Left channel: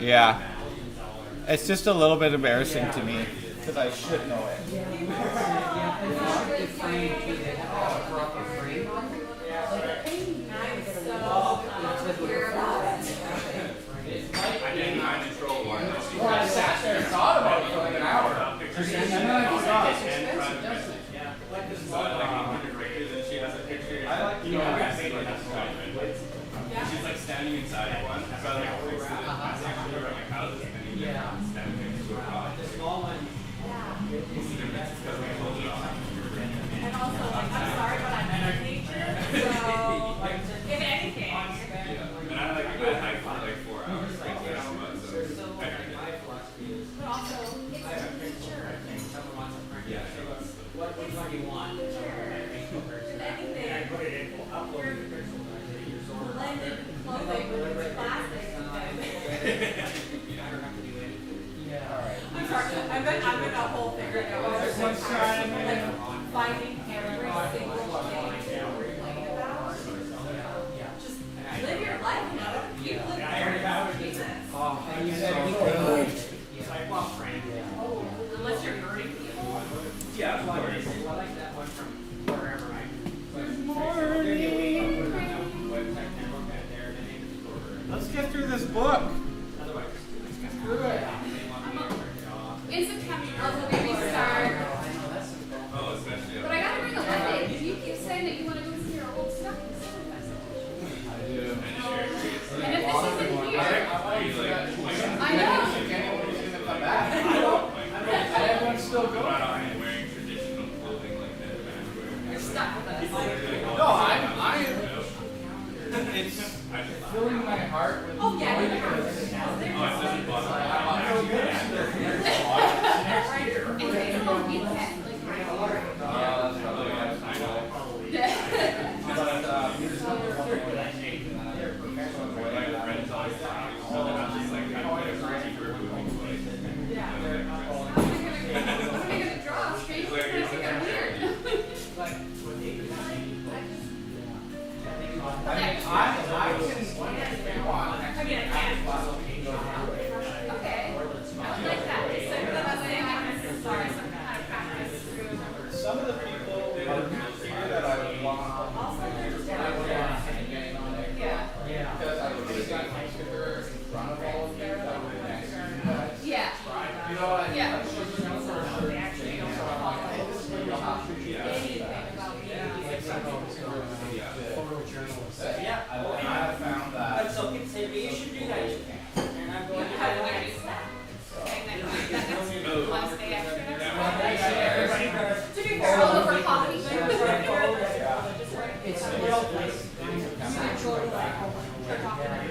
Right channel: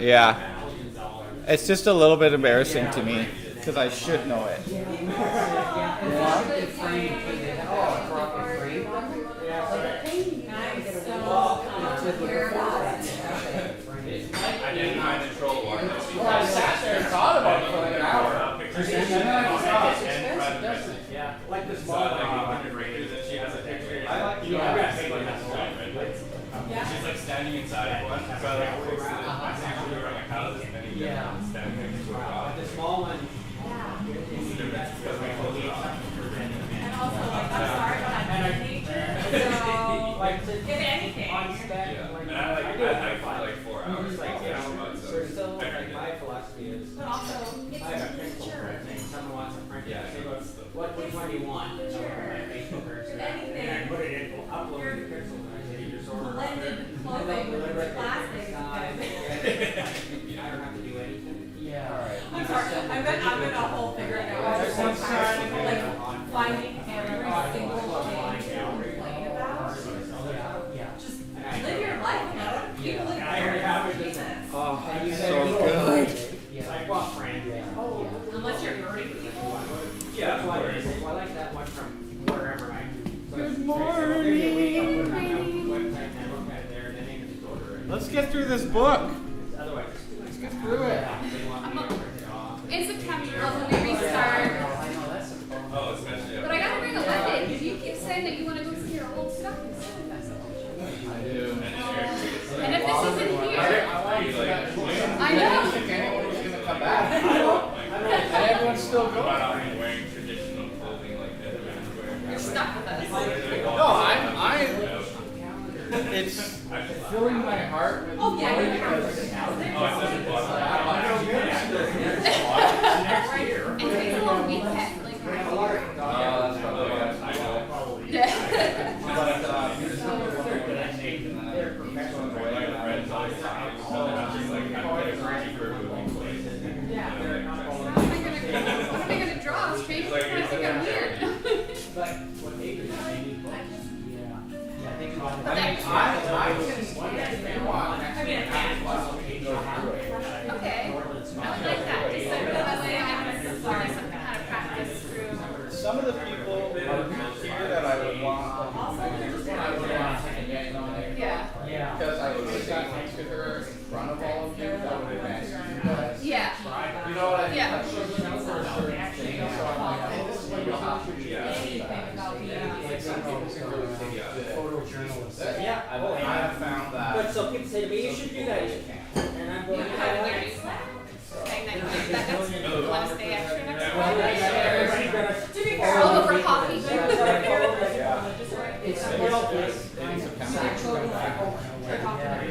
Yeah. It's just a little bit embarrassing to me because I should know it. I sat there and thought about it for like an hour. And then I thought, yeah, like this one. I like you. She's like standing inside one. So I like fixed it. I think she was wearing a house and then standing next to a car. The small one. Because we closed it off. And also, like, I'm sorry, but I'm a teacher, so, if anything. And I hiked for like 4 hours. Like, Still, like, my philosophy is. But also, it's mature. Someone wants a friend. yeah, so that's the. What one do you want? If anything, Put it in, we'll upload the pixel. blended clothing with plastic. I don't have to do anything. Yeah. Alright. I'm sorry, I'm in a whole figure it out. I was like, finding every single thing to complain about. Just live your life, you know? Keep living your life. Jesus. Oh, so good. I want friend. Unless you're hurting people. Yeah, That's why I like that one from wherever I. Good morning. Let's get through this book. Let's get through it. In September, when we restart. Oh, especially. But I gotta bring a lemon because you keep saying that you want to go see your old stuff. I do. And if this isn't here, I know. Anybody's gonna come back. And everyone's still going. Wearing traditional clothing like that. You're stuck with us. No, I'm. It's filling my heart with Oh, yeah, joy you're because Oh, it doesn't bother And it's a little weekend, like right here. that's probably what I know. Yeah. But What am I gonna draw? Straight to the think I'm weird. Okay. I would like that. Just so that way I can learn some kind of practice through. some of the people are here that I would want. Yeah. Because I would sit next to her in front of all of you. That would be nice. But, Yeah. you know what I mean? Yeah. Like, she's known for a certain thing, so I'm like, hey, this is what you'll have to do. Anything about me. Like, some people Yeah. I have found But that. so people say to me, you should do that. You can. And I'm going to How to wear it. That's the last day after next week. To be fair, I'll go for coffee.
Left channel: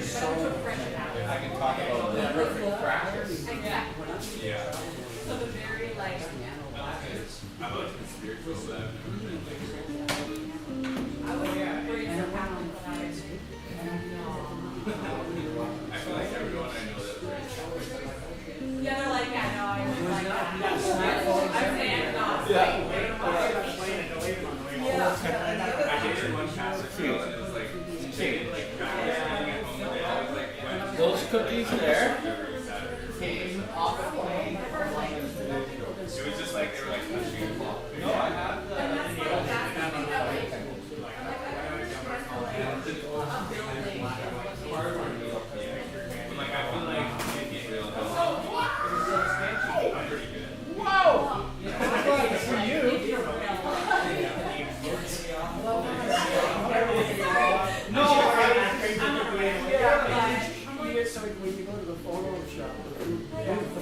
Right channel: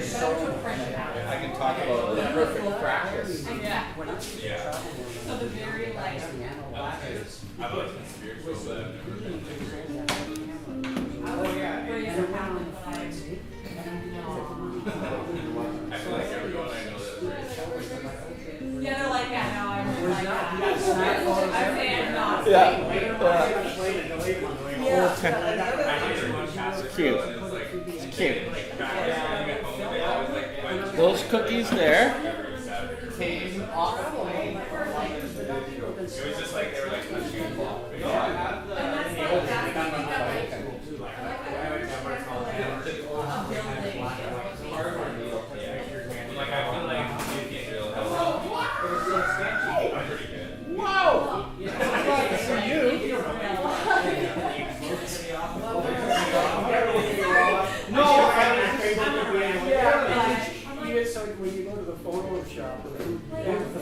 I can talk about the perfect practice. Yeah. Yeah. So the very like. I've always been spiritual, but I feel like everyone I know that's very Yeah, they're like, yeah, no, I really like that. I'm saying not. Yeah. I think everyone passes Cute. and it's like It's cute. like back at home, they always like went Those cookies there every Saturday. came off. It was just like they were like touching a cloth. No, I have the. And that's like, that's something that like, Like I feel like in Israel I'm pretty good. Whoa! I'm glad to see you. No, So when you go to the photo shop, the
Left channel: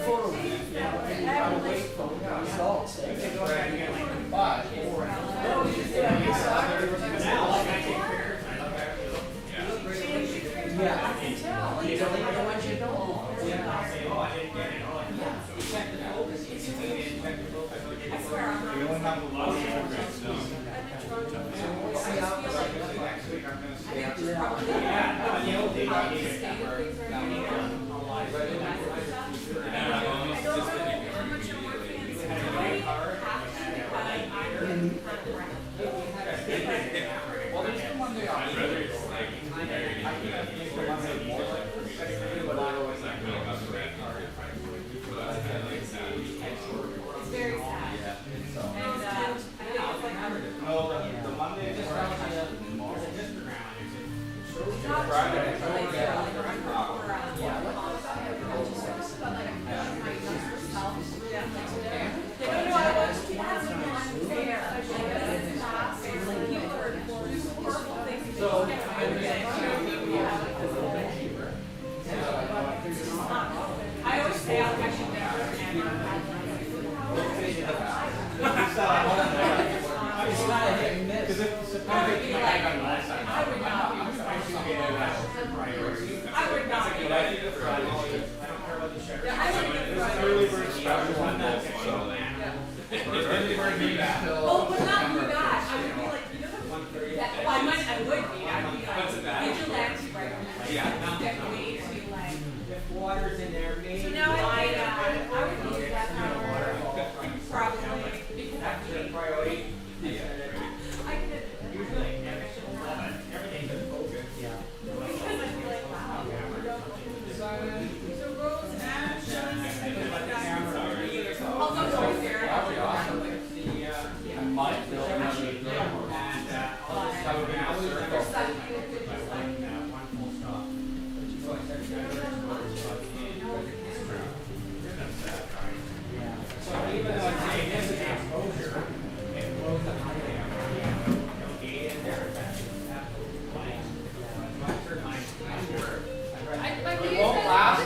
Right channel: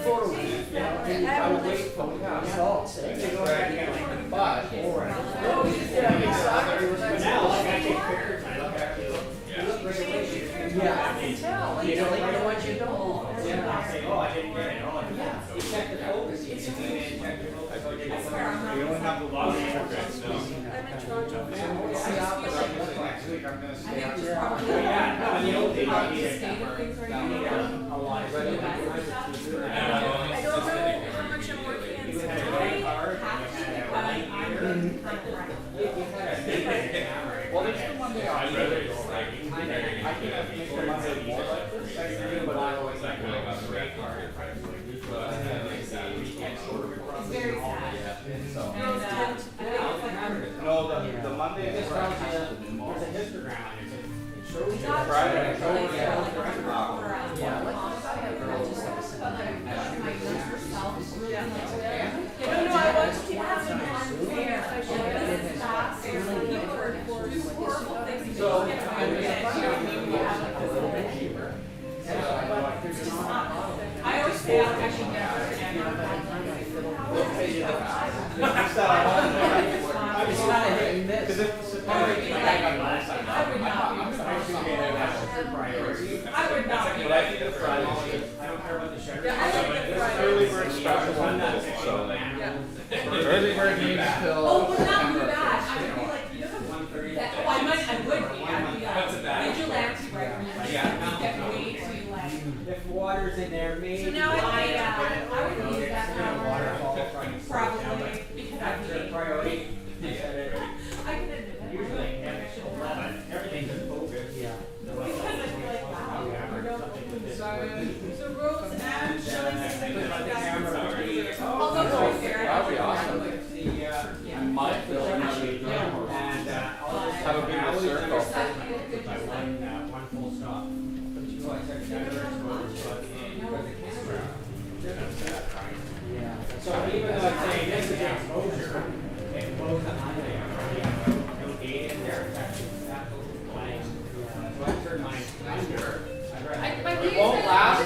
photo, I would wait for results. You don't want you to know. We only have a lot of programs still. Next week I'm gonna stay out there. I don't know how much I'm working Well, there's the Monday off. I'd rather just like can't make the Monday more like this, but I always like Really got the red card. It's very sad. so. And, I think it's like, No, the Monday is Friday. not Friday. sure, like, no, I want you to have some unfair. This is not fair. People are doing horrible things. So, I always say I should never because if September, I would not. but I think the Friday. Yeah, I would It's early bird special on that, so. Early bird means till Oh, but not do September. that. I would be like, you know, that, well, I would be. I'd be like, vigilante right now. Get way too late. If water's in there, maybe. So now I would use that power probably because I'd be. Priority. I can admit it. Usually, everything's in focus. Yeah. Because I feel like, wow. So Rose and Shelley said they would like that. I'll go right there. That'd be awesome. I might build another drum or And have a bigger circle. one full stop. So even though it's saying this is exposure, it blows the highway out. No gate in there, it's actually absolutely blank. So I turned mine. But It won't last. oh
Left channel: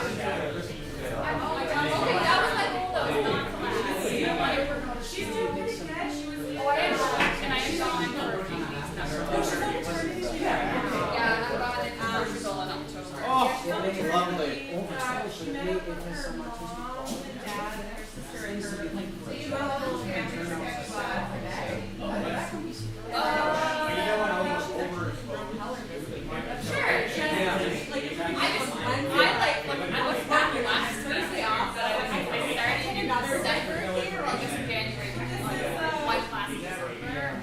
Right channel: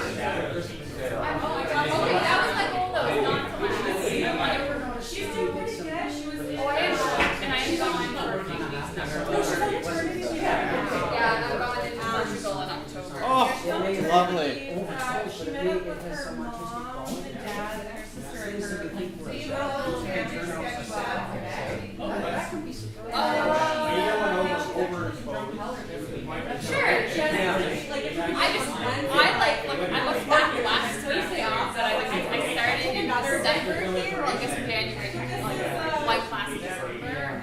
my god, okay, that was my goal though, not to last. She's doing pretty good. She was. Oh, I am, and I am gone for a few weeks now. No, she's on maternity leave. Yeah, and I'm going into Portugal in October. Oh, lovely. She met up with her mom and dad and her sister and her like three little family sketch Sure. I was back last Tuesday off, but I started in December here, or I guess January. My class in December, and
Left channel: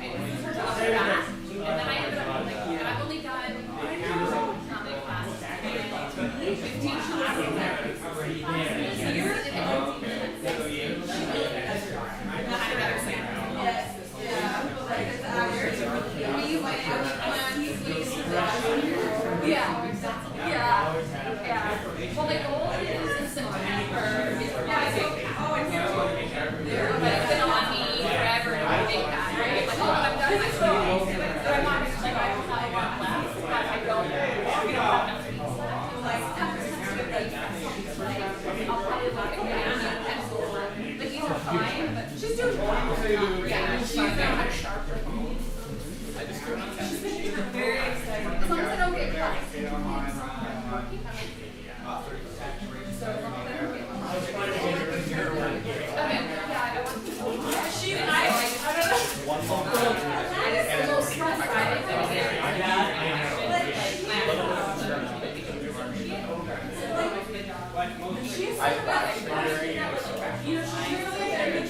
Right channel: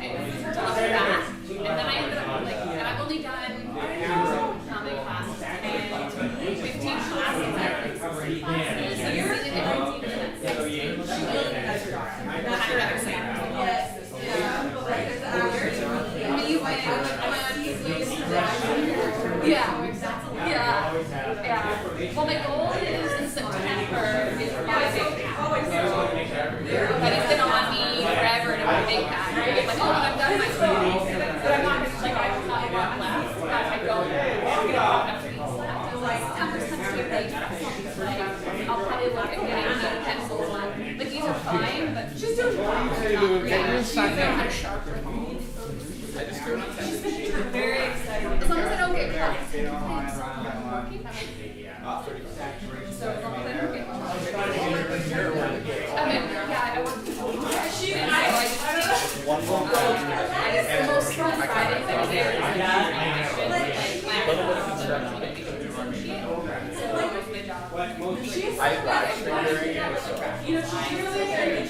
I was back, and then I ended up like, and I've only done how many classes? 15 classes. So you're in 15 minutes. I had another exam. Yes. Yeah. I mean, you might have Yeah. Yeah. Well, my goal is in September is rising. But it's been on me forever to make that. Right? Like, oh, I'm done my school. But I'm not like I thought I got left. But I don't. I'm gonna have enough weeks left. So like after September, I'll probably look at getting a pencil. Like these are fine, but she's doing fine. Yeah, she's kind of sharp like me. I just do it on Saturday. She's very excited. As long as I don't get caught. So as long as I don't get caught. Okay, yeah, I want to. She and I don't know. One more. It's the most fun Fridays every day. I actually hearing it, so. You know, she's really good.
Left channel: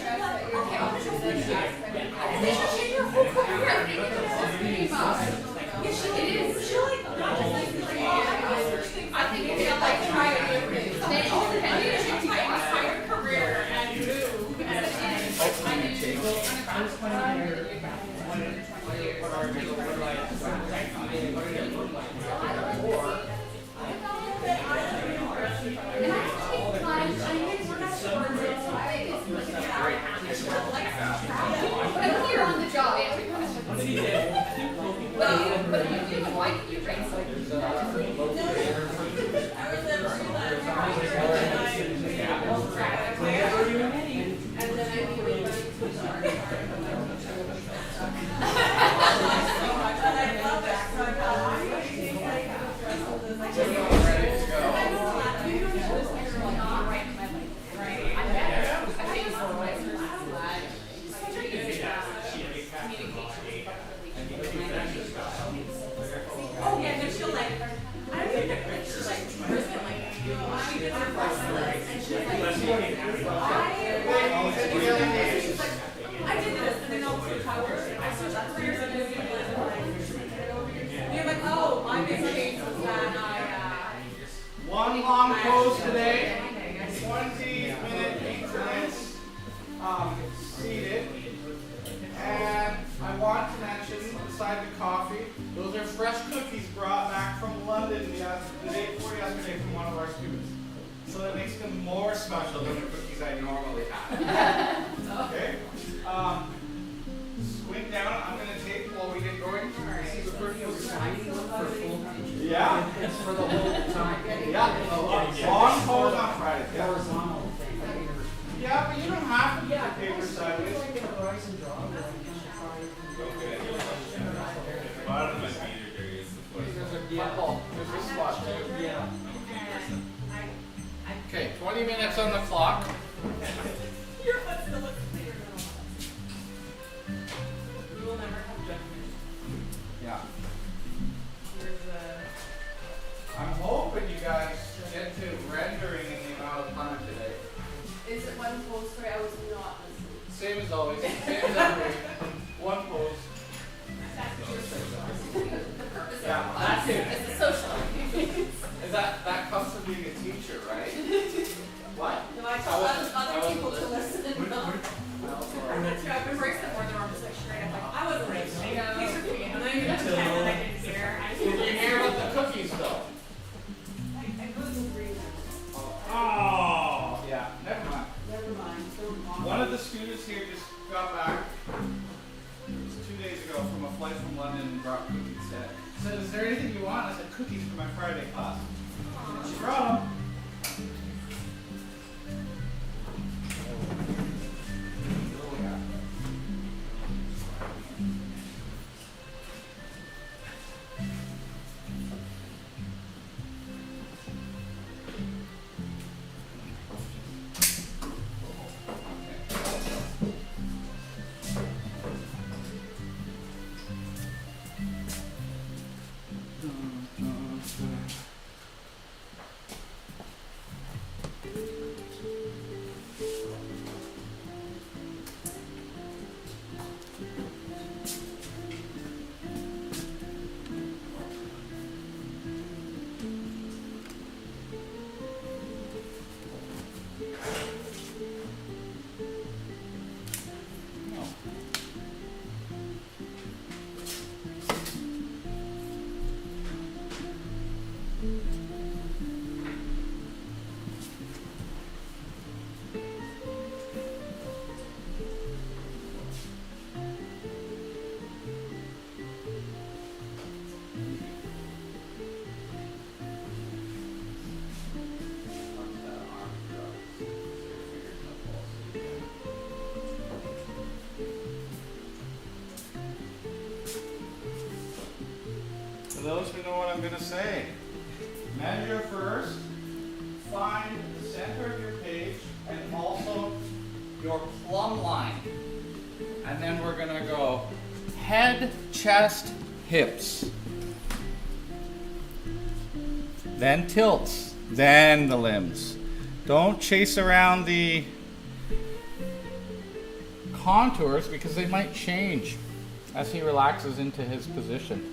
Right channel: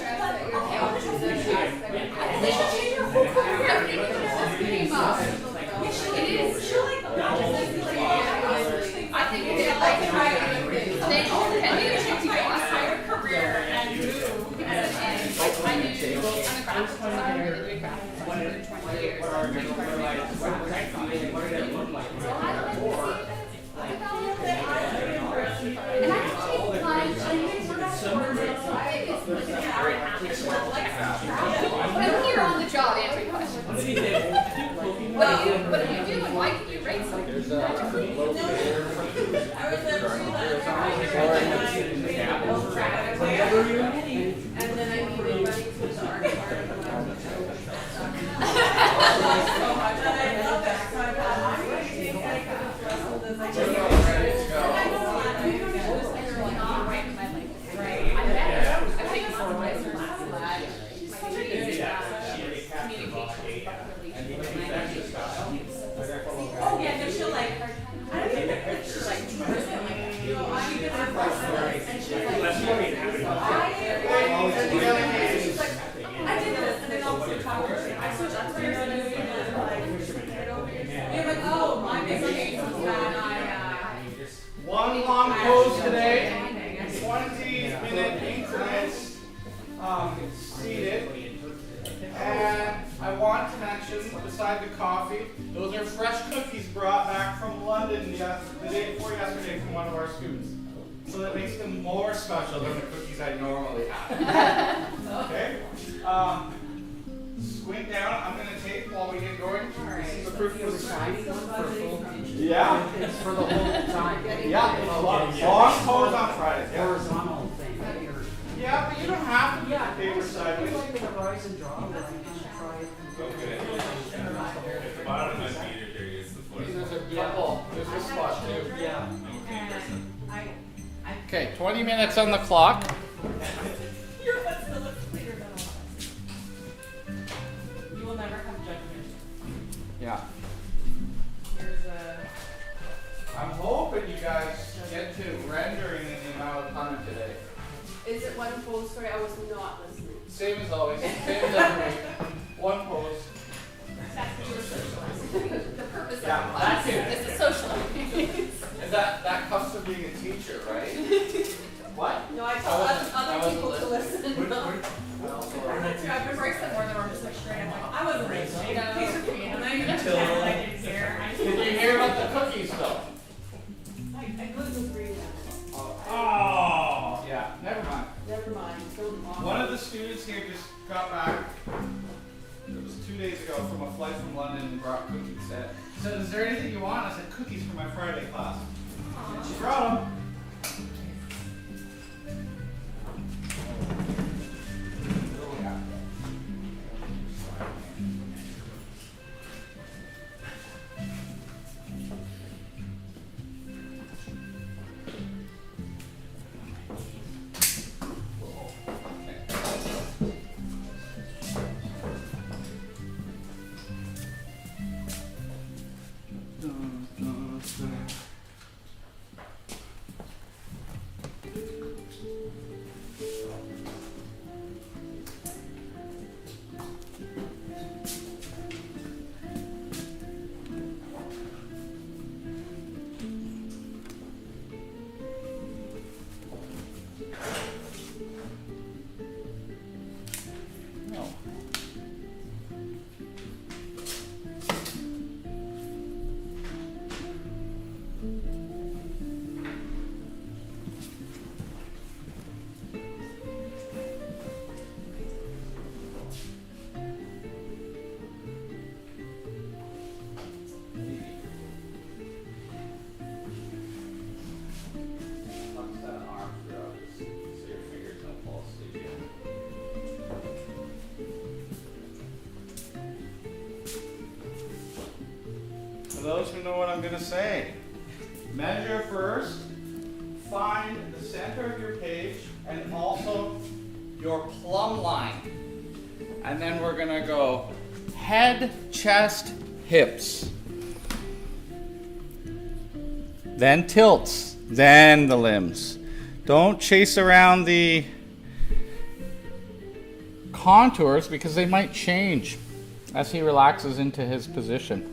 Okay, I'll just say they should change her whole career. I think it's just being boss. Yeah, it is. She'll like, I think it's like try to they all depend on your entire career and move. Because it is. Like, I knew on the graphic side, I really did graphics for 20 years. So I don't know. And I have to take lunch. I mean, we're not sure. So I think it's like an hour and a half. But when you're on the job answering questions. What do you do and why did you rate so magically? I was never and then I knew we went to the art so much, and I love that. So I thought, I'm going to take like the rest of this. I just oh yeah, no, she'll like, I don't even think she'll like, she did her first and she's like, I did this, and then I'll put it forward. I switched upstairs and then we were like, you're like, oh, my big change was One long pose today. 20-minute increments seated. And I want to mention, beside the coffee, those are fresh cookies brought back from London the day before yesterday from one of our students. So that makes them more special than the cookies I normally have. Okay? Squint down. I'm going to tape while we get going. See the cookies. Yeah. It's for the whole time. Yeah. Long pose on Friday. Yeah. Horizontal thing. Yeah, but you don't have to do the paper sideways. Rise and draw. Okay. At the bottom of my feet are against the foot. There's a spot too. Yeah. I'm okay person. Okay, 20 minutes on the clock. Your foot still looks cleaner than all of us. You will never have judgment. Yeah. Here's a. I'm hoping you guys get to rendering in the amount of time today. Is it one pose? Sorry, I was not listening. Same as always. Same as every week. One pose. The purpose Yeah, of that's it. this is social. And that comes from being a teacher, right? What? No, I tell wasn't- I other wasn't people to listening. listen. That's true. I've embraced it more than I'm just like straight. I'm like, I wasn't listening. Please repeat. And then you just pretend that I didn't hear. Did you hear about the cookies though? I couldn't agree with that. Oh, yeah. Never mind. Never mind. One of the students here just got back. It was 2 days ago from a flight from London and brought cookies. Said, is there anything you want? I said, cookies for my Friday class. And she brought them. For those who know what I'm going to say, measure first, find the center of your page and also your plumb line. And then we're going to go head, chest, hips. Then tilts, then the limbs. Don't chase around the contours because they might change as he relaxes into his position.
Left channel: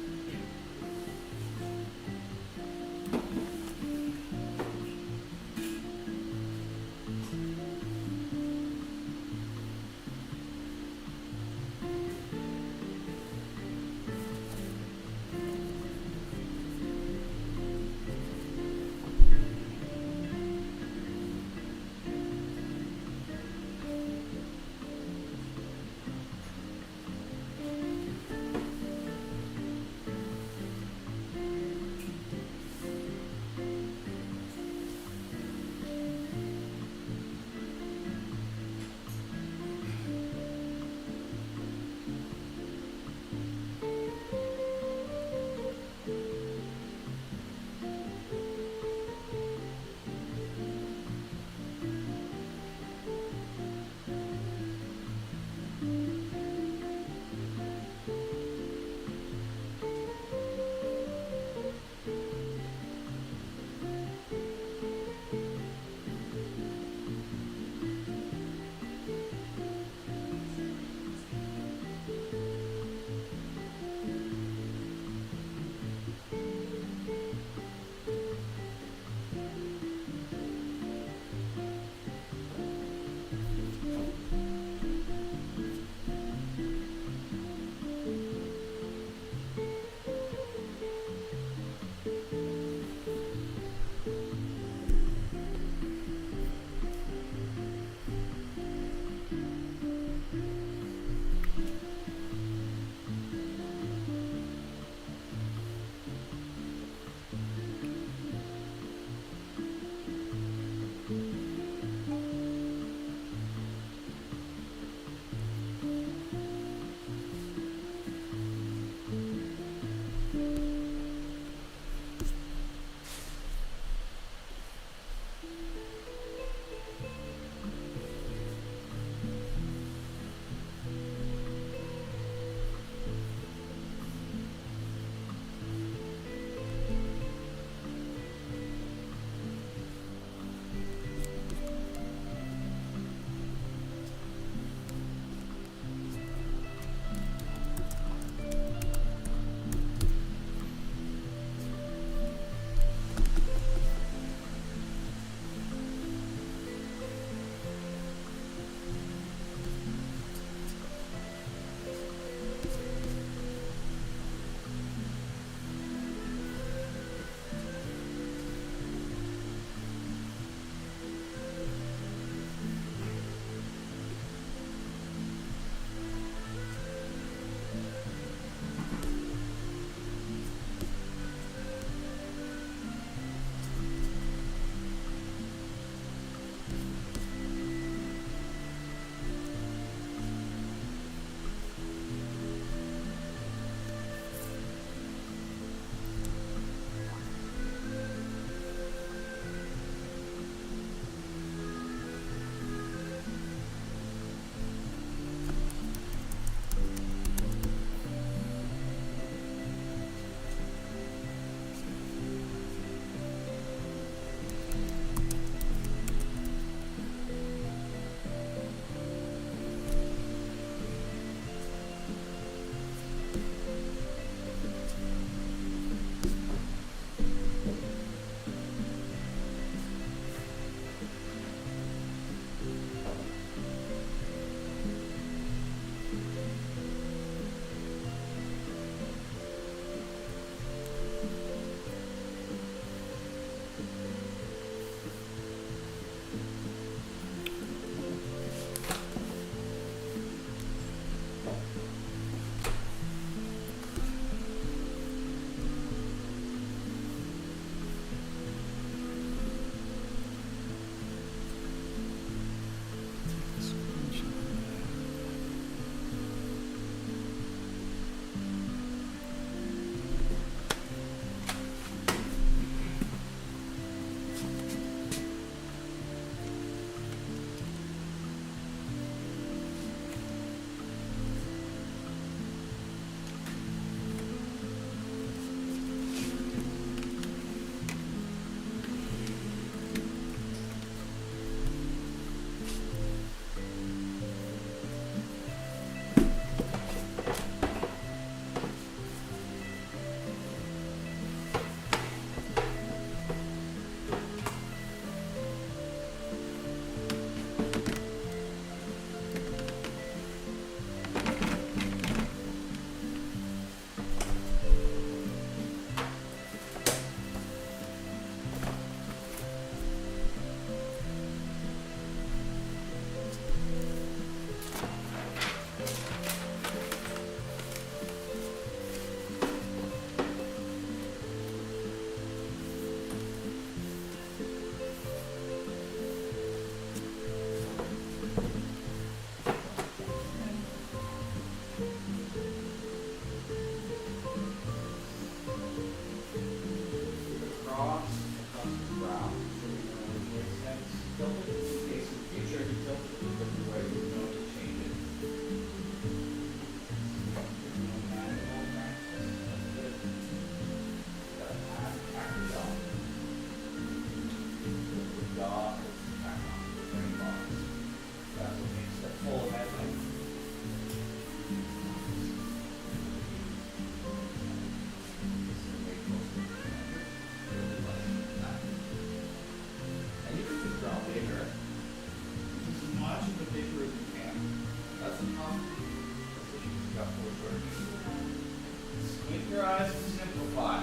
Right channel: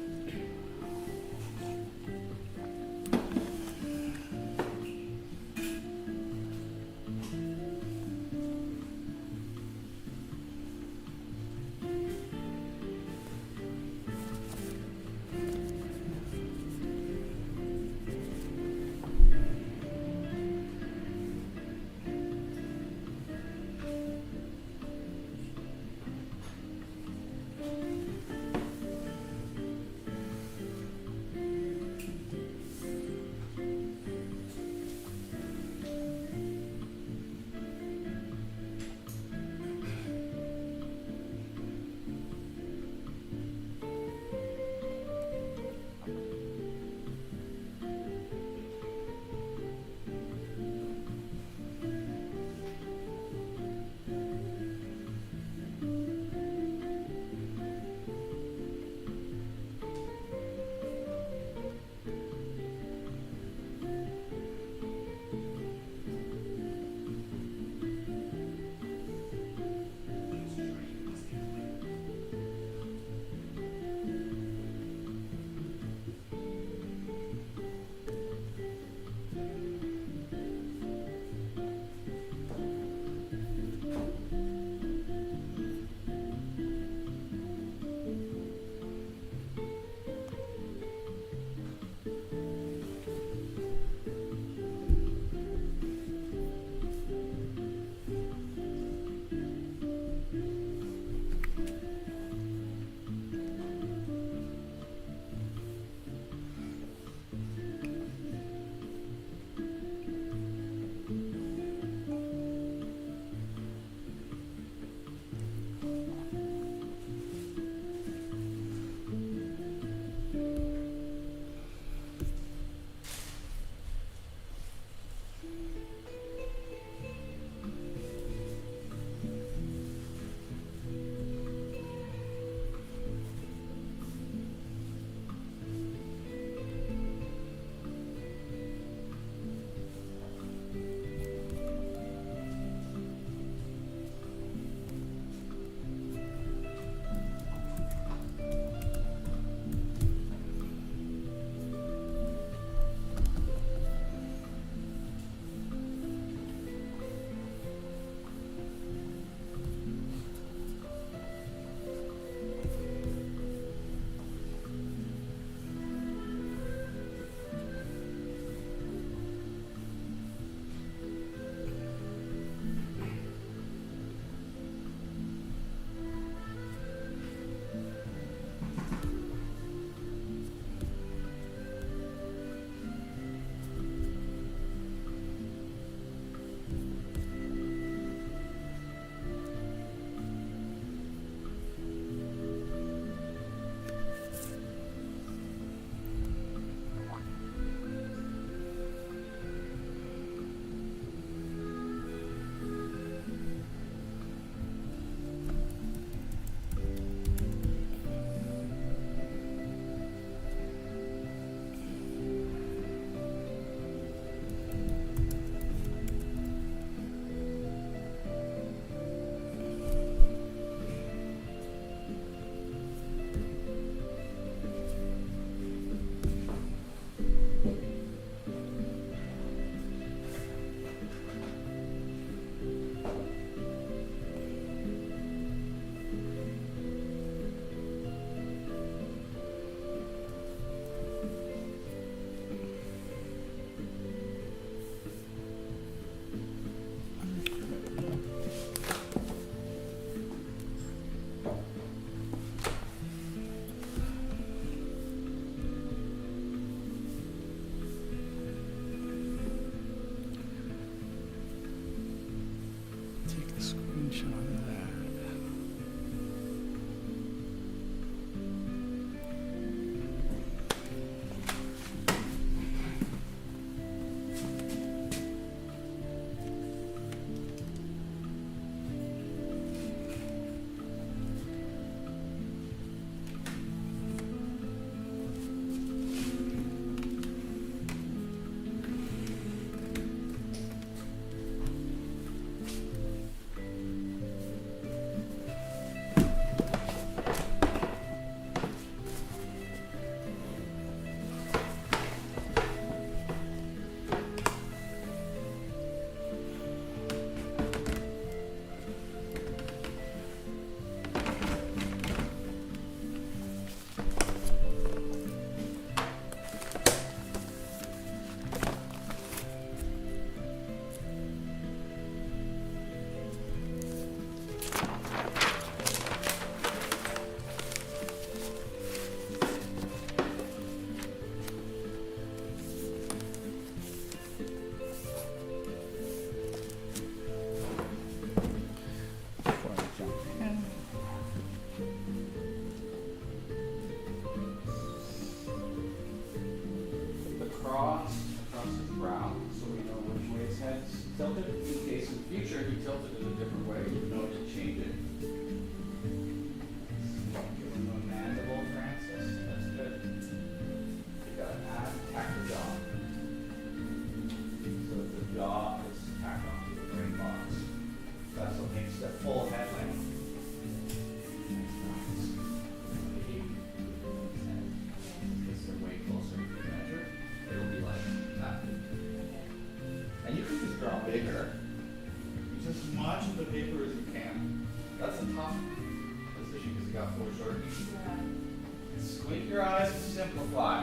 Squint your eyes and simplify.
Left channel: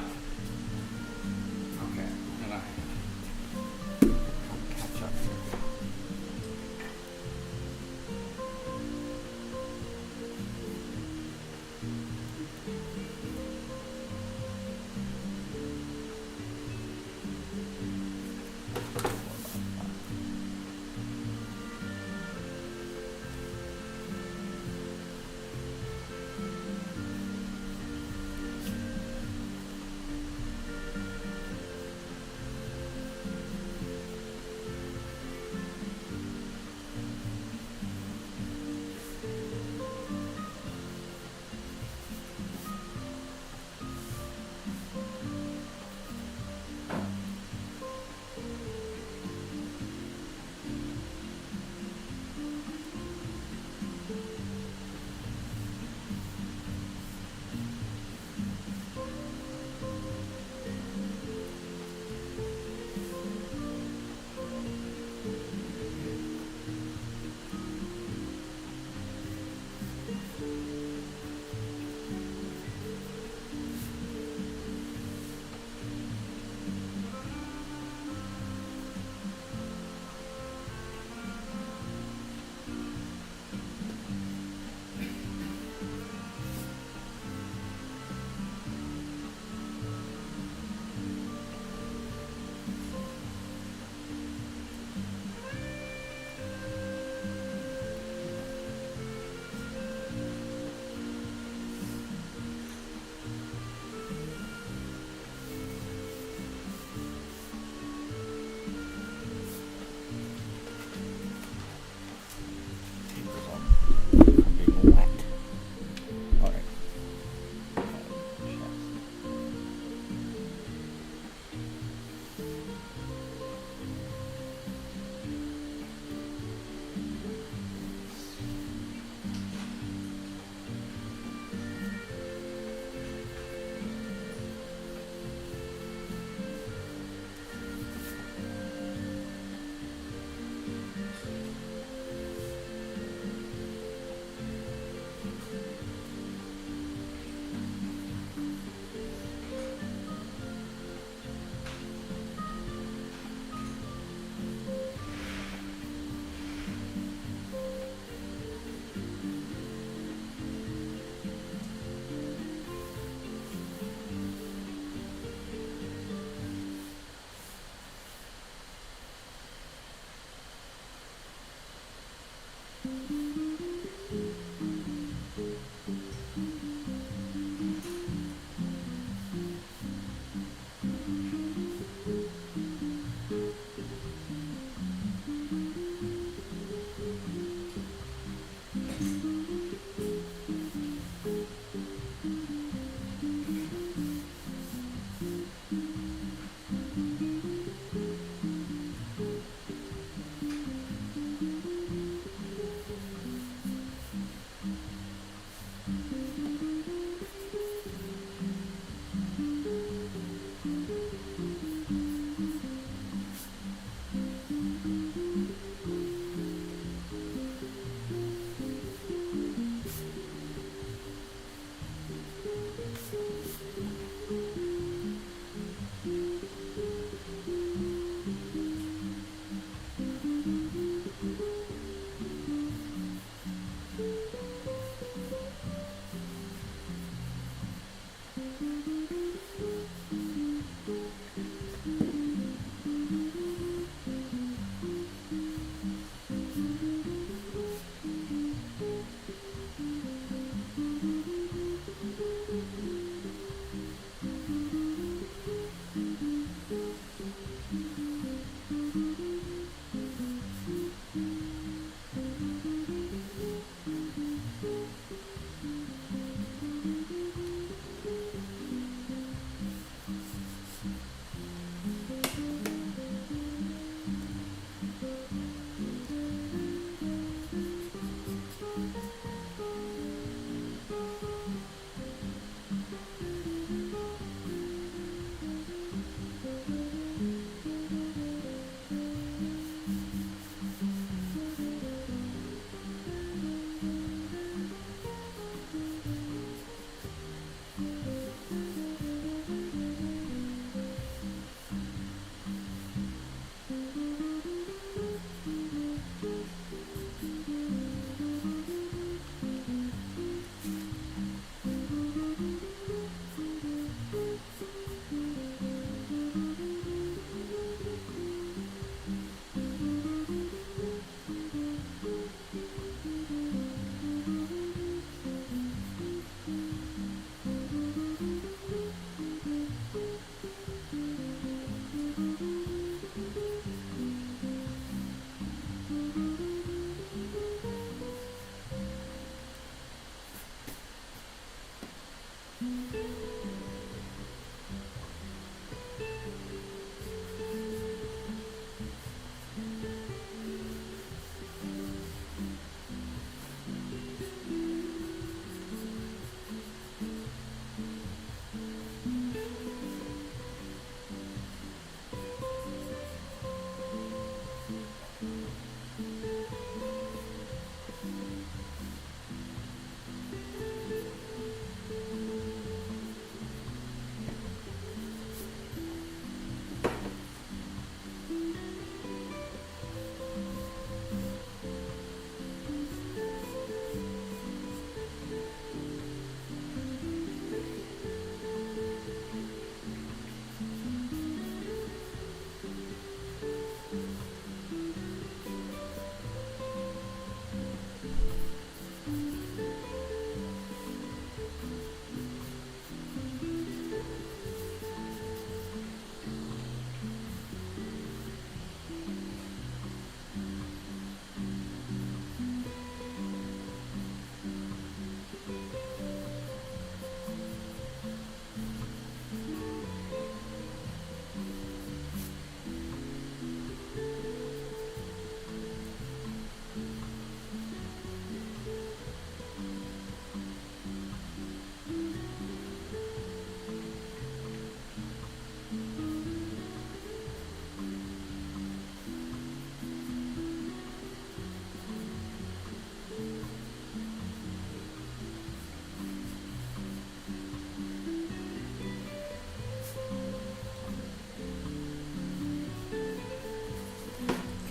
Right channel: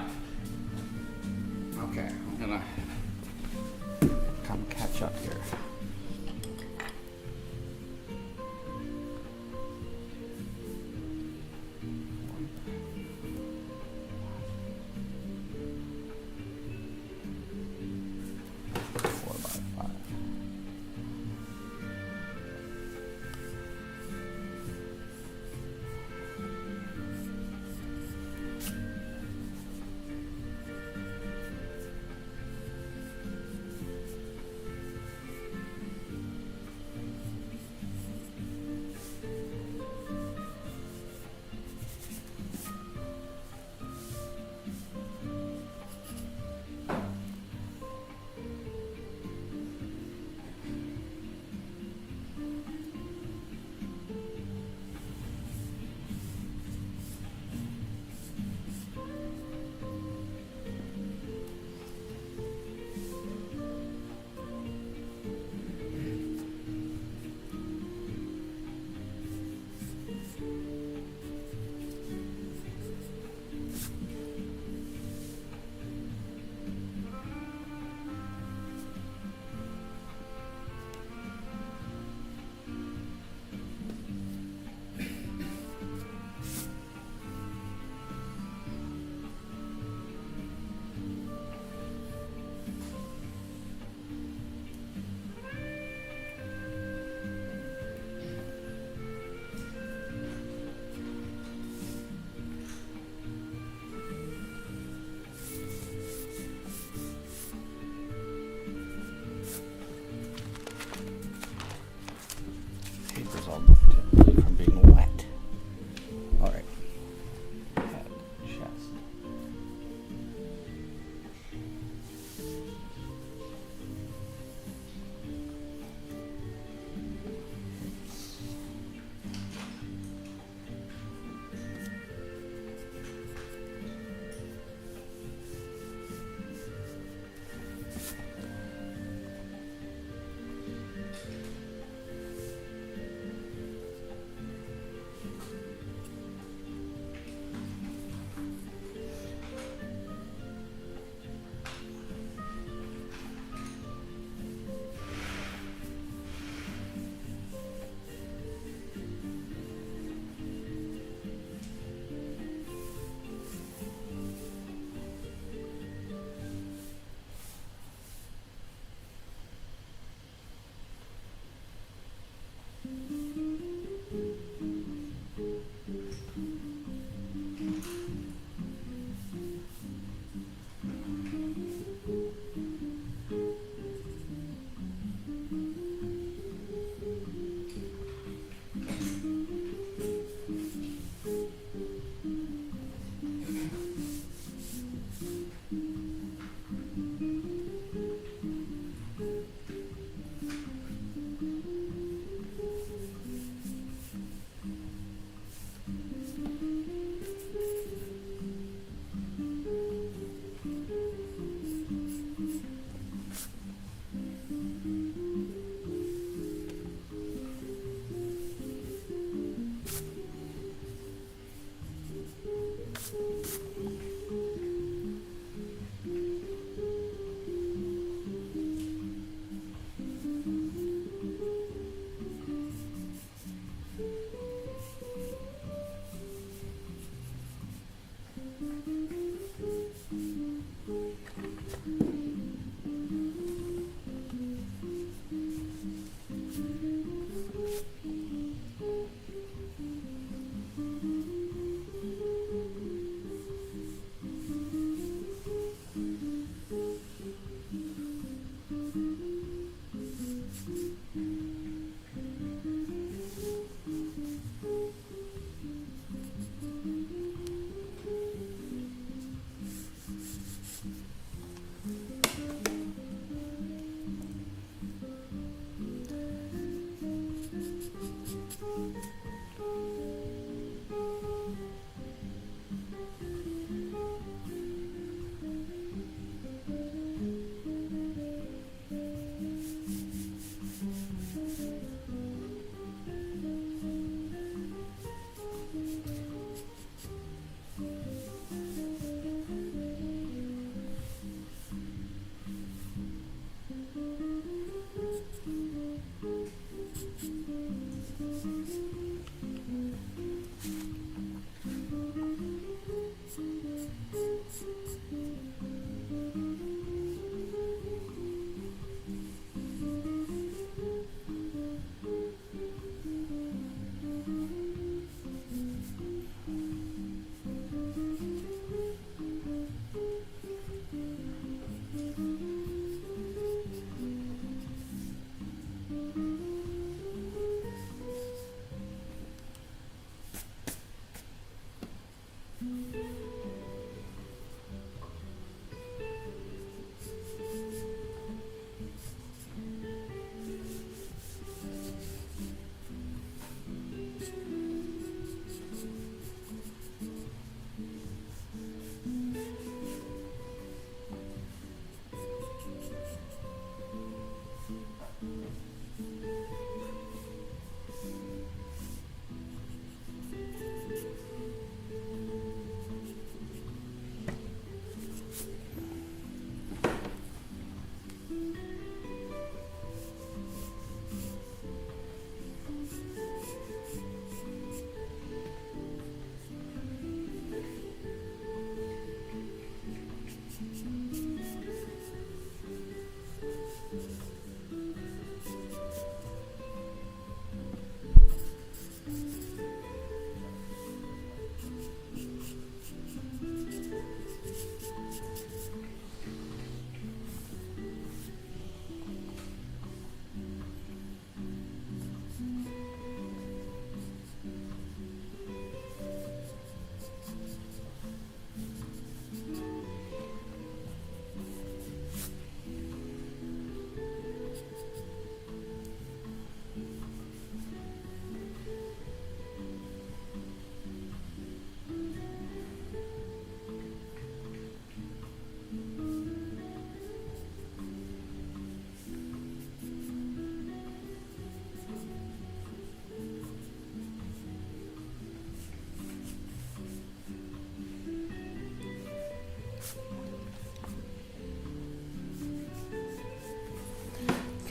Okay, I'm gonna come catch up here.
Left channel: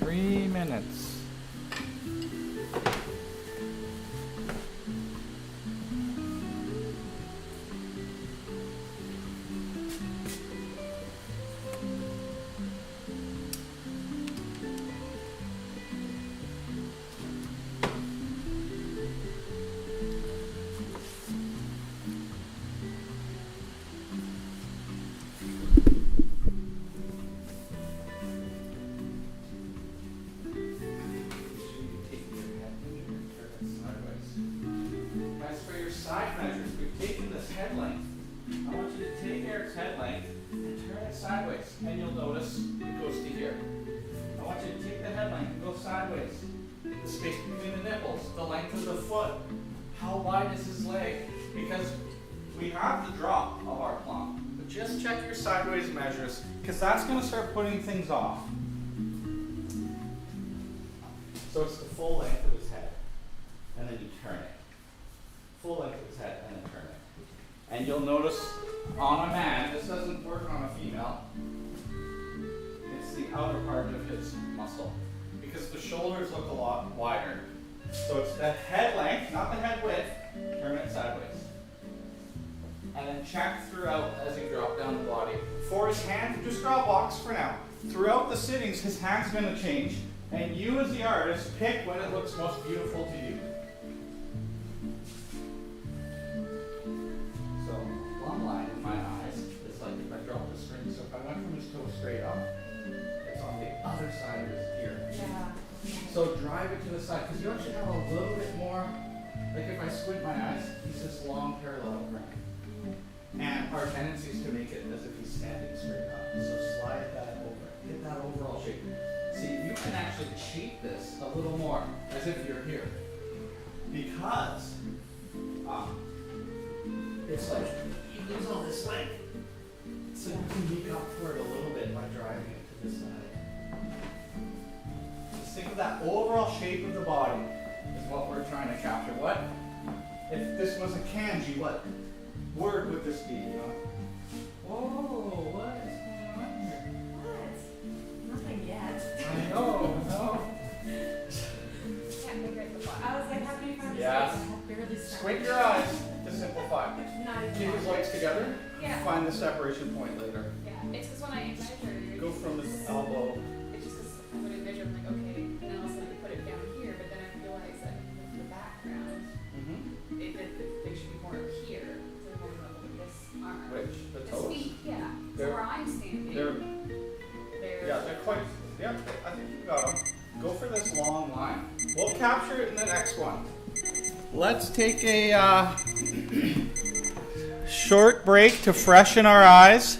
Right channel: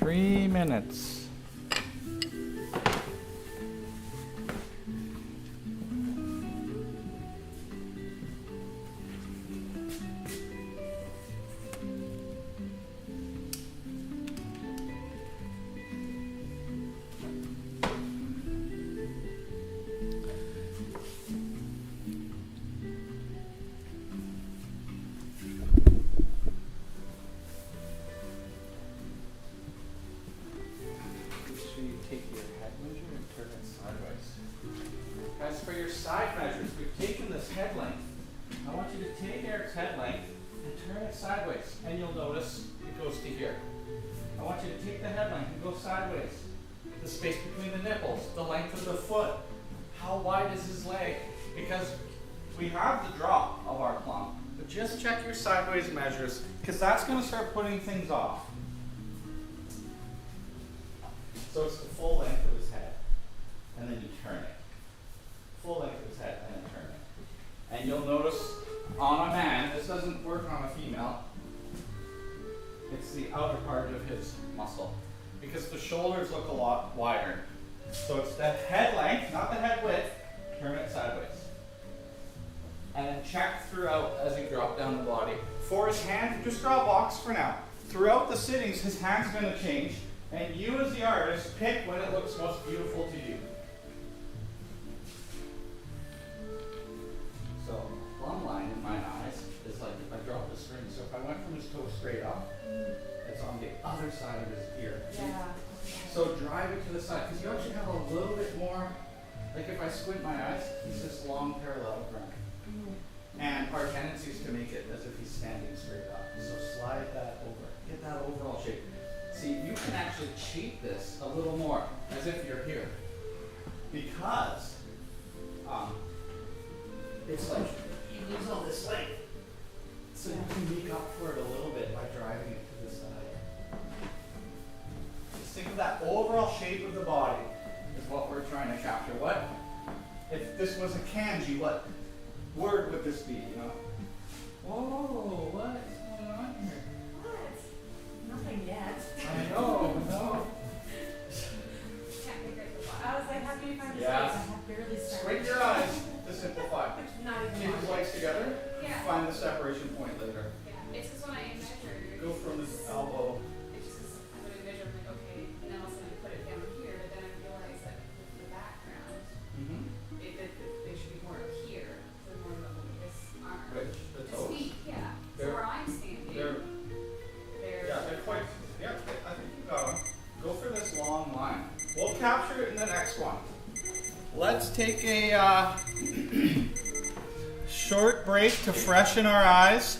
3 minutes. As for your side measures, we've taken this head length. I want you to take Eric's head length and turn it sideways, and you'll notice it goes to here. I want you to take the head length and go sideways. The space between the nipples, the length of the foot. How wide is his leg? Because we have the drop of our plump, but just check your sideways measures, because that's going to start putting things off. So it's the full length of his head, and then you turn it. Full length of his head, and then turn it. And you'll notice on a man, this doesn't work on a female, it's the outer part of his muscle, because the shoulders look a lot wider. So it's the head length, not the head width, turn it sideways. And then check throughout as you drop down the body. For his hand, just draw a box for now. Throughout the sittings, his hand's going to change, and you as the artist, pick when it looks most beautiful to you. So, plumb line in my eyes is like if I drop the string. So if I went from his toe straight up, it's on the other side of his ear. Yeah. So drive it to the side, because you actually have a little bit more, like if I squint my eyes, he's this long parallel ground. And our tendency is to make it as if he's standing straight up. So slide that over, get that overall shape. See, you can actually cheat this a little more, as if you're here. Because it's like you lose all this length. So you can make up for it a little bit by driving it to the side. Just think of that overall shape of the body is what we're trying to capture. What if this was a kanji, what word would this be, you know? Whoa, what is going on here? What? Nothing yet. I know, no. Can't make it the I was like, how do you find Yeah. space? I have barely started. Squint your eyes to simplify. Not even Keep his legs together. Yeah. Find the separation point later. Yeah, it's because when I measured, Go from the elbow. it's just 'cause I would measure, I'm like, okay, and then all of a sudden I put it down here, but then I realized that with the background, they should be more here. They're more about this arm. Which? The His toes. feet, yeah. So They're- where I'm standing, They're, they're yeah, they're quite, yeah, I think you got them. Go for this long line. We'll capture it in the next one. Let's take a short break to freshen our eyes.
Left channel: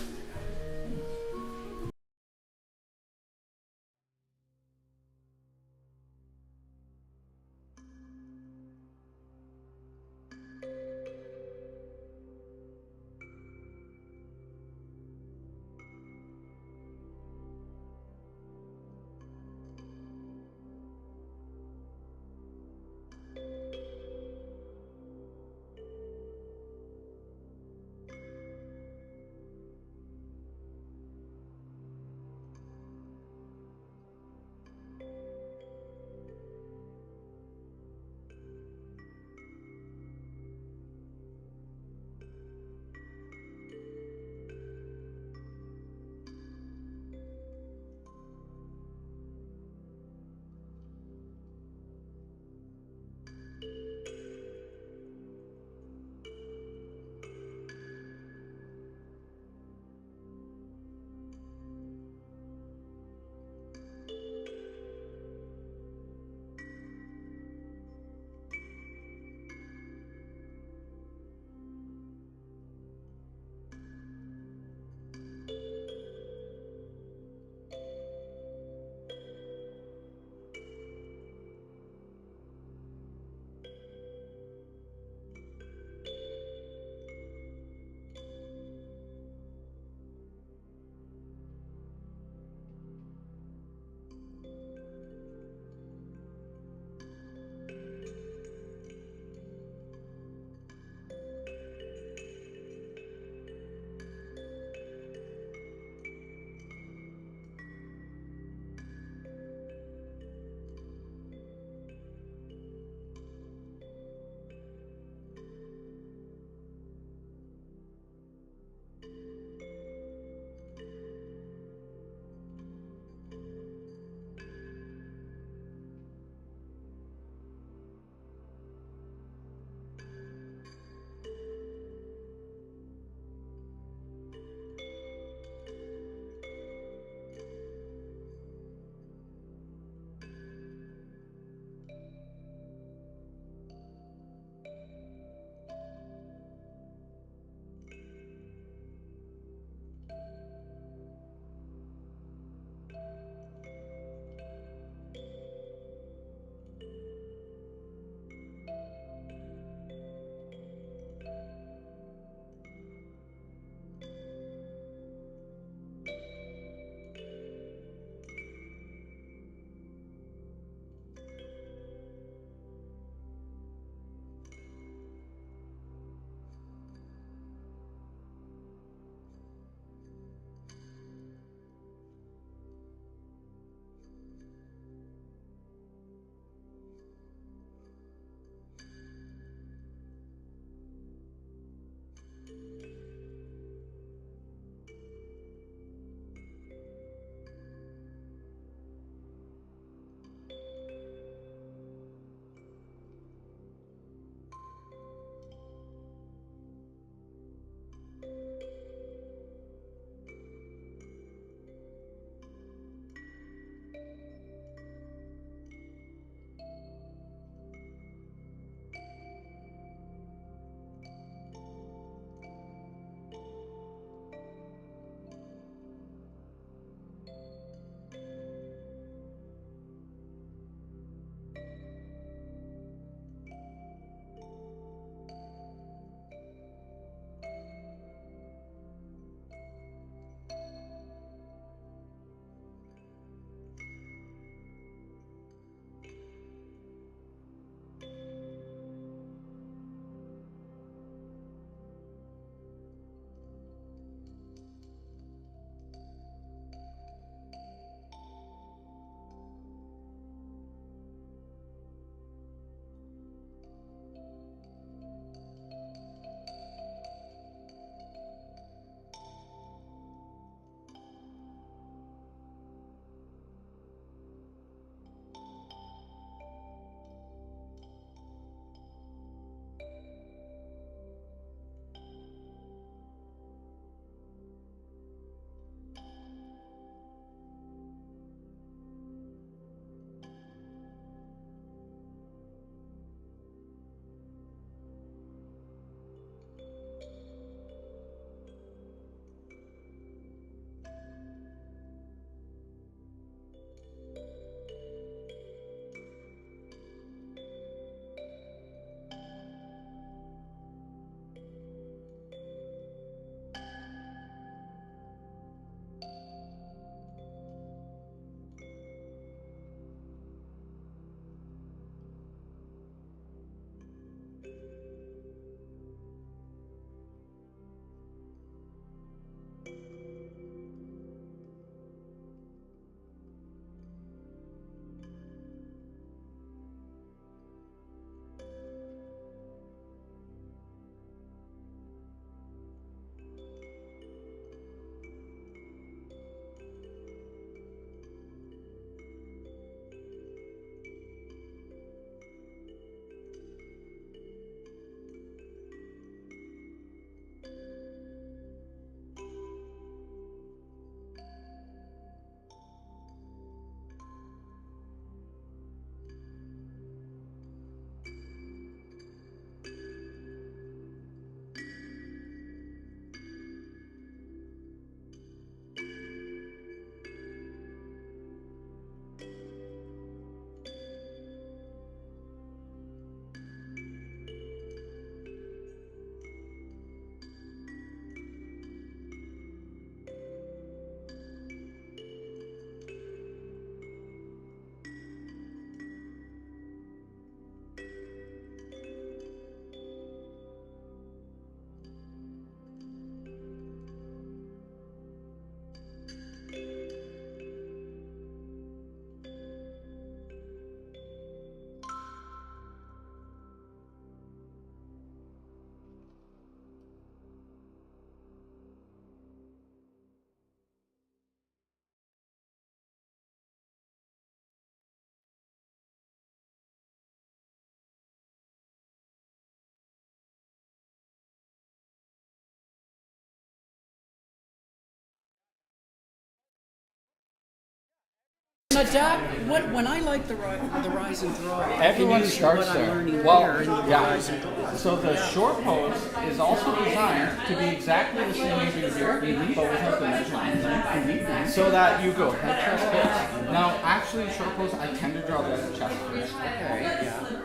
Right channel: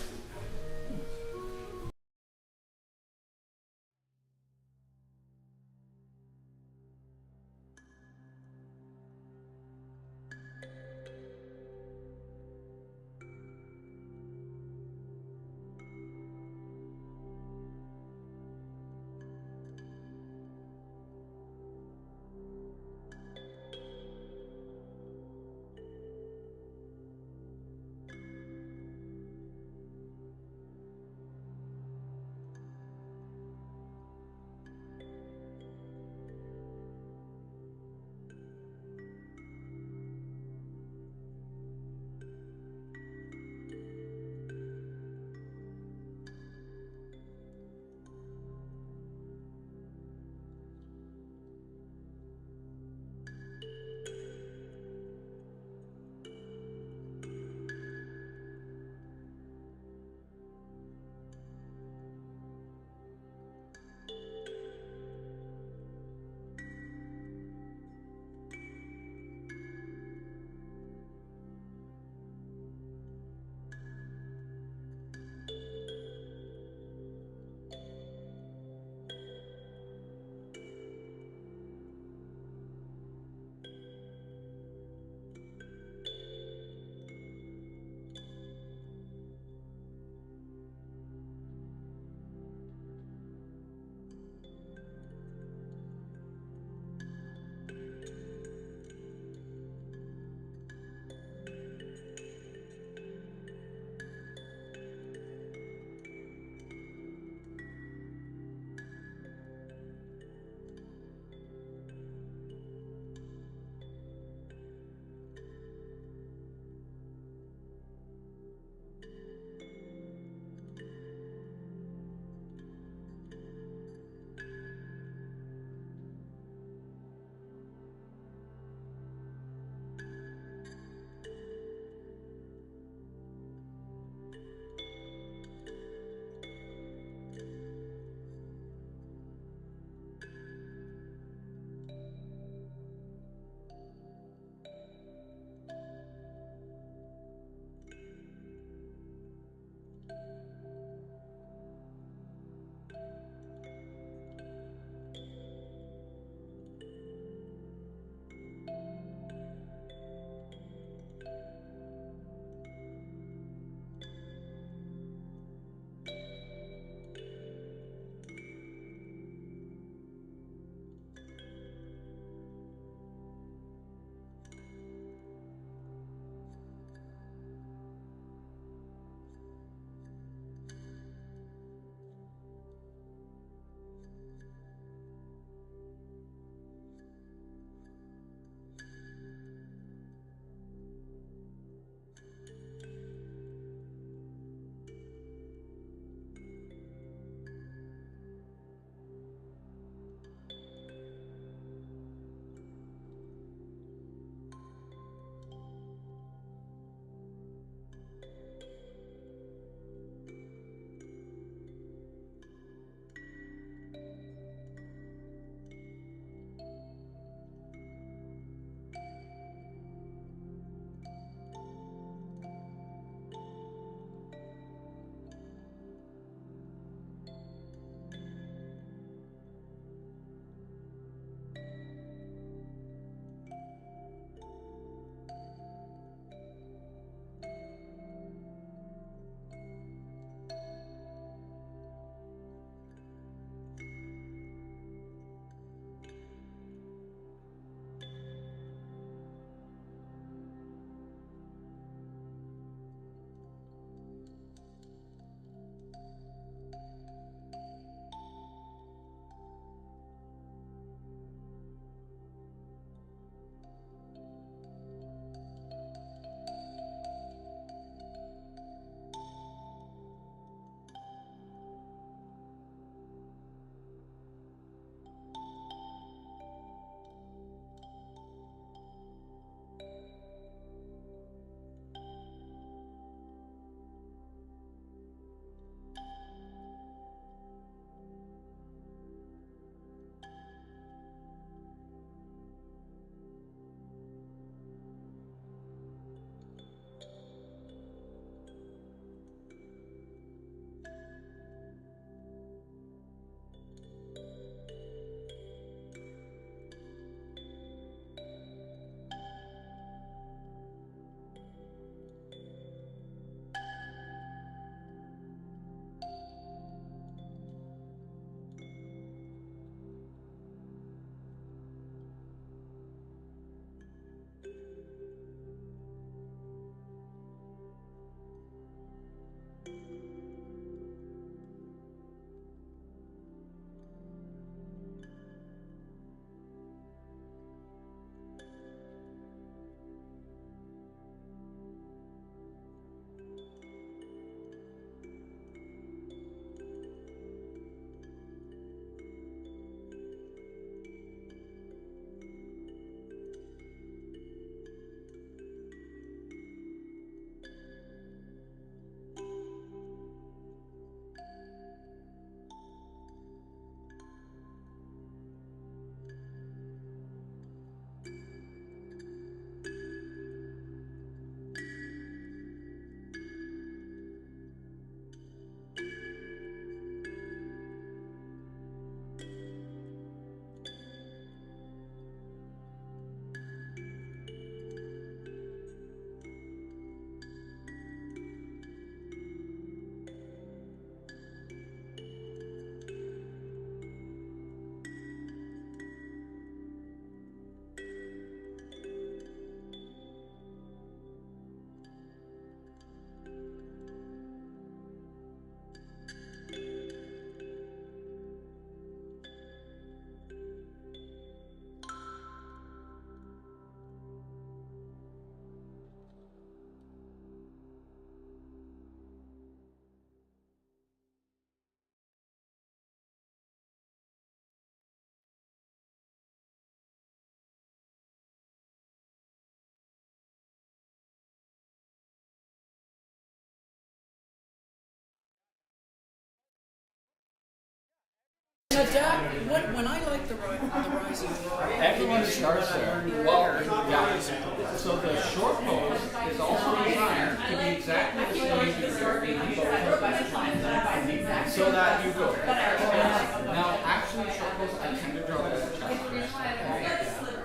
Now, Dad, when I like the rise and draw, Everyone usually starts what I'm there. learning Well, there in the rise and draw. So the short pose is also designed to be exactly the same as you do, but without the measurement. So that you go. Now, actually, short pose, I tend to draw this chest first.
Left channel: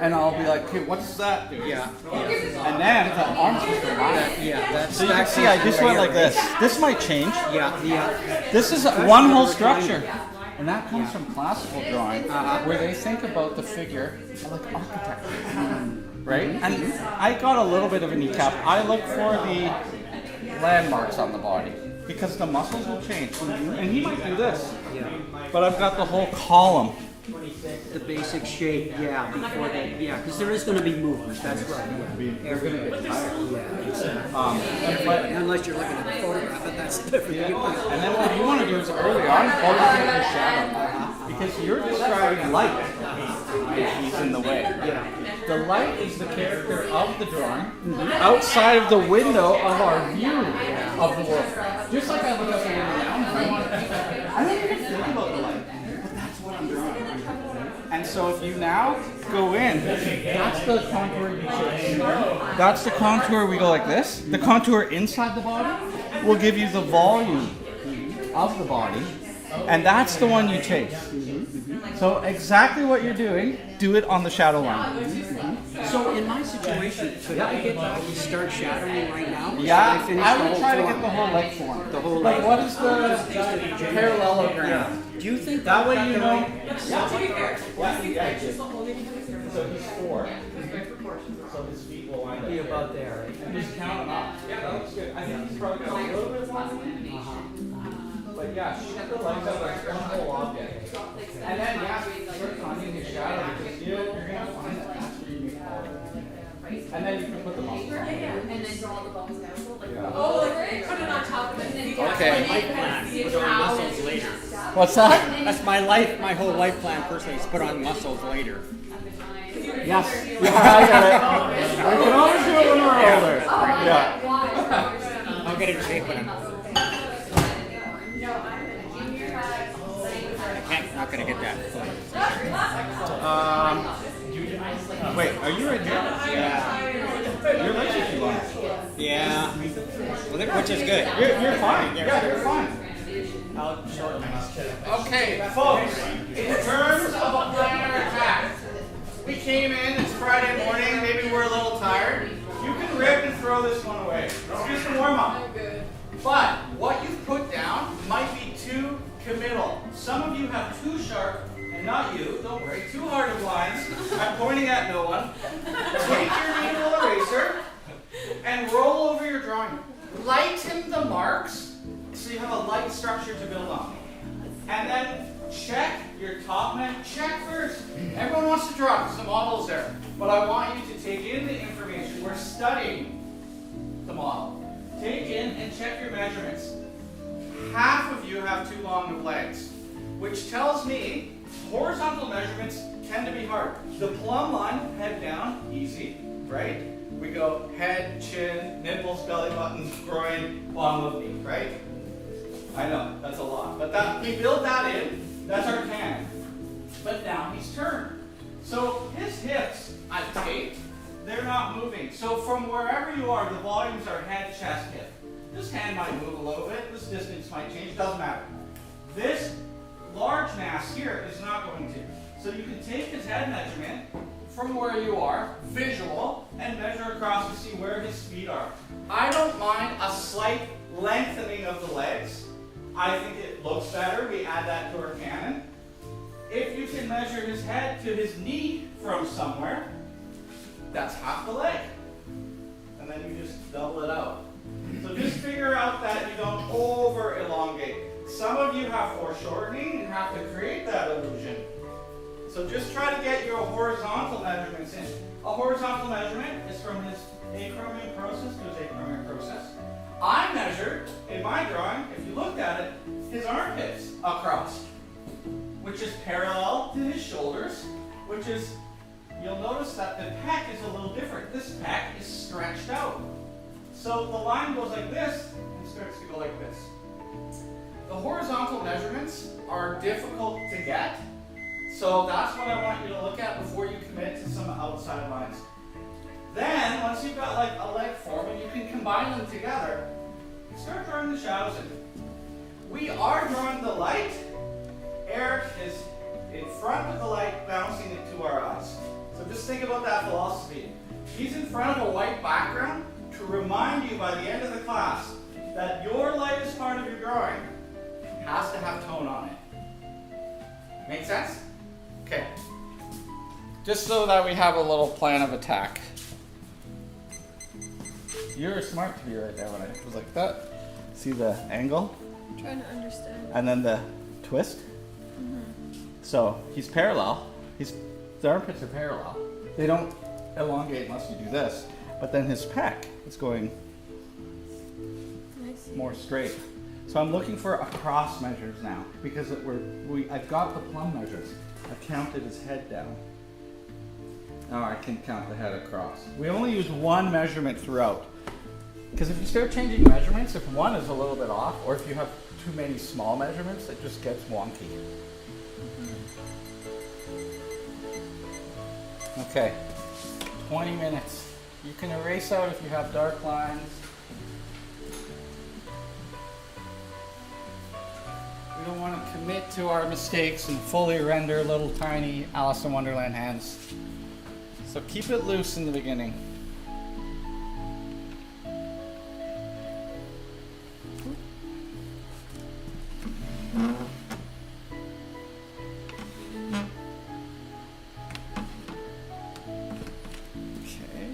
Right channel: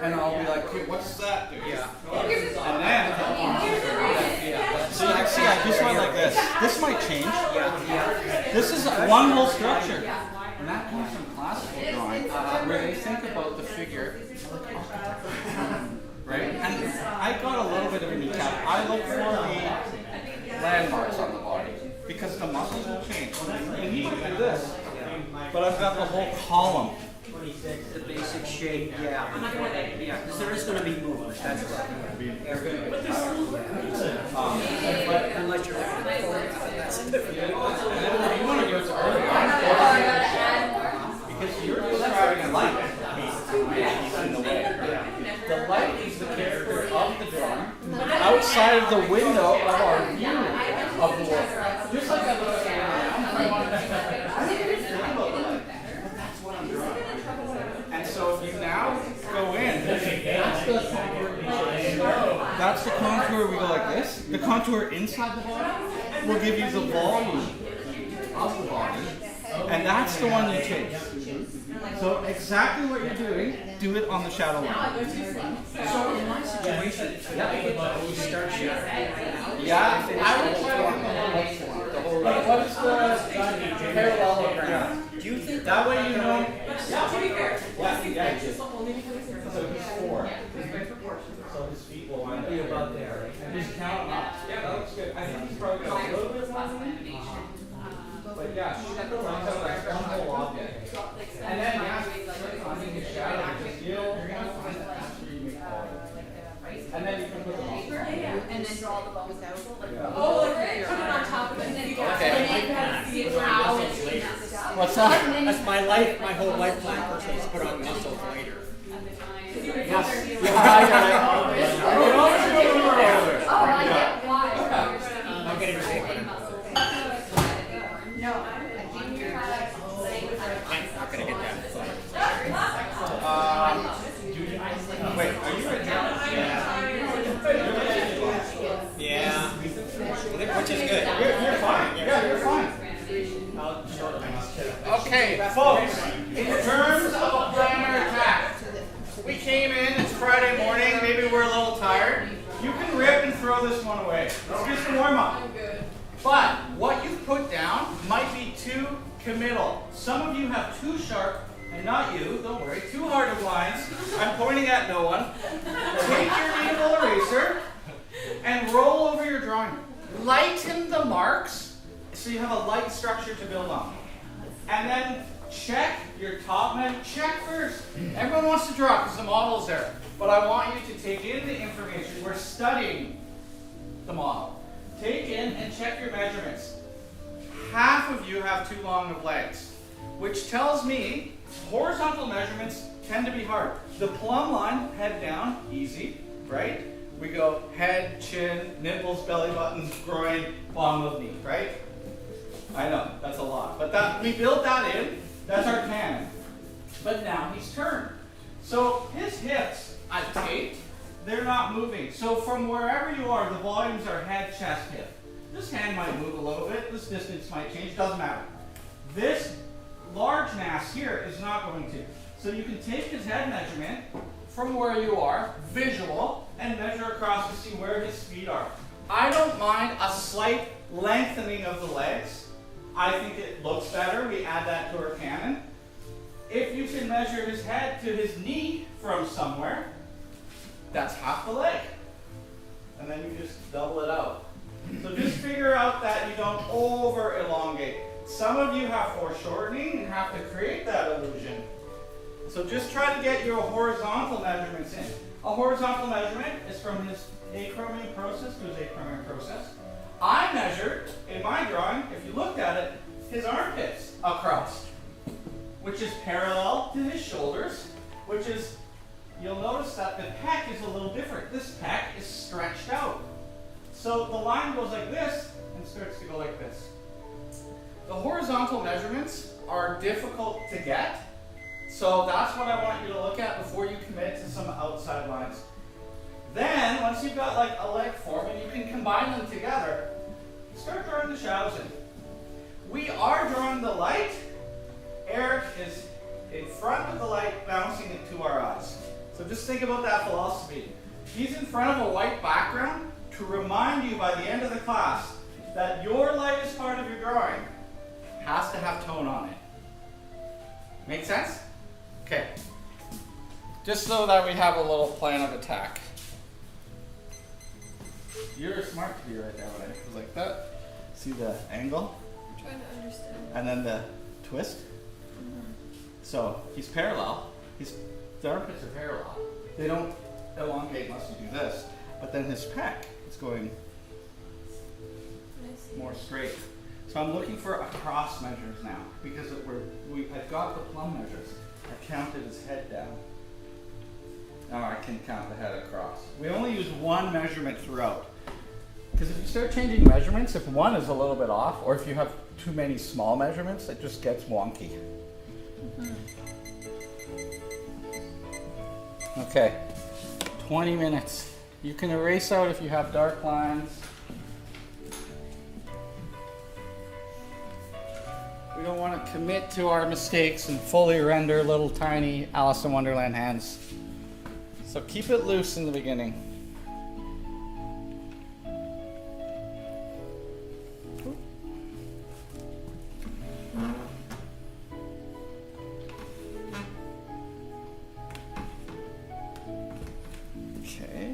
And I'll be like, okay, what's that do? Yeah. And then the arms will go out. Yeah, that's So you can see I just went like this. This might change. yeah. This is one whole structure. And that comes from classical drawing, where they think about the figure like architecture. Right? And I got a little bit of a kneecap. I look for the landmarks on the body because the muscles will change. And he might do this, but I've got the whole column. The basic shape, yeah. Before they, yeah, because there is going to be movement. That's right. They're going to get tired. Unless you're looking at a photograph, and that's different. And then what you want to do is early on, focus on the shadow. Because you're describing light. He's in the way. The light is the character of the drawing outside of the window of our view of the world. Just like I look at the window, I don't even think about the light. But that's what I'm drawing. And so if you now go in, that's the contour you change. That's the contour we go like this. The contour inside the body will give you the volume of the body. And that's the one you take. So exactly what you're doing, do it on the shadow line. So in my situation, could I get the whole start shadowing right now? Yeah, I would try to get the whole leg form. The whole Like what is the parallelogram? Do you think That way you know. To be fair, Yeah. just the only because it's there. So he's 4. So his feet will wind up be about there? And just count them up. Yeah, that looks good. I think he's probably got a little bit longer than me. But yeah, shoot the legs out like one whole object. And then yeah, start finding the shadow because you're gonna find that that's where you make all of it. And then you can put them on. And then draw the bones down. Oh, like put it on top of it, and then you can Okay. kind of see it how. What's that? That's my life, my whole life plan personally is put on muscles later. Yes. Yeah, I got it. I can always do a little more over. I'll get in shape when I'm not gonna get that. Wait, are you a You're literally blind. Yeah. Which is good. You're fine. Yeah, you're fine. Okay, folks, in terms of a planner attack, we came in, it's Friday morning, maybe we're a little tired. You can rip and throw this one away. It's just a warm-up. But what you've put down might be too committal. Some of you have too sharp, and not you, don't worry, too hard of lines. I'm pointing at no one. Take your needle eraser and roll over your drawing. Lighten the marks so you have a light structure to build on. And then check your top man. Check first. Everyone wants to draw because the model's there. But I want you to take in the information. We're studying the model. Take in and check your measurements. Half of you have too long of legs, which tells me horizontal measurements tend to be hard. The plumb line, head down, easy, right? We go head, chin, nipples, belly button, groin, bottom of knee, right? I know, that's a lot. But that we build that in, that's our canon. But now he's turned. So his hips, I've taped, they're not moving. So from wherever you are, the volumes are head, chest, hip. This hand might move a little bit, this distance might change, doesn't matter. This large mass here is not going to. So you can take his head measurement from where you are, visual, and measure across to see where his feet are. I don't mind a slight lengthening of the legs. I think it looks better. We add that to our canon. If you can measure his head to his knee from somewhere, that's half the leg. And then you just double it out. So just figure out that you don't over elongate. Some of you have foreshortening and have to create that illusion. So just try to get your horizontal measurements in. A horizontal measurement is from his acromion process to his acromion process. I measured, in my drawing, if you looked at it, his armpits across, which is parallel to his shoulders, which is, you'll notice that the pec is a little different. This pec is stretched out. So the line goes like this and starts to go like this. the horizontal measurements are difficult to get. So that's what I want you to look at before you commit to some outside lines. Then, once you've got like a leg form and you can combine them together, start drawing the shadows in. We are drawing the light. Eric is in front of the light, bouncing it to our eyes. So just think about that philosophy. He's in front of a white background to remind you by the end of the class that your lightest part of your drawing has to have tone on it. Make sense? Okay. Just so that we have a little plan of attack. You're smart to be right there when I was like that. See the angle? I'm trying to understand. And then the twist. So he's parallel. The armpits are parallel. They don't elongate unless you do this. But then his pec is going more straight. So I'm looking for across measures now because I've got the plumb measures. I counted his head down. Now I can count the head across. We only use one measurement throughout. Because if you start changing measurements, if one is a little bit off, or if you have too many small measurements, it just gets wonky. Okay, 20 minutes. You can erase out if you have dark lines. We don't want to commit to our mistakes and fully render little tiny Alice in Wonderland hands. So keep it loose in the beginning. Okay.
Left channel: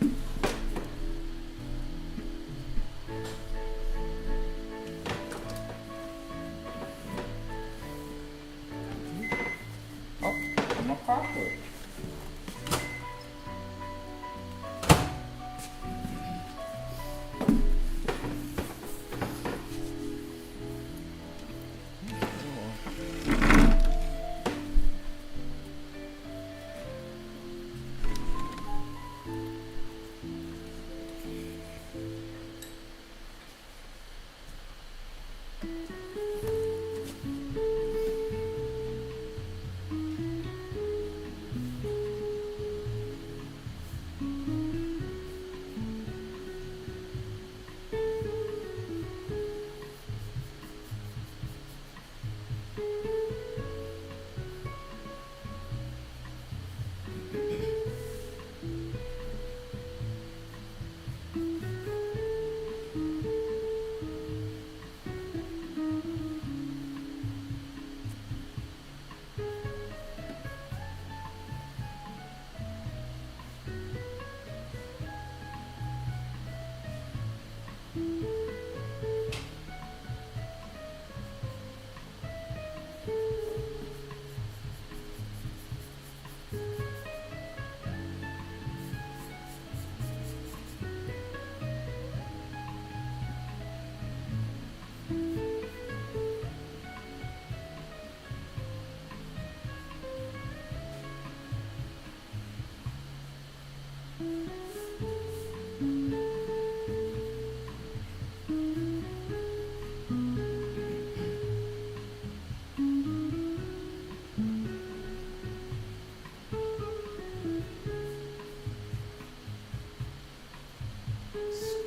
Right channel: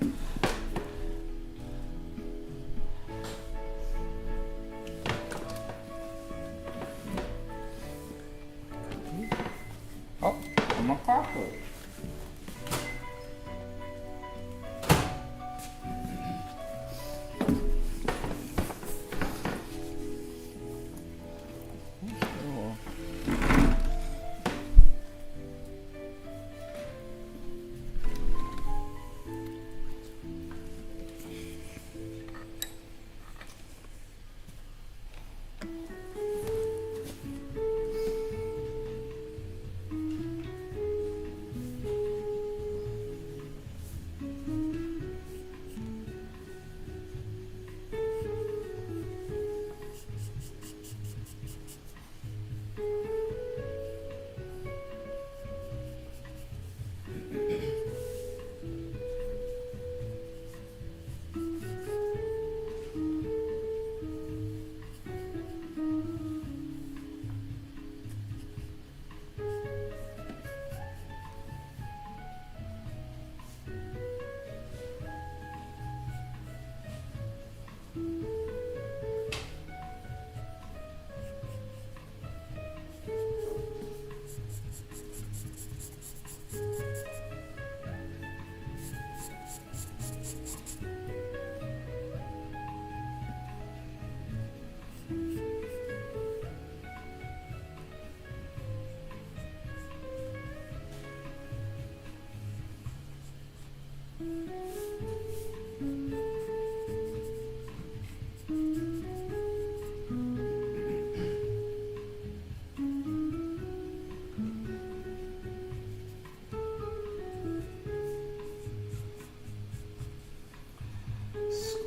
Oh, I'm a cockroach.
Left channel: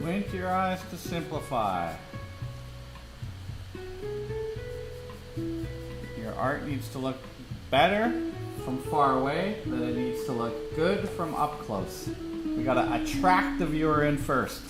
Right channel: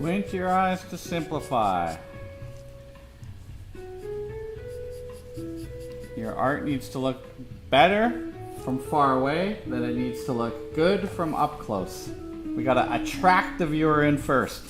Squint your eyes to simplify. Your art needs to look better from far away than it needs to look good from up close. We gotta attract the viewer in first.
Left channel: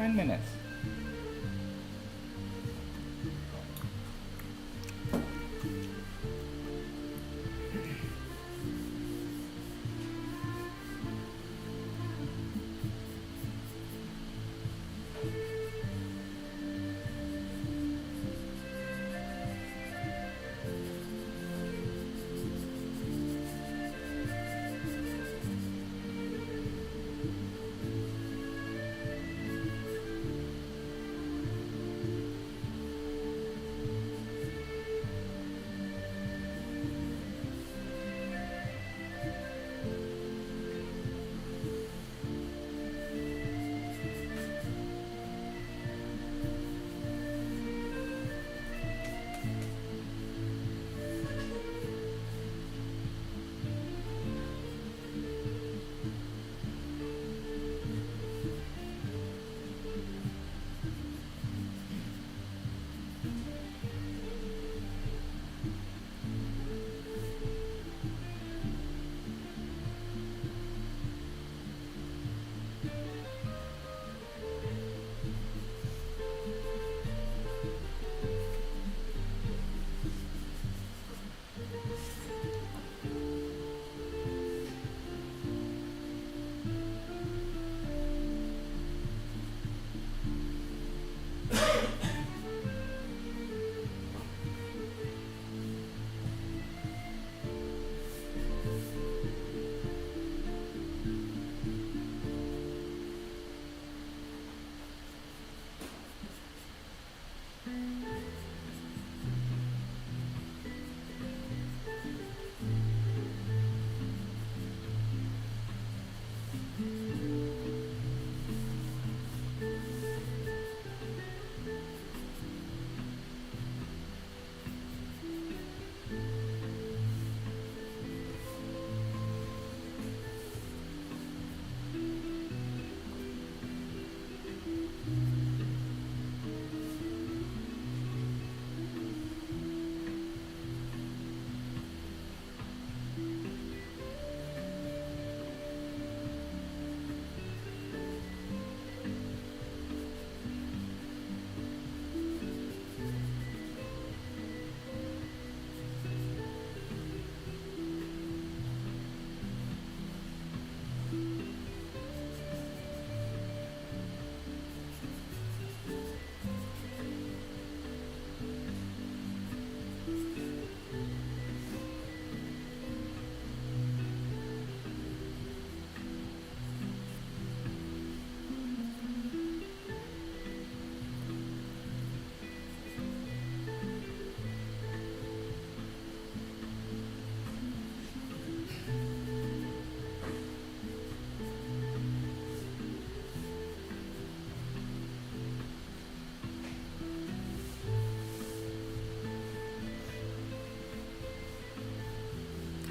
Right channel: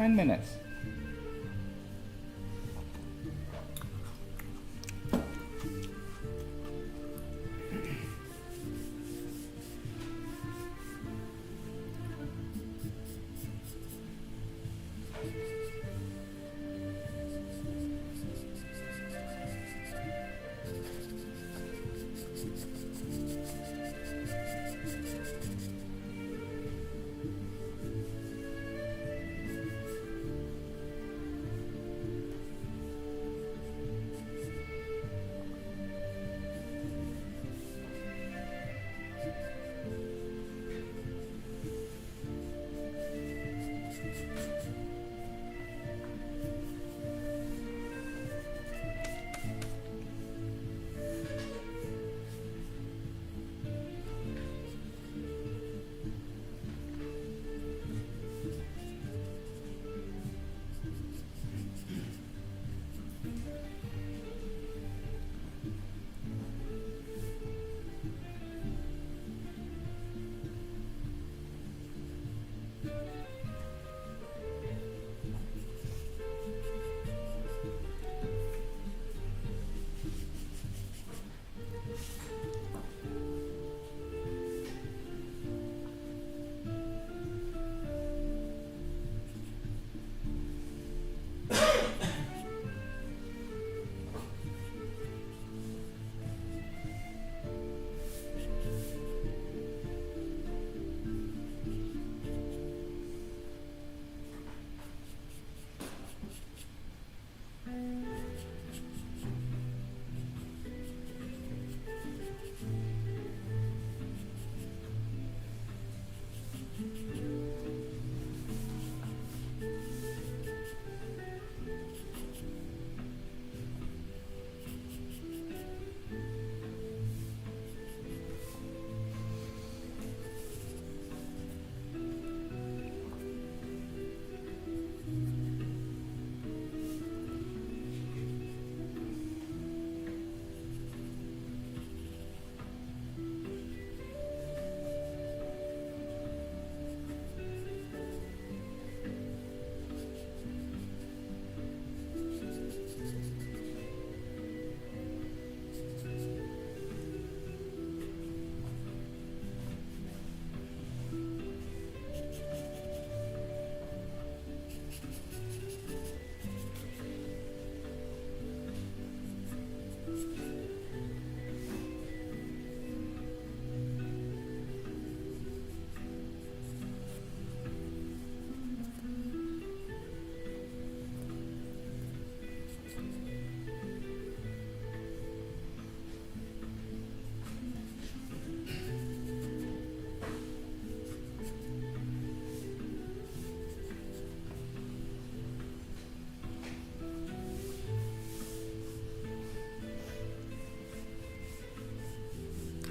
10 minutes.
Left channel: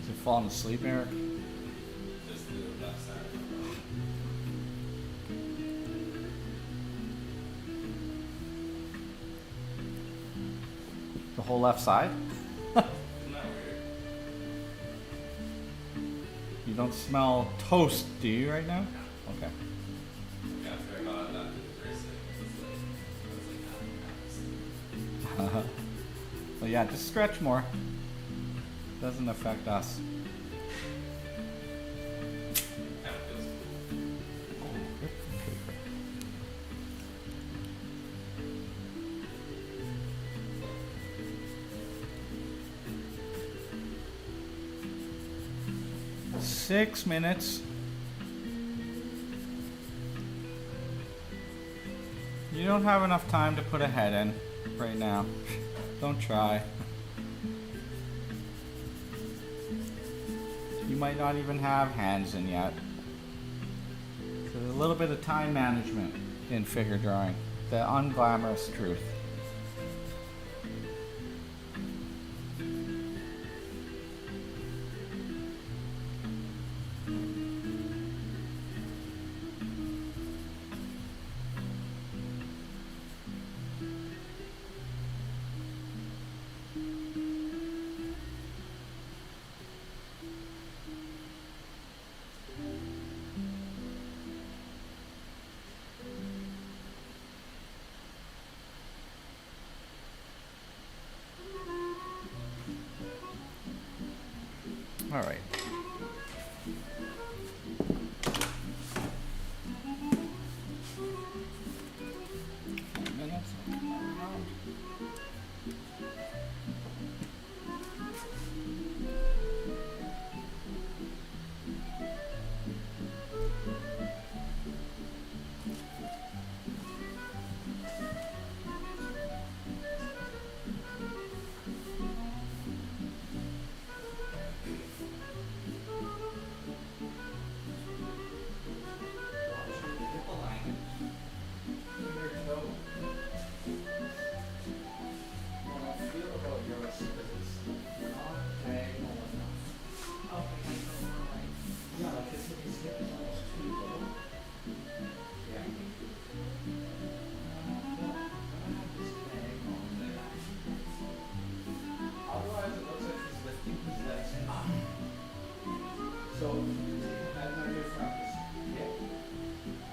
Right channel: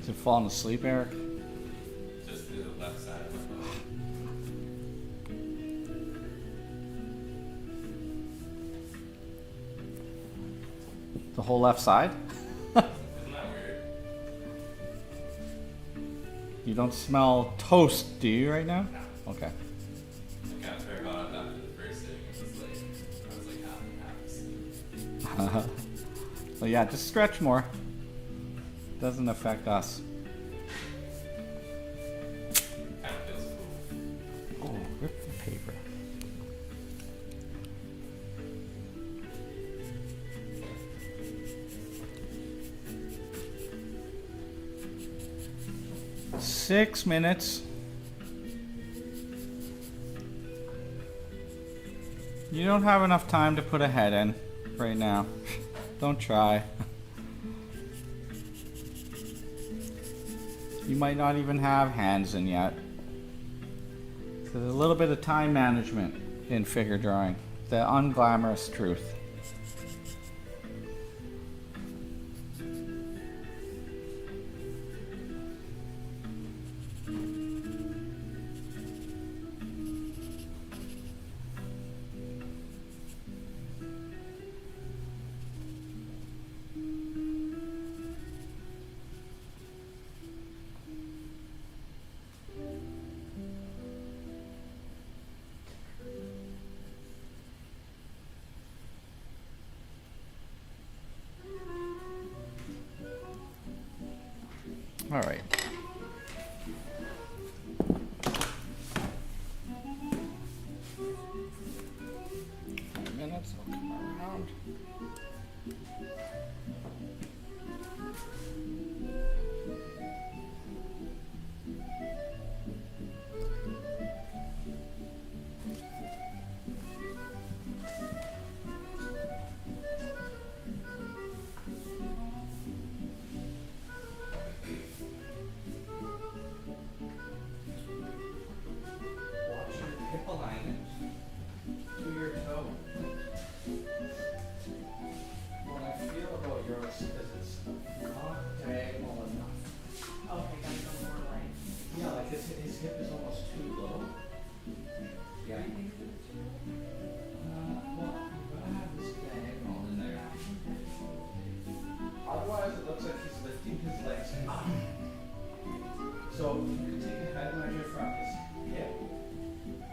You falling asleep, Eric? Just do the left side. The whole left side? Isn't that weird? You don't smell toast, do you, right now? Okay. I got very hot after the first sitting. I was like half and half. So yeah, just stretch more. Doesn't affect us. Kind of feels cool. Oh, rip the paper. Six minutes. You don't have enough time to put a head in right now. Don't try. You might not even have hands in yet. So there's a little bit of time management in figure drawing. The unglamorous truth. All right. Minutes. I'll come around. Watch your hip alignment to your toe. What I feel about yours is it's not diagonal enough. Okay, gotta go more right. Yeah, like his hip is almost too low. Yeah. Well, I'm gonna have this diagonal in there. Otherwise, it looks like he's lifting his legs up. So you can take a head measure from his hip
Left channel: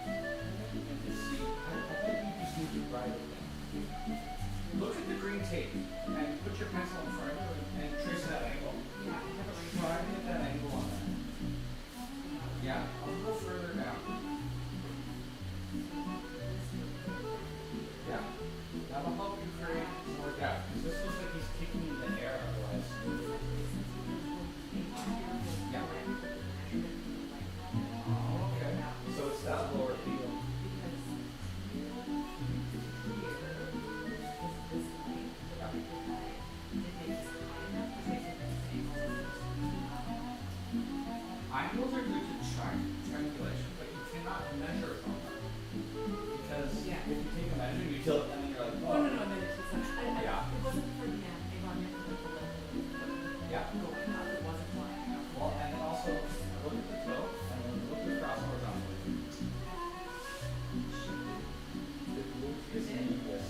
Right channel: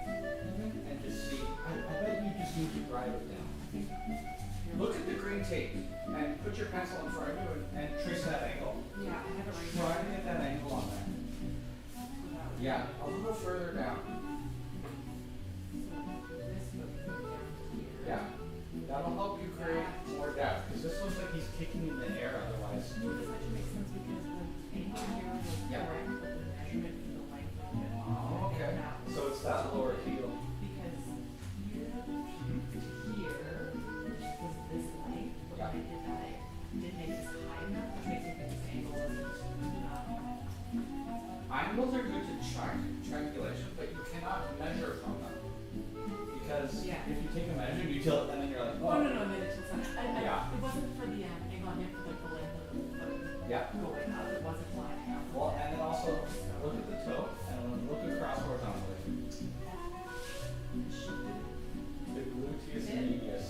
and just see. I bet you just need to write it down. Look at the green tape and put your pencil in front of you and trace that angle. Yeah, I have it right Try to get that angle on there. Yeah, a little further down. Yeah, that'll help you create more depth because this looks like he's kicking in the air otherwise. Yeah. Oh, okay. So it's that lower heel. Angles are good to triangulation, but you cannot measure from them. Because Yeah. if you take a measure, you tilt it, and then you're like, Oh, oh. no, no, no, it's not. Yeah. It wasn't for the angle on your foot, the left. Yeah. Going up, it wasn't flying out. Well, and then also look at the toe, and then look across horizontally. The gluteus medius.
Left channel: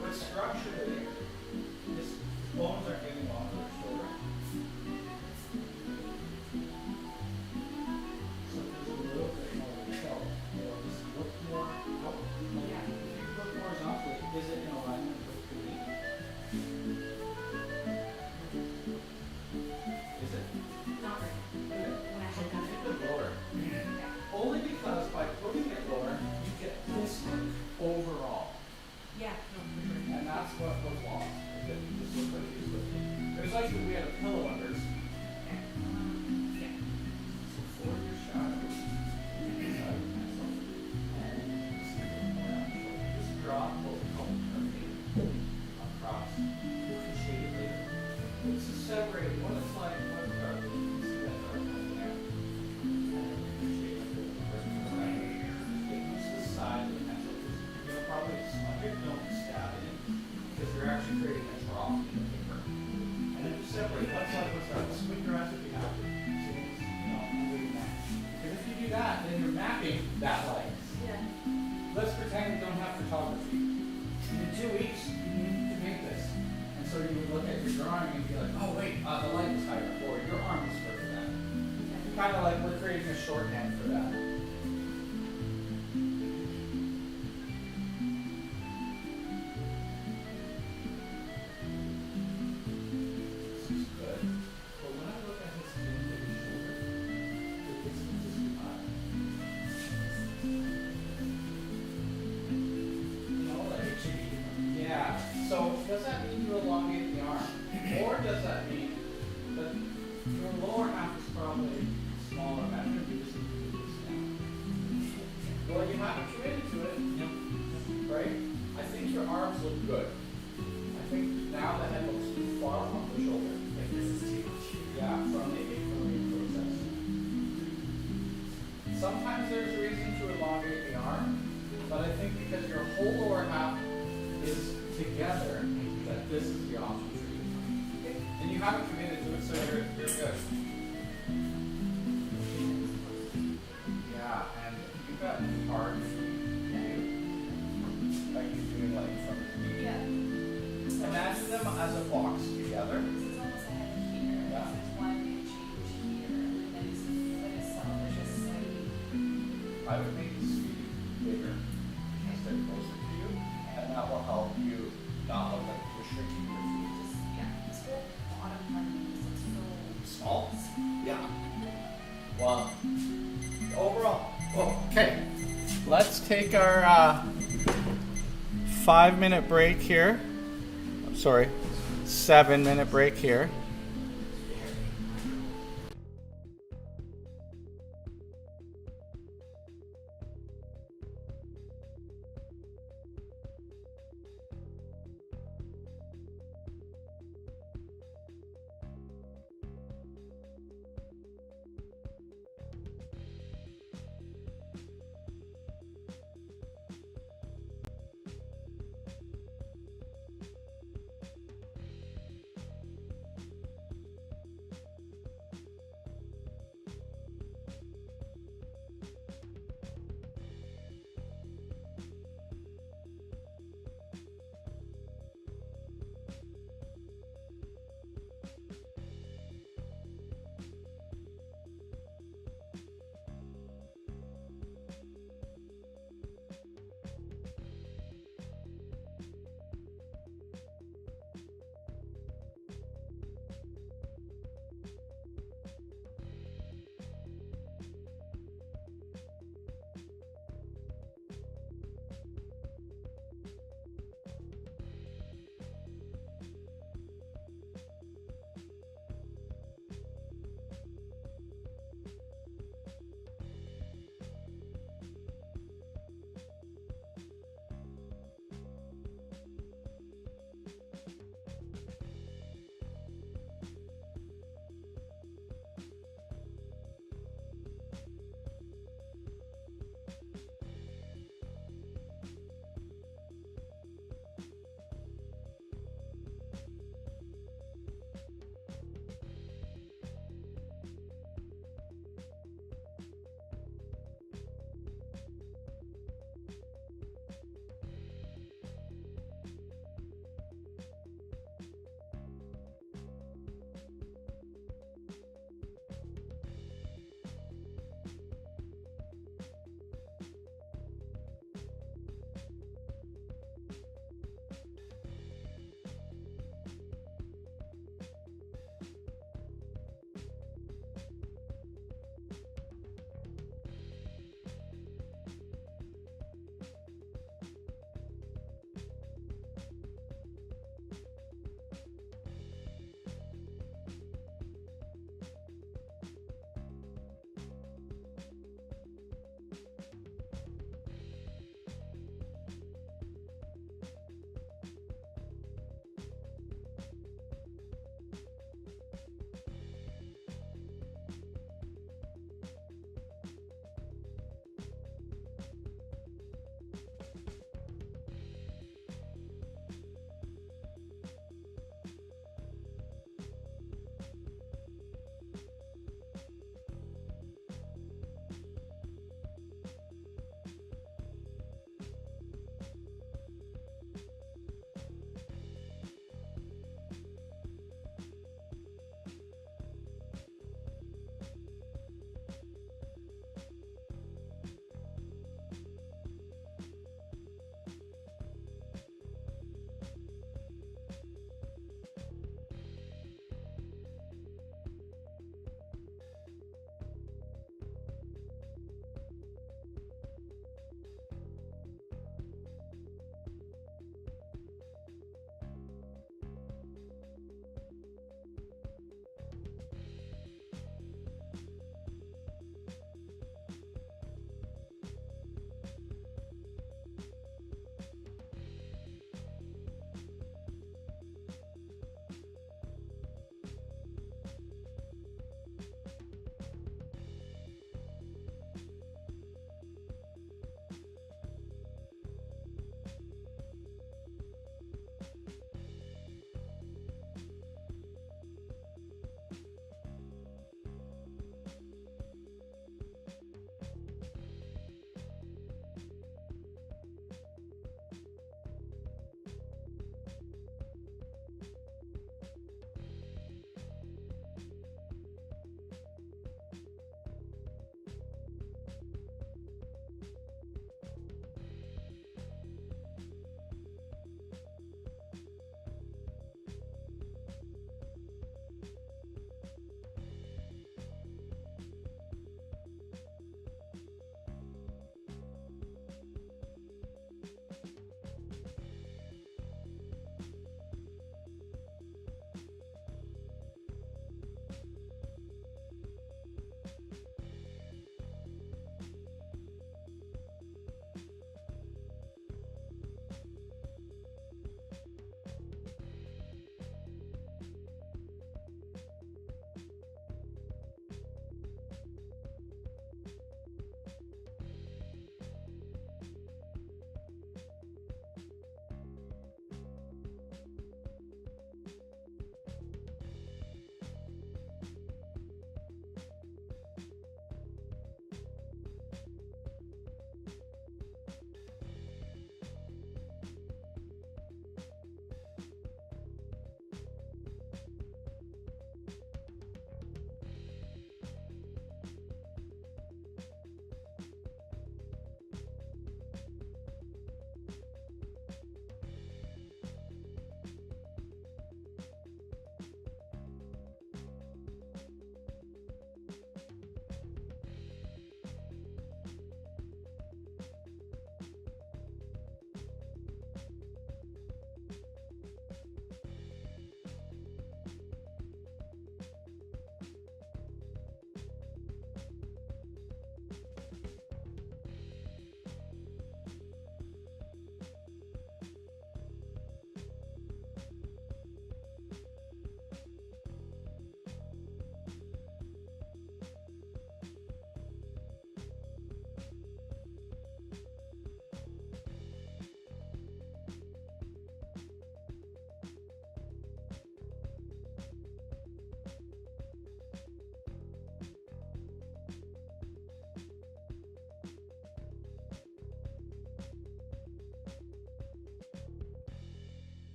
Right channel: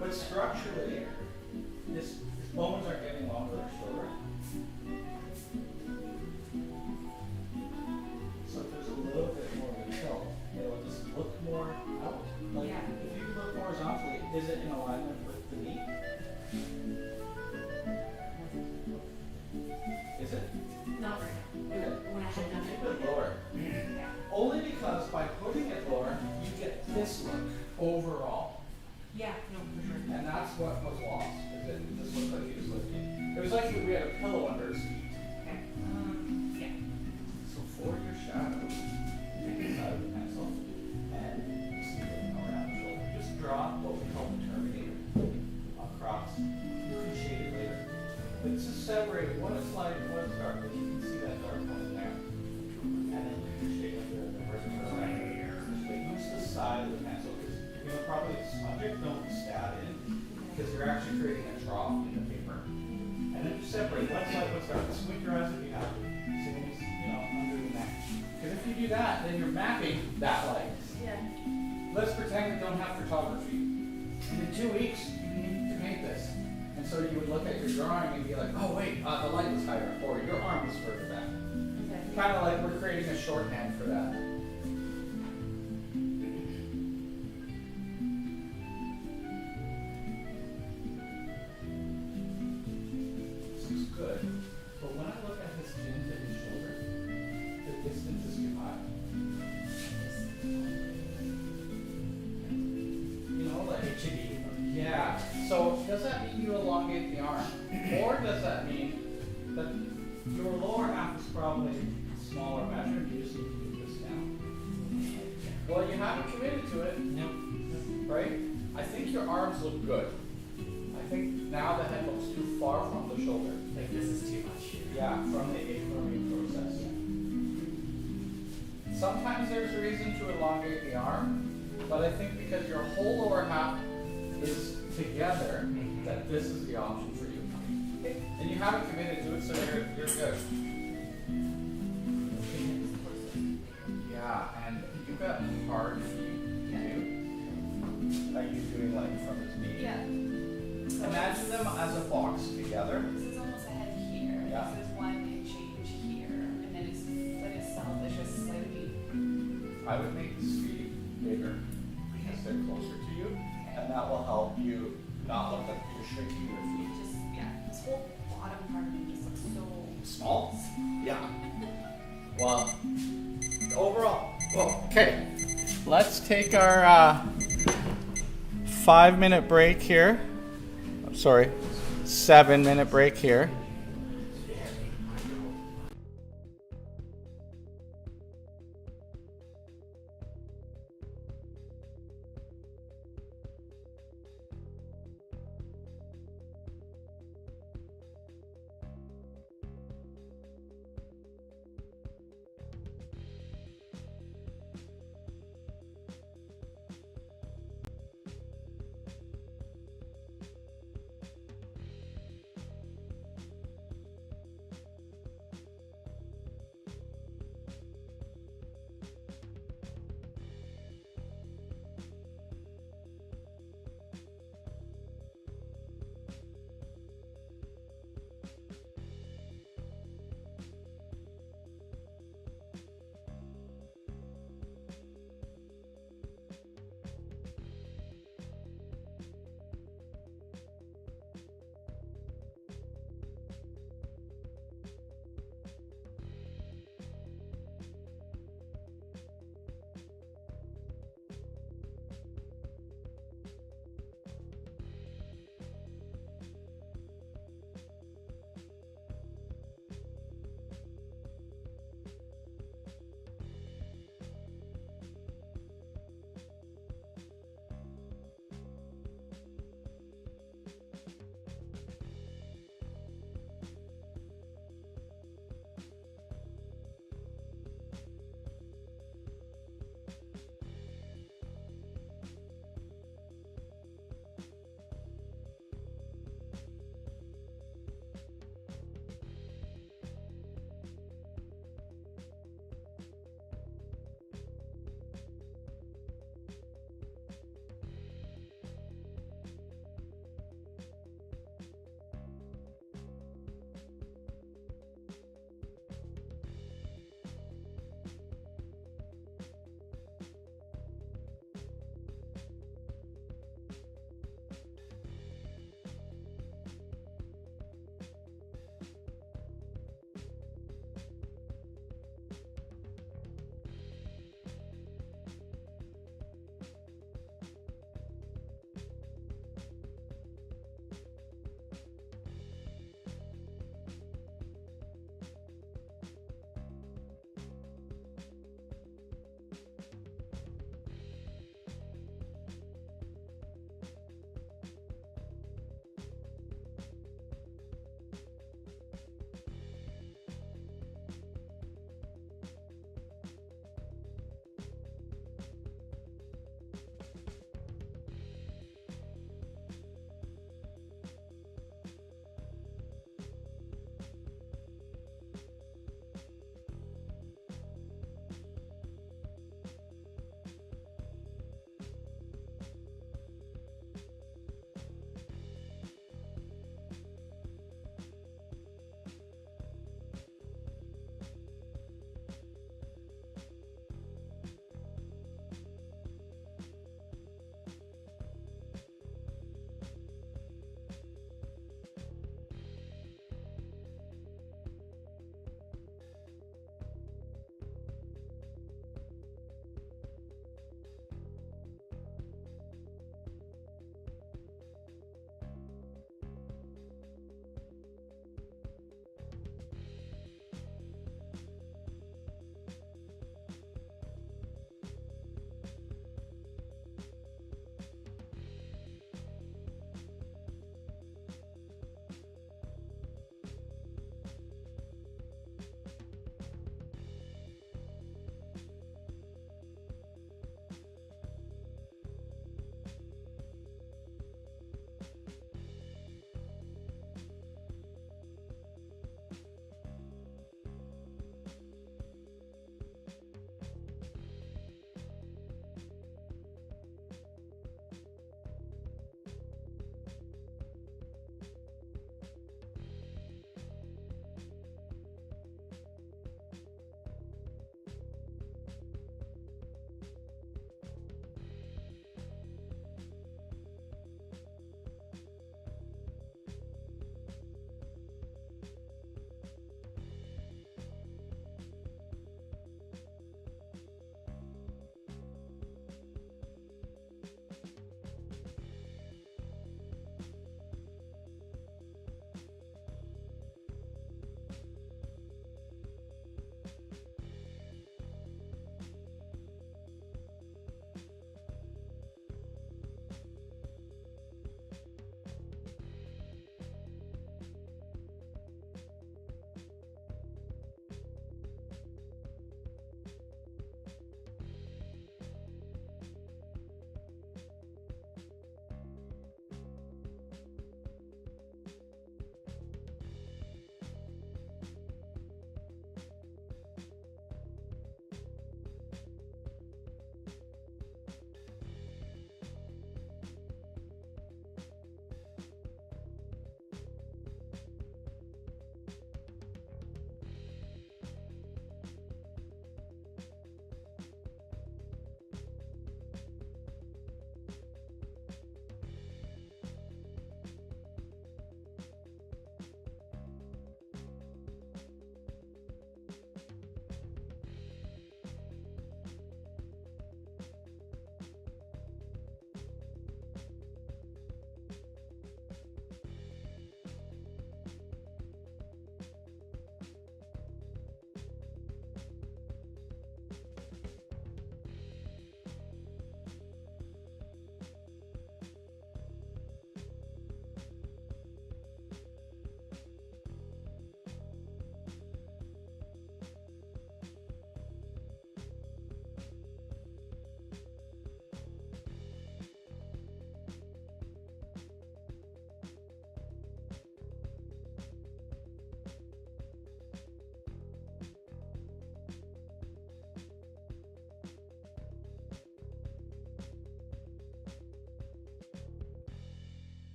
But structurally, his bones are getting longer or shorter. So if there's a little bit more of a tilt, it'll just look more out. Like, Yeah. if you look horizontally, is it in alignment with the knee? Is it? Not right now. Okay. When I So had done keep it. it lower. Yeah. Only because by putting it lower, you get this look overall. Yeah, no, for sure. And that's what was lost. Is it just looked like he was lifting. It was like we had a pillow under his feet. Okay. Yeah. So for your shadow, take the side of the pencil and see it around the shoulder. Just draw what we call the terminator across. You can shade it later. But this is separated. One is light, one is dark. You can see that dark one there. And then you can shade it with the person to the right. Use the side of the pencil. You'll probably smudge it, don't stab it in. Because you're actually creating a trough in the paper. And then you separate one side, one side. Squint your eyes if you have to. So it's, under the neck. Because if you do that, then you're mapping that light. Yeah. Let's pretend we don't have photography. And in 2 weeks, you need to make this. And so you would look at your drawing and be like, oh wait, the light was higher, or your arm was further back. Kind of like we're creating a shorthand for that. This is good. But when I look at his chin to his shoulder, the distance is too high. You know, like yeah. So does that mean you elongate the arm? Or does that mean that your lower half is probably smaller measure, you just need to do this now? Well, you haven't committed to it. Yep. Right? I think your arms look good. I think now the head looks too far from the shoulder. Like this is too much. Yeah, from the apron process. Sometimes there's a reason to elongate the arm, but I think because your whole lower half is together, that this is the option for you. And you haven't committed to it, so you're good. Yeah, and you've got hard feet too. Like you're doing like from his knee. Yeah. Imagine them as a box together. This is almost a head here. Yeah. This is why we change here, and then his foot itself is just slightly. I would make the feet bigger because they're closer to you, and that will help you not look like you're shrinking your feet. Just yeah. This whole bottom part of it just looks so Small? Yeah. Well, overall. Okay, let's take our 5-minute break here. Sorry, 7-minute break here.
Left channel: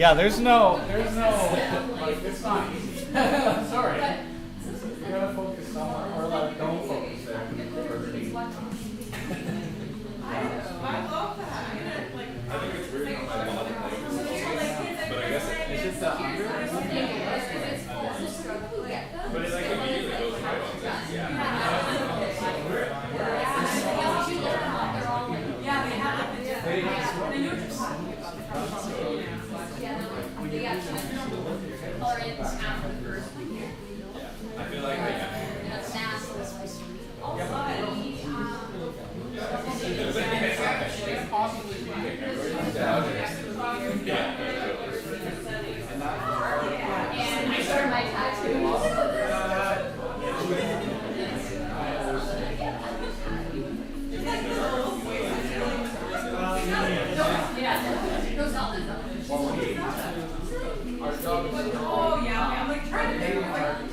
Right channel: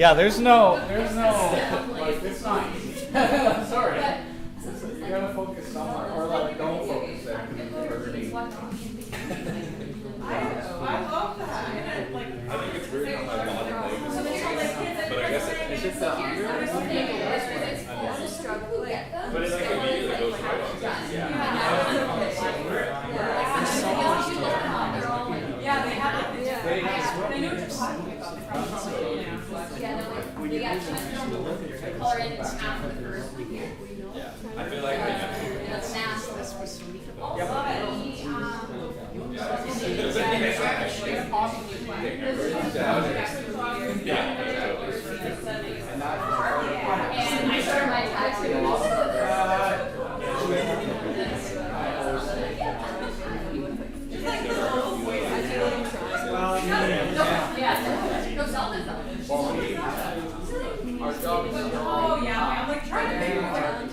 Yeah, there's no, it's not easy. Sorry. You gotta focus somewhere, or like don't focus there. I love that. I think it's weird how my body moves, but I guess Is it the under? but it like immediately goes right on. Yeah, they have it. They They know what you're talking about. I feel like I And I started my tattoos. Our job is Oh, yeah, I'm like trying to figure it out.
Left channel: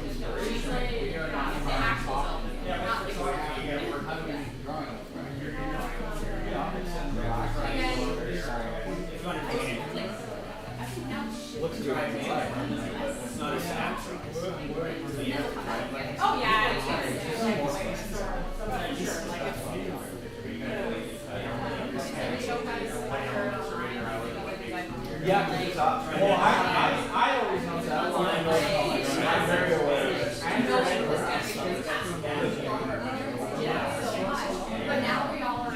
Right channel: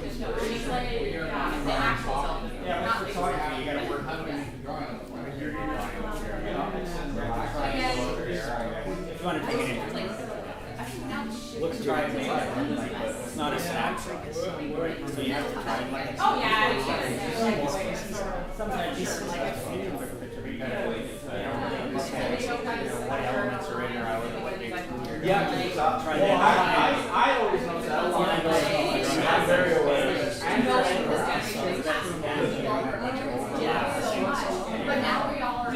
Looks dry to me. It's not a snapshot. So you have to try it like Oh, yeah. yeah, well, I always know that. I'm very aware. But now we all are.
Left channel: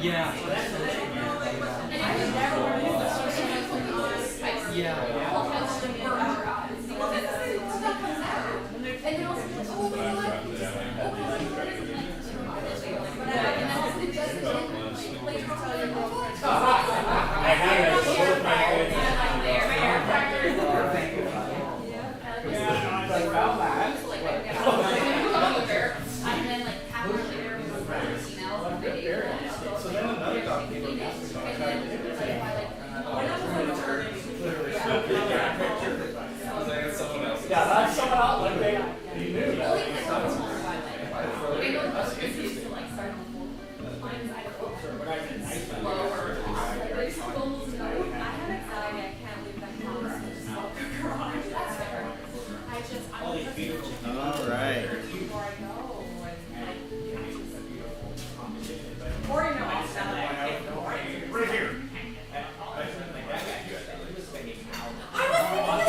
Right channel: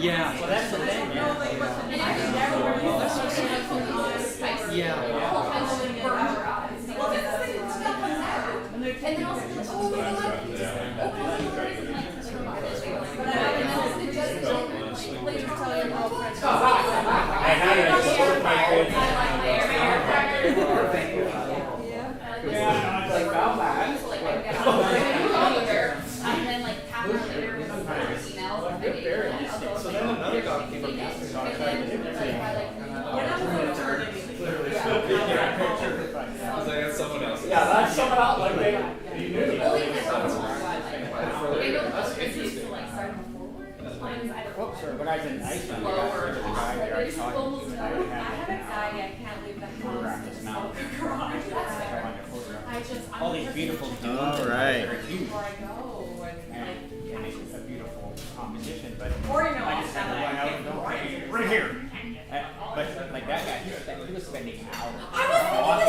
yeah. So then another dog came up and asked me about because I had someone else. Yeah, that's someone else. Like they knew. But I didn't. I haven't died yet. I can't leave the house. All these beautiful All right. Before I go. and it's a beautiful composition, but Or, you know, I'll sell it. right here. But like that guy here, he was spending hours. I was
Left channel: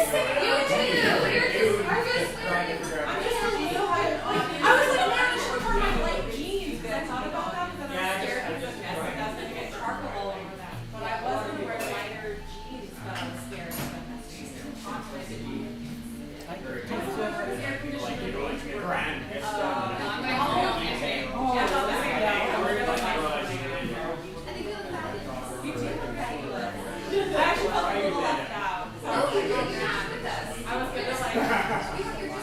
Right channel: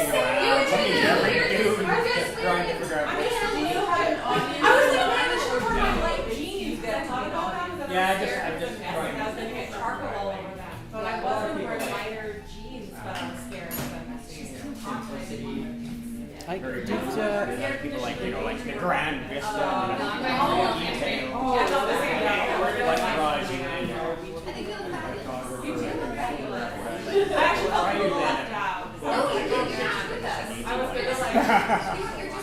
thinking the same. You too. You're just, Trying to figure out. I was like, man, I should wear my light jeans. I thought about that because Yeah, I I was just- scared of the mess. I was gonna get charcoal all over that. But I wasn't wearing lighter jeans, but I'm scared of the mess. People like, you know, like Grand Vista. Yeah, no, the same. You too. I actually felt a little left out. I was gonna like.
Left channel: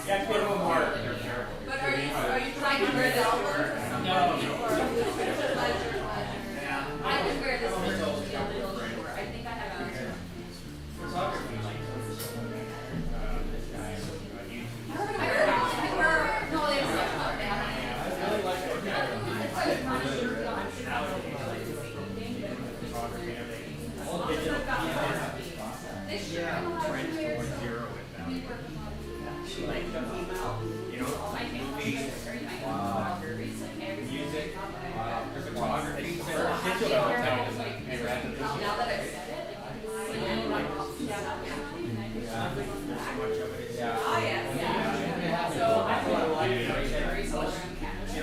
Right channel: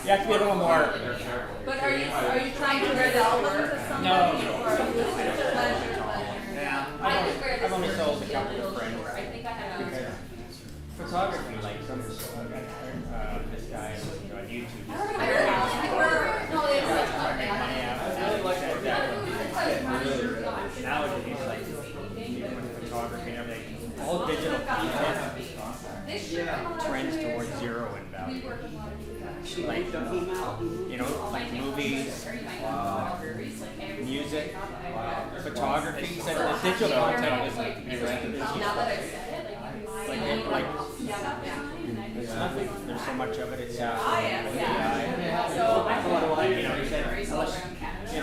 You have to be a little more. But are you trying to wear the album or something? No. Or pleasure? Yeah. I could wear this I'm only sold a for couple of friends. I think I have a. Photography, like some this guy on YouTube. I heard about it. No, they don't. I really like that guy. Nowadays, like photography and everything, all digital content trends towards zero in value. Like, you know, like movies, music, photography, digital television. Now that I've said it, Like, there's so much of it. It's, Oh, yeah. So I feel like, you know,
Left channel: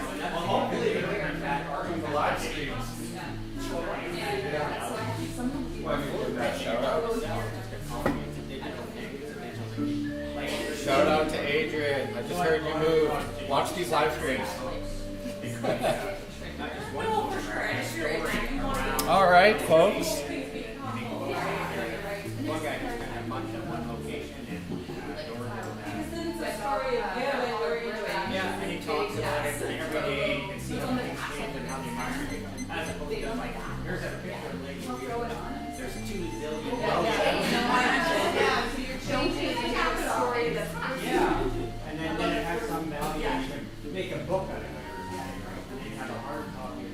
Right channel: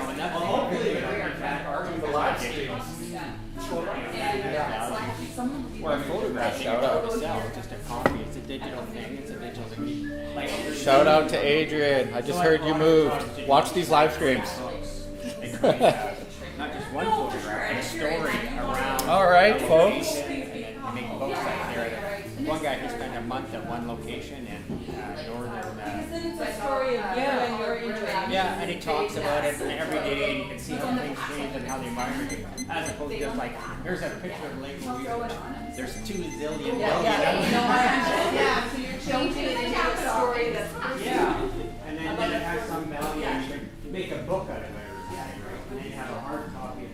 and that's hopefully the live streams. Well, that shout out just a copy. It's a digital thing. It's a digital thing. Like, Shout out to Adrian. I just heard you moved. Watch these live streams. not just one photograph, but a story around. All right, folks. One guy who spent a month at one location in northern. Yeah, and he talks about it every day. You can see how things change and how the environment, as opposed to just like, here's a picture of Lake Louise. There's 2 zillion. So you're changing it into a story that's. Yeah, and then it has some value. You can make a book out of it, and then you have a hard copy.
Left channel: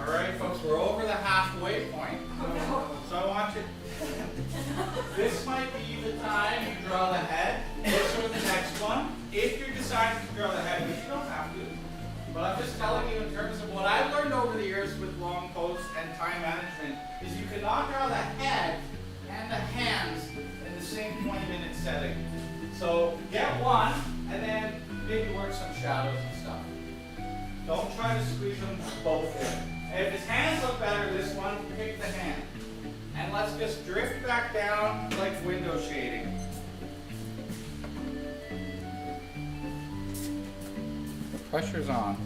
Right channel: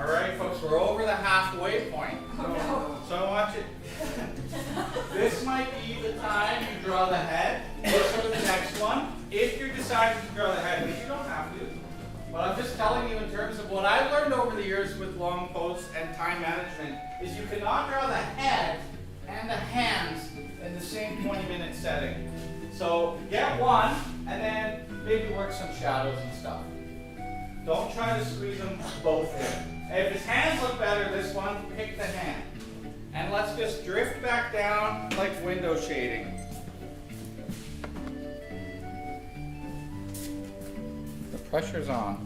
All right, folks, we're over the halfway point. So I want you. This might be the time you draw the head. This or the next one. If you're deciding to draw the head, which you don't have to. But I'm just telling you in terms of what I've learned over the years with long posts and time management is you cannot draw the head and the hands in the same 20-minute setting. So get one and then maybe work some shadows and stuff. Don't try to squeeze them both in. If his hands look better, this one, pick the hand. And let's just drift back down like window shading. The pressure's on.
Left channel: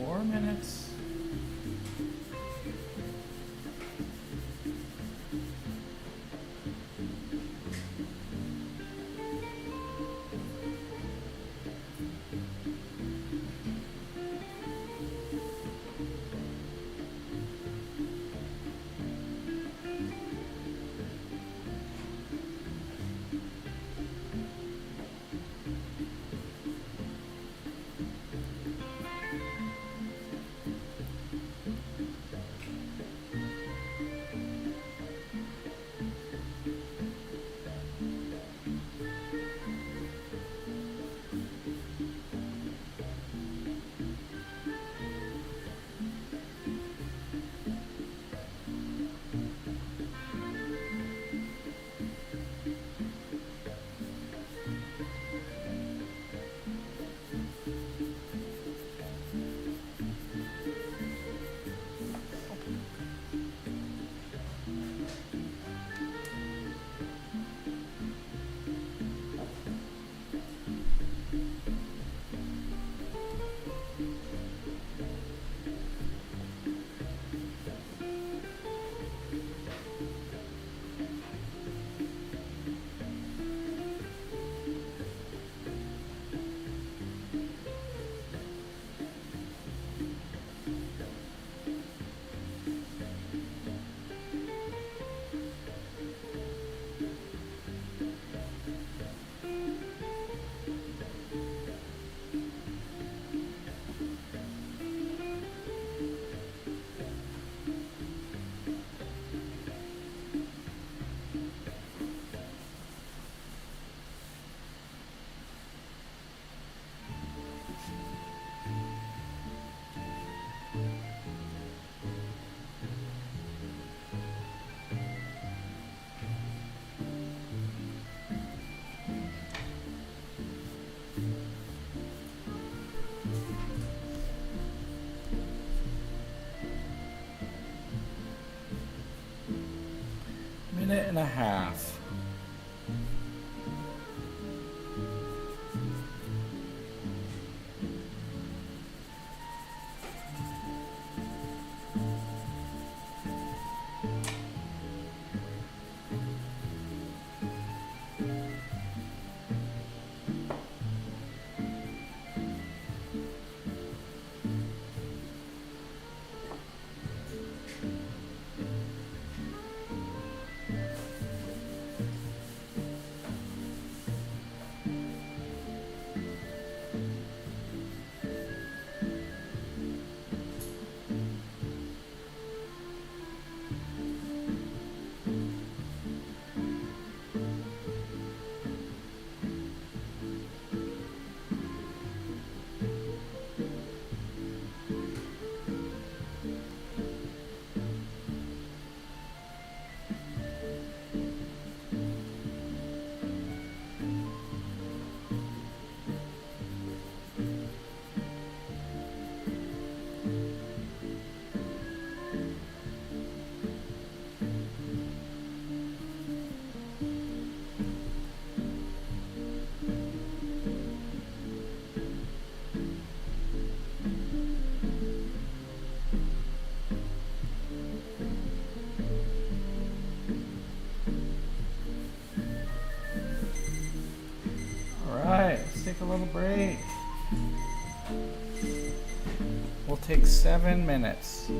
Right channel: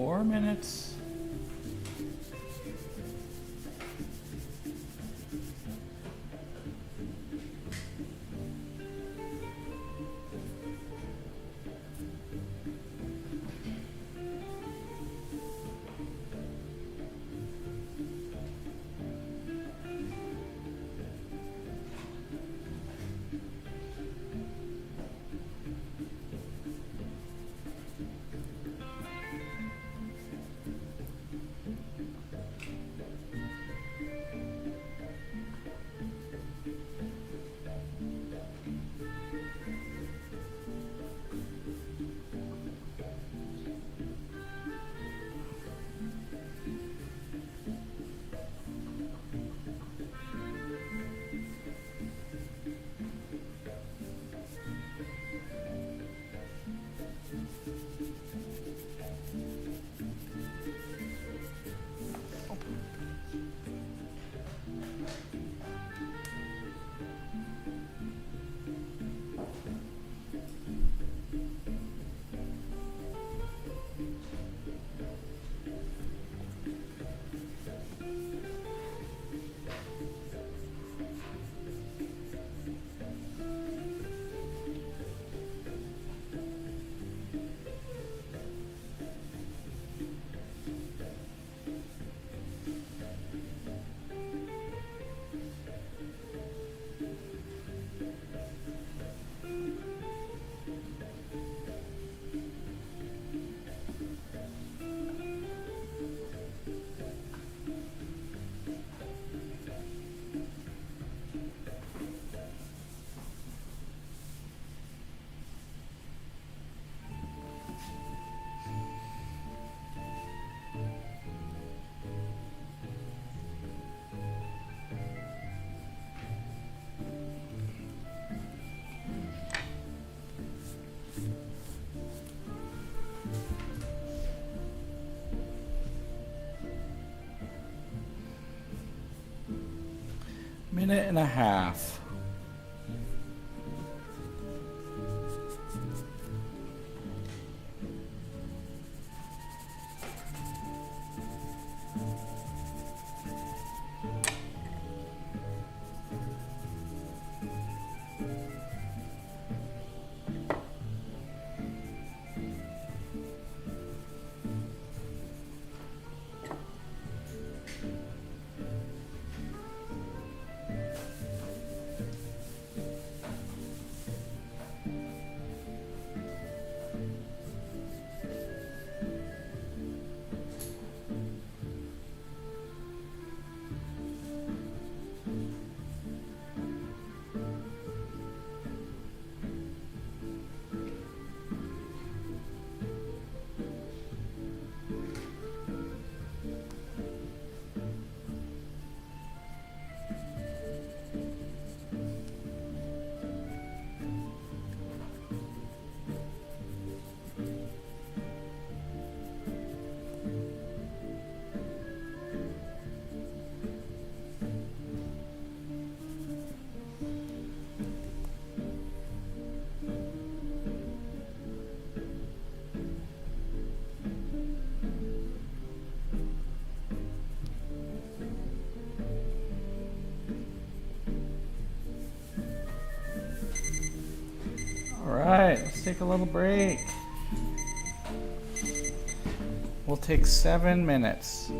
4 minutes. Minute and a half. take a little break. We'll take 7 minutes.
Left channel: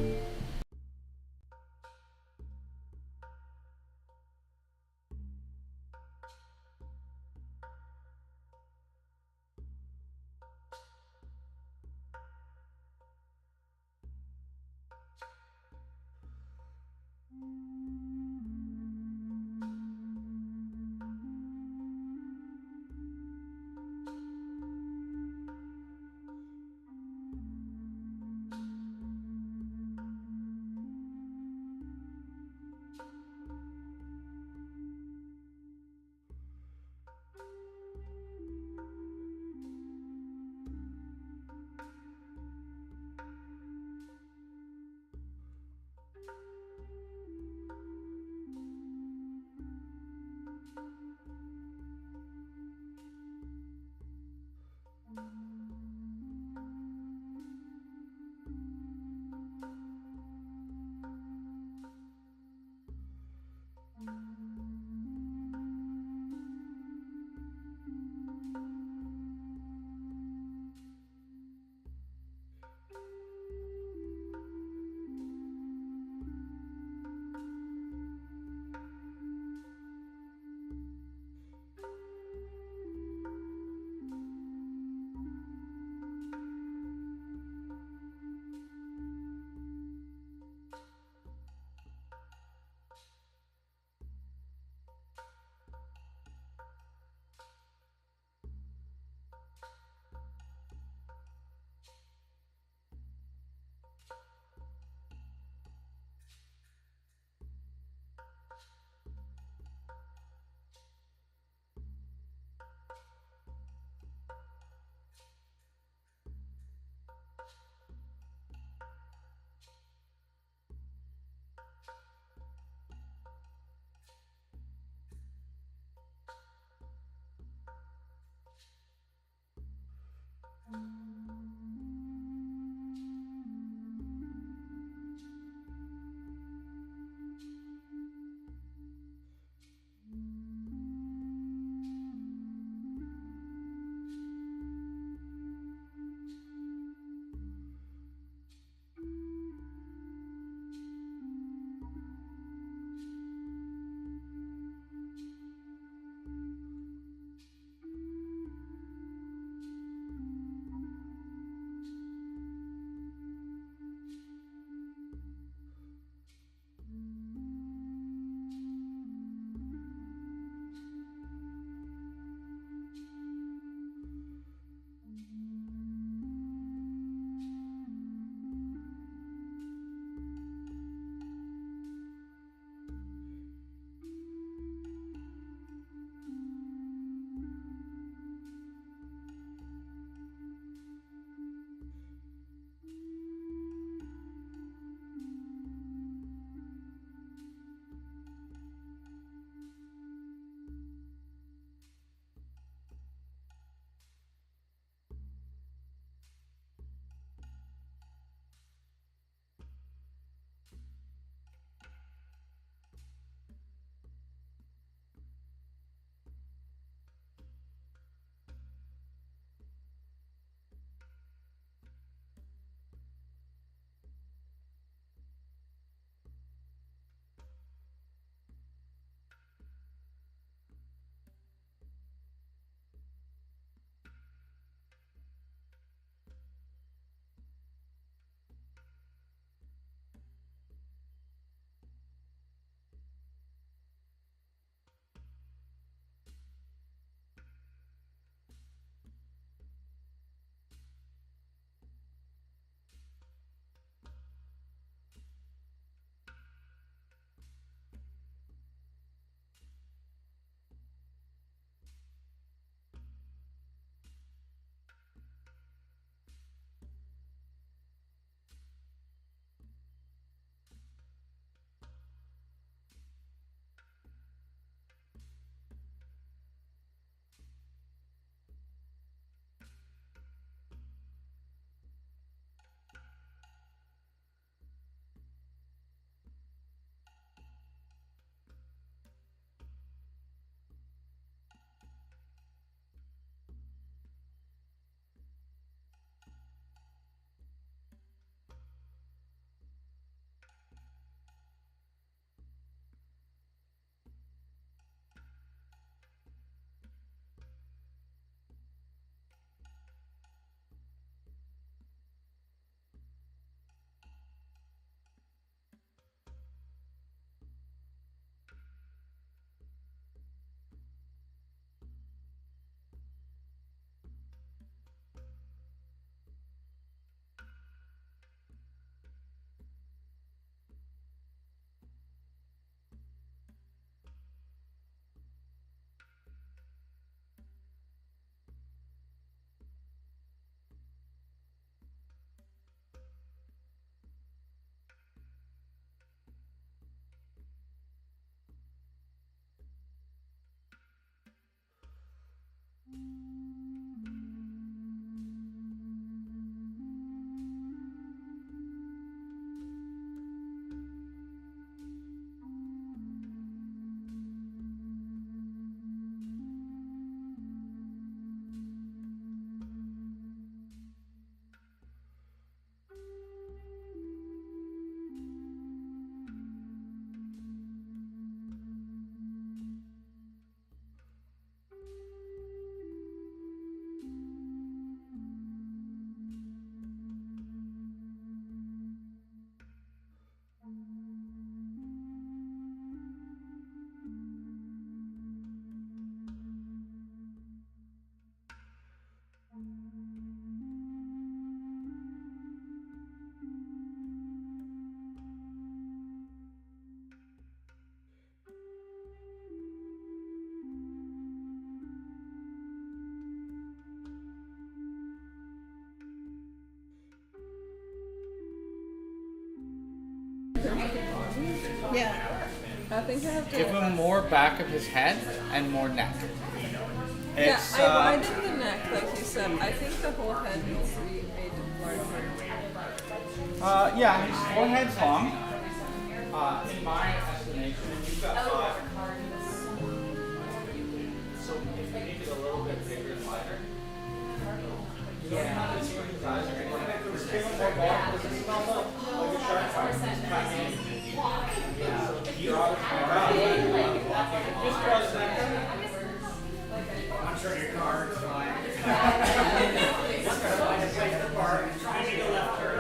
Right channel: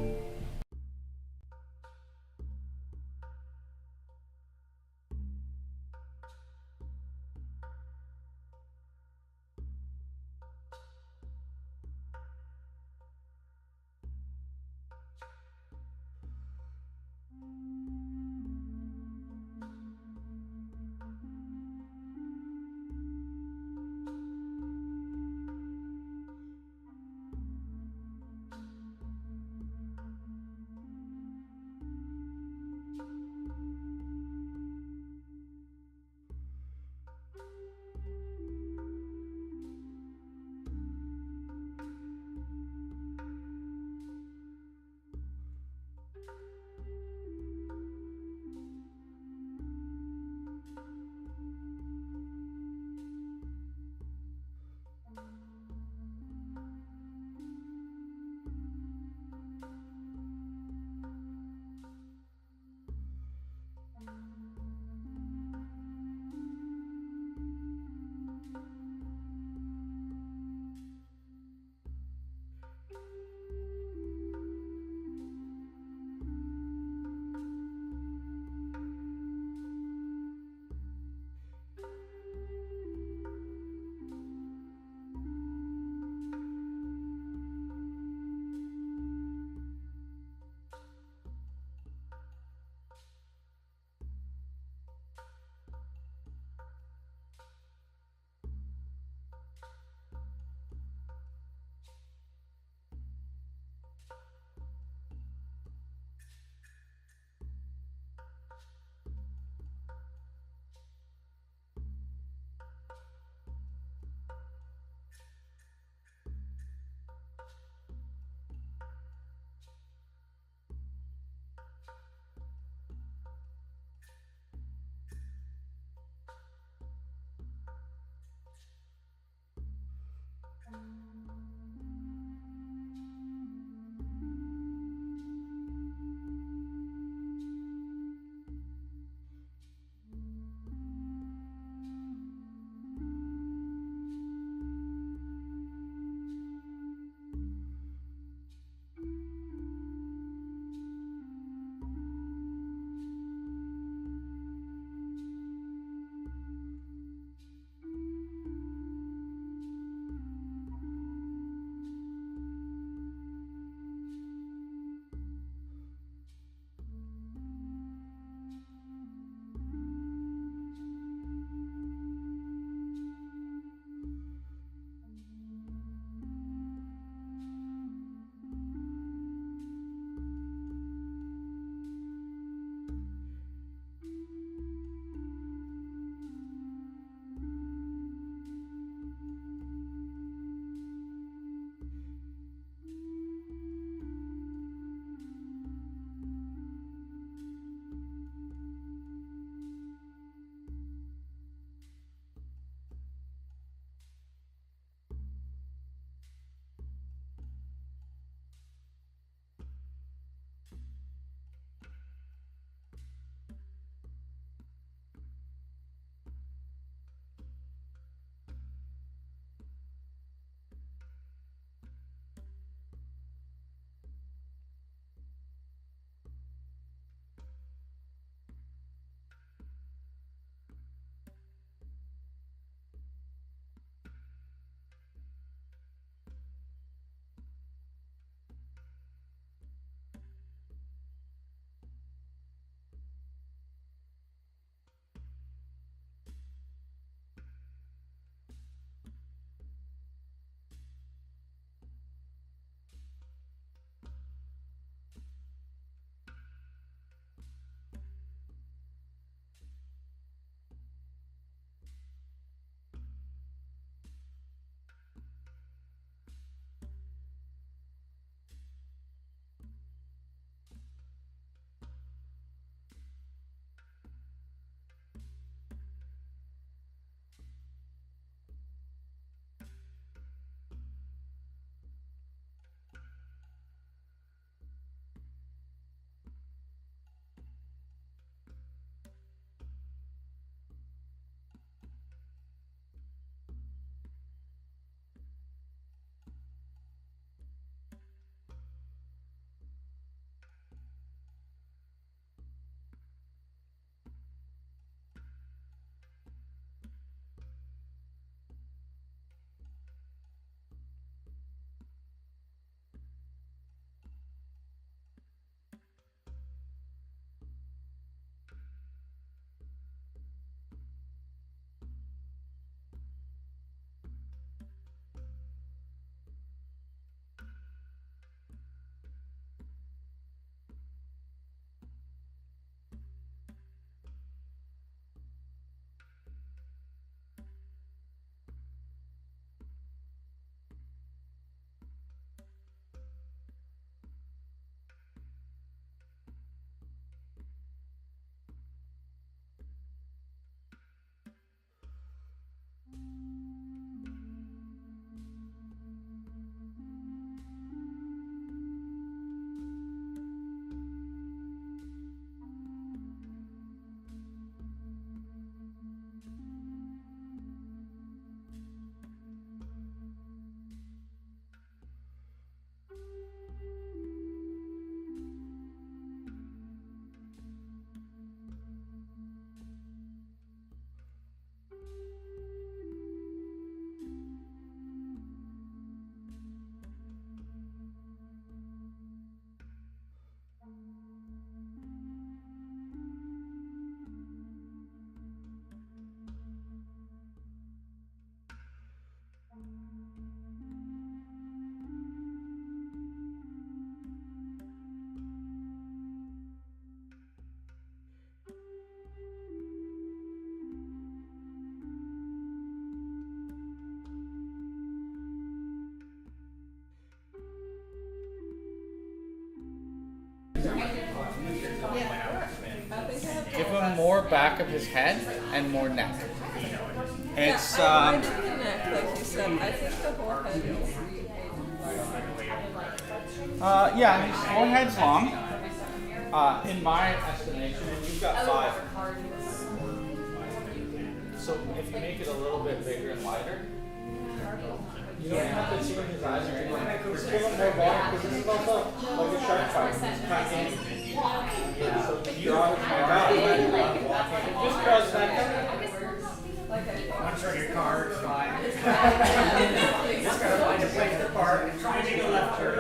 Yeah. I think I have to. Give him more back of his head and more neck. It's yeah, I did the neck, like you said. I think the whole head needs to be larger. yeah, his forehead's long. In my estimation, you've got 5. So if you make it a little bit bigger and wider, you don't have to see his eyes or anything. Just give him more volume because this is also like a shark fight. So you draw it back out. Just draw his neck. I'm sure your car is fine. Just gotta find a place to park and try to make a left turn.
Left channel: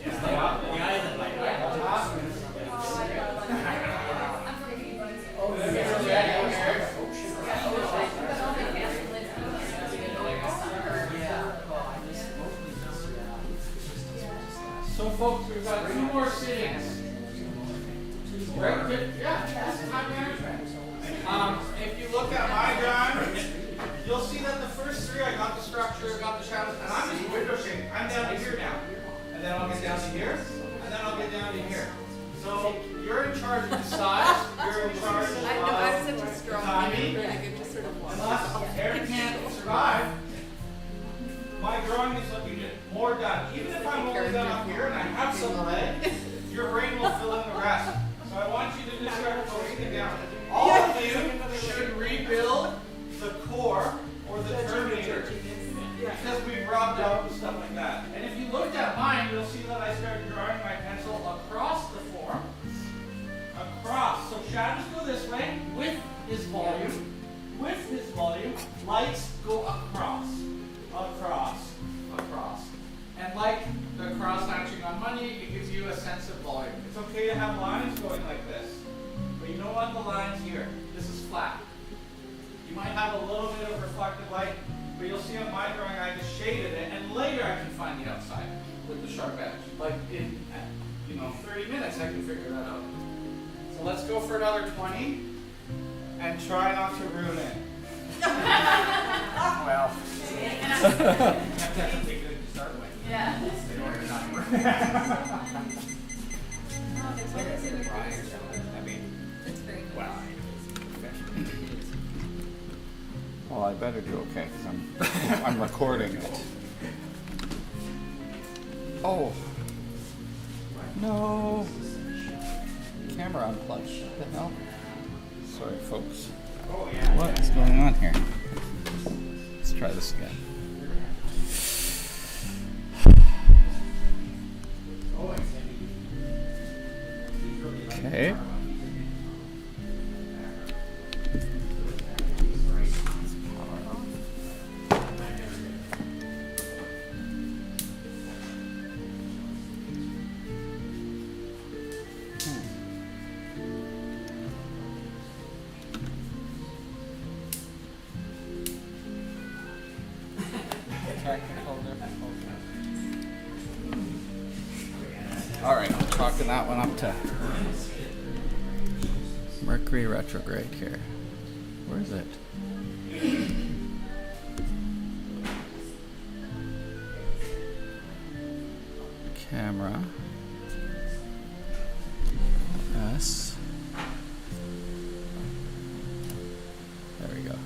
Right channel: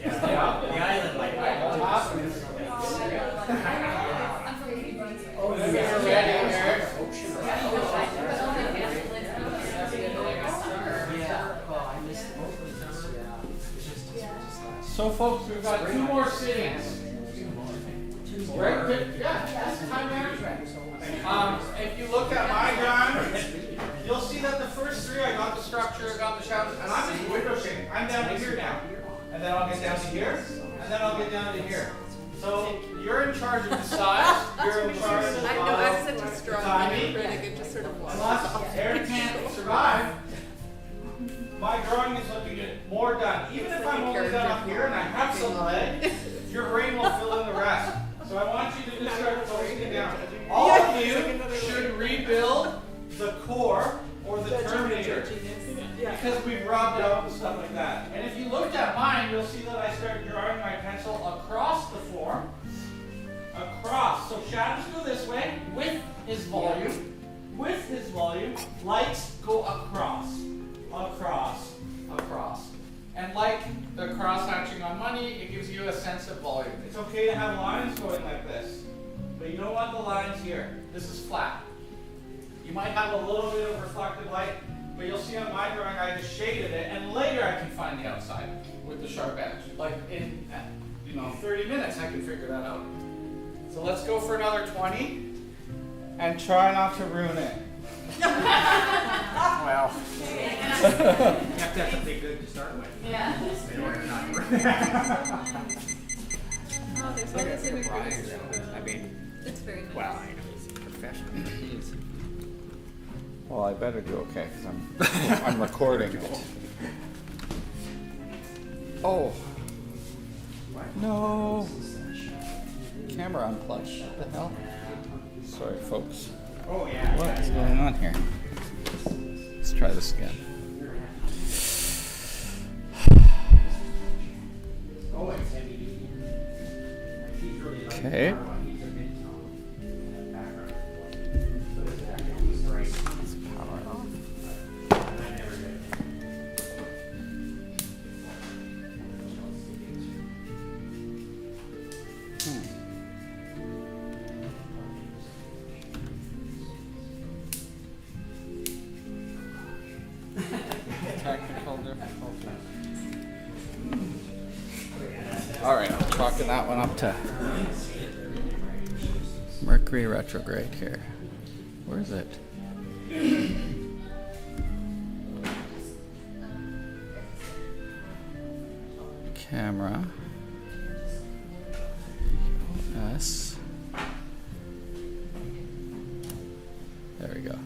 The island light. So folks, we've got 2 more sittings. Right? Yeah, this is time management. If you look at my drawing, you'll see that the first 3 I got the structure, got the shadows, and I'm just window shading. I'm down to here now. And then I'll get down to here, and then I'll get down to here. So you're in charge of the size, you're in charge of I know, I'm such a strong timing. critic, it just sort of wants Unless Aaron can't survive, my drawing is looking more done. Even if I'm only done up here and I have some leg, your brain will fill in the rest. So I want you to just start closing it down. All of you should rebuild the core or the terminator because we've robbed out and stuff like that. And if you looked at mine, you'll see that I started drawing my pencil across the form. Across. So shadows go this way with his volume. With his volume, lights go across. Across. Across. And like the cross hatching on money, it gives you a sense of volume. It's okay to have lines going like this, but you don't want the lines here. This is flat. You might have a little bit of reflected light, but you'll see on my drawing I just shaded it, and later I can find the outside with the sharp edge. Like in 30 minutes I can figure that out. So let's go for another 20, and try not to ruin it. Well. You have to have something good to start with. Yeah. In order to not Oh, there's always in a I mean, It's very nice. well, I know it's professional. Well, I better do okay because I'm recording it. Oh. No. Camera unplugged. What the hell? Sorry, folks. Oh, yeah. What is going on here? Let's try this again. Okay. Power off. Technical difficulties. All right, I'm chalking that one up to Mercury retrograde here. Where is it? Camera. S. There we go.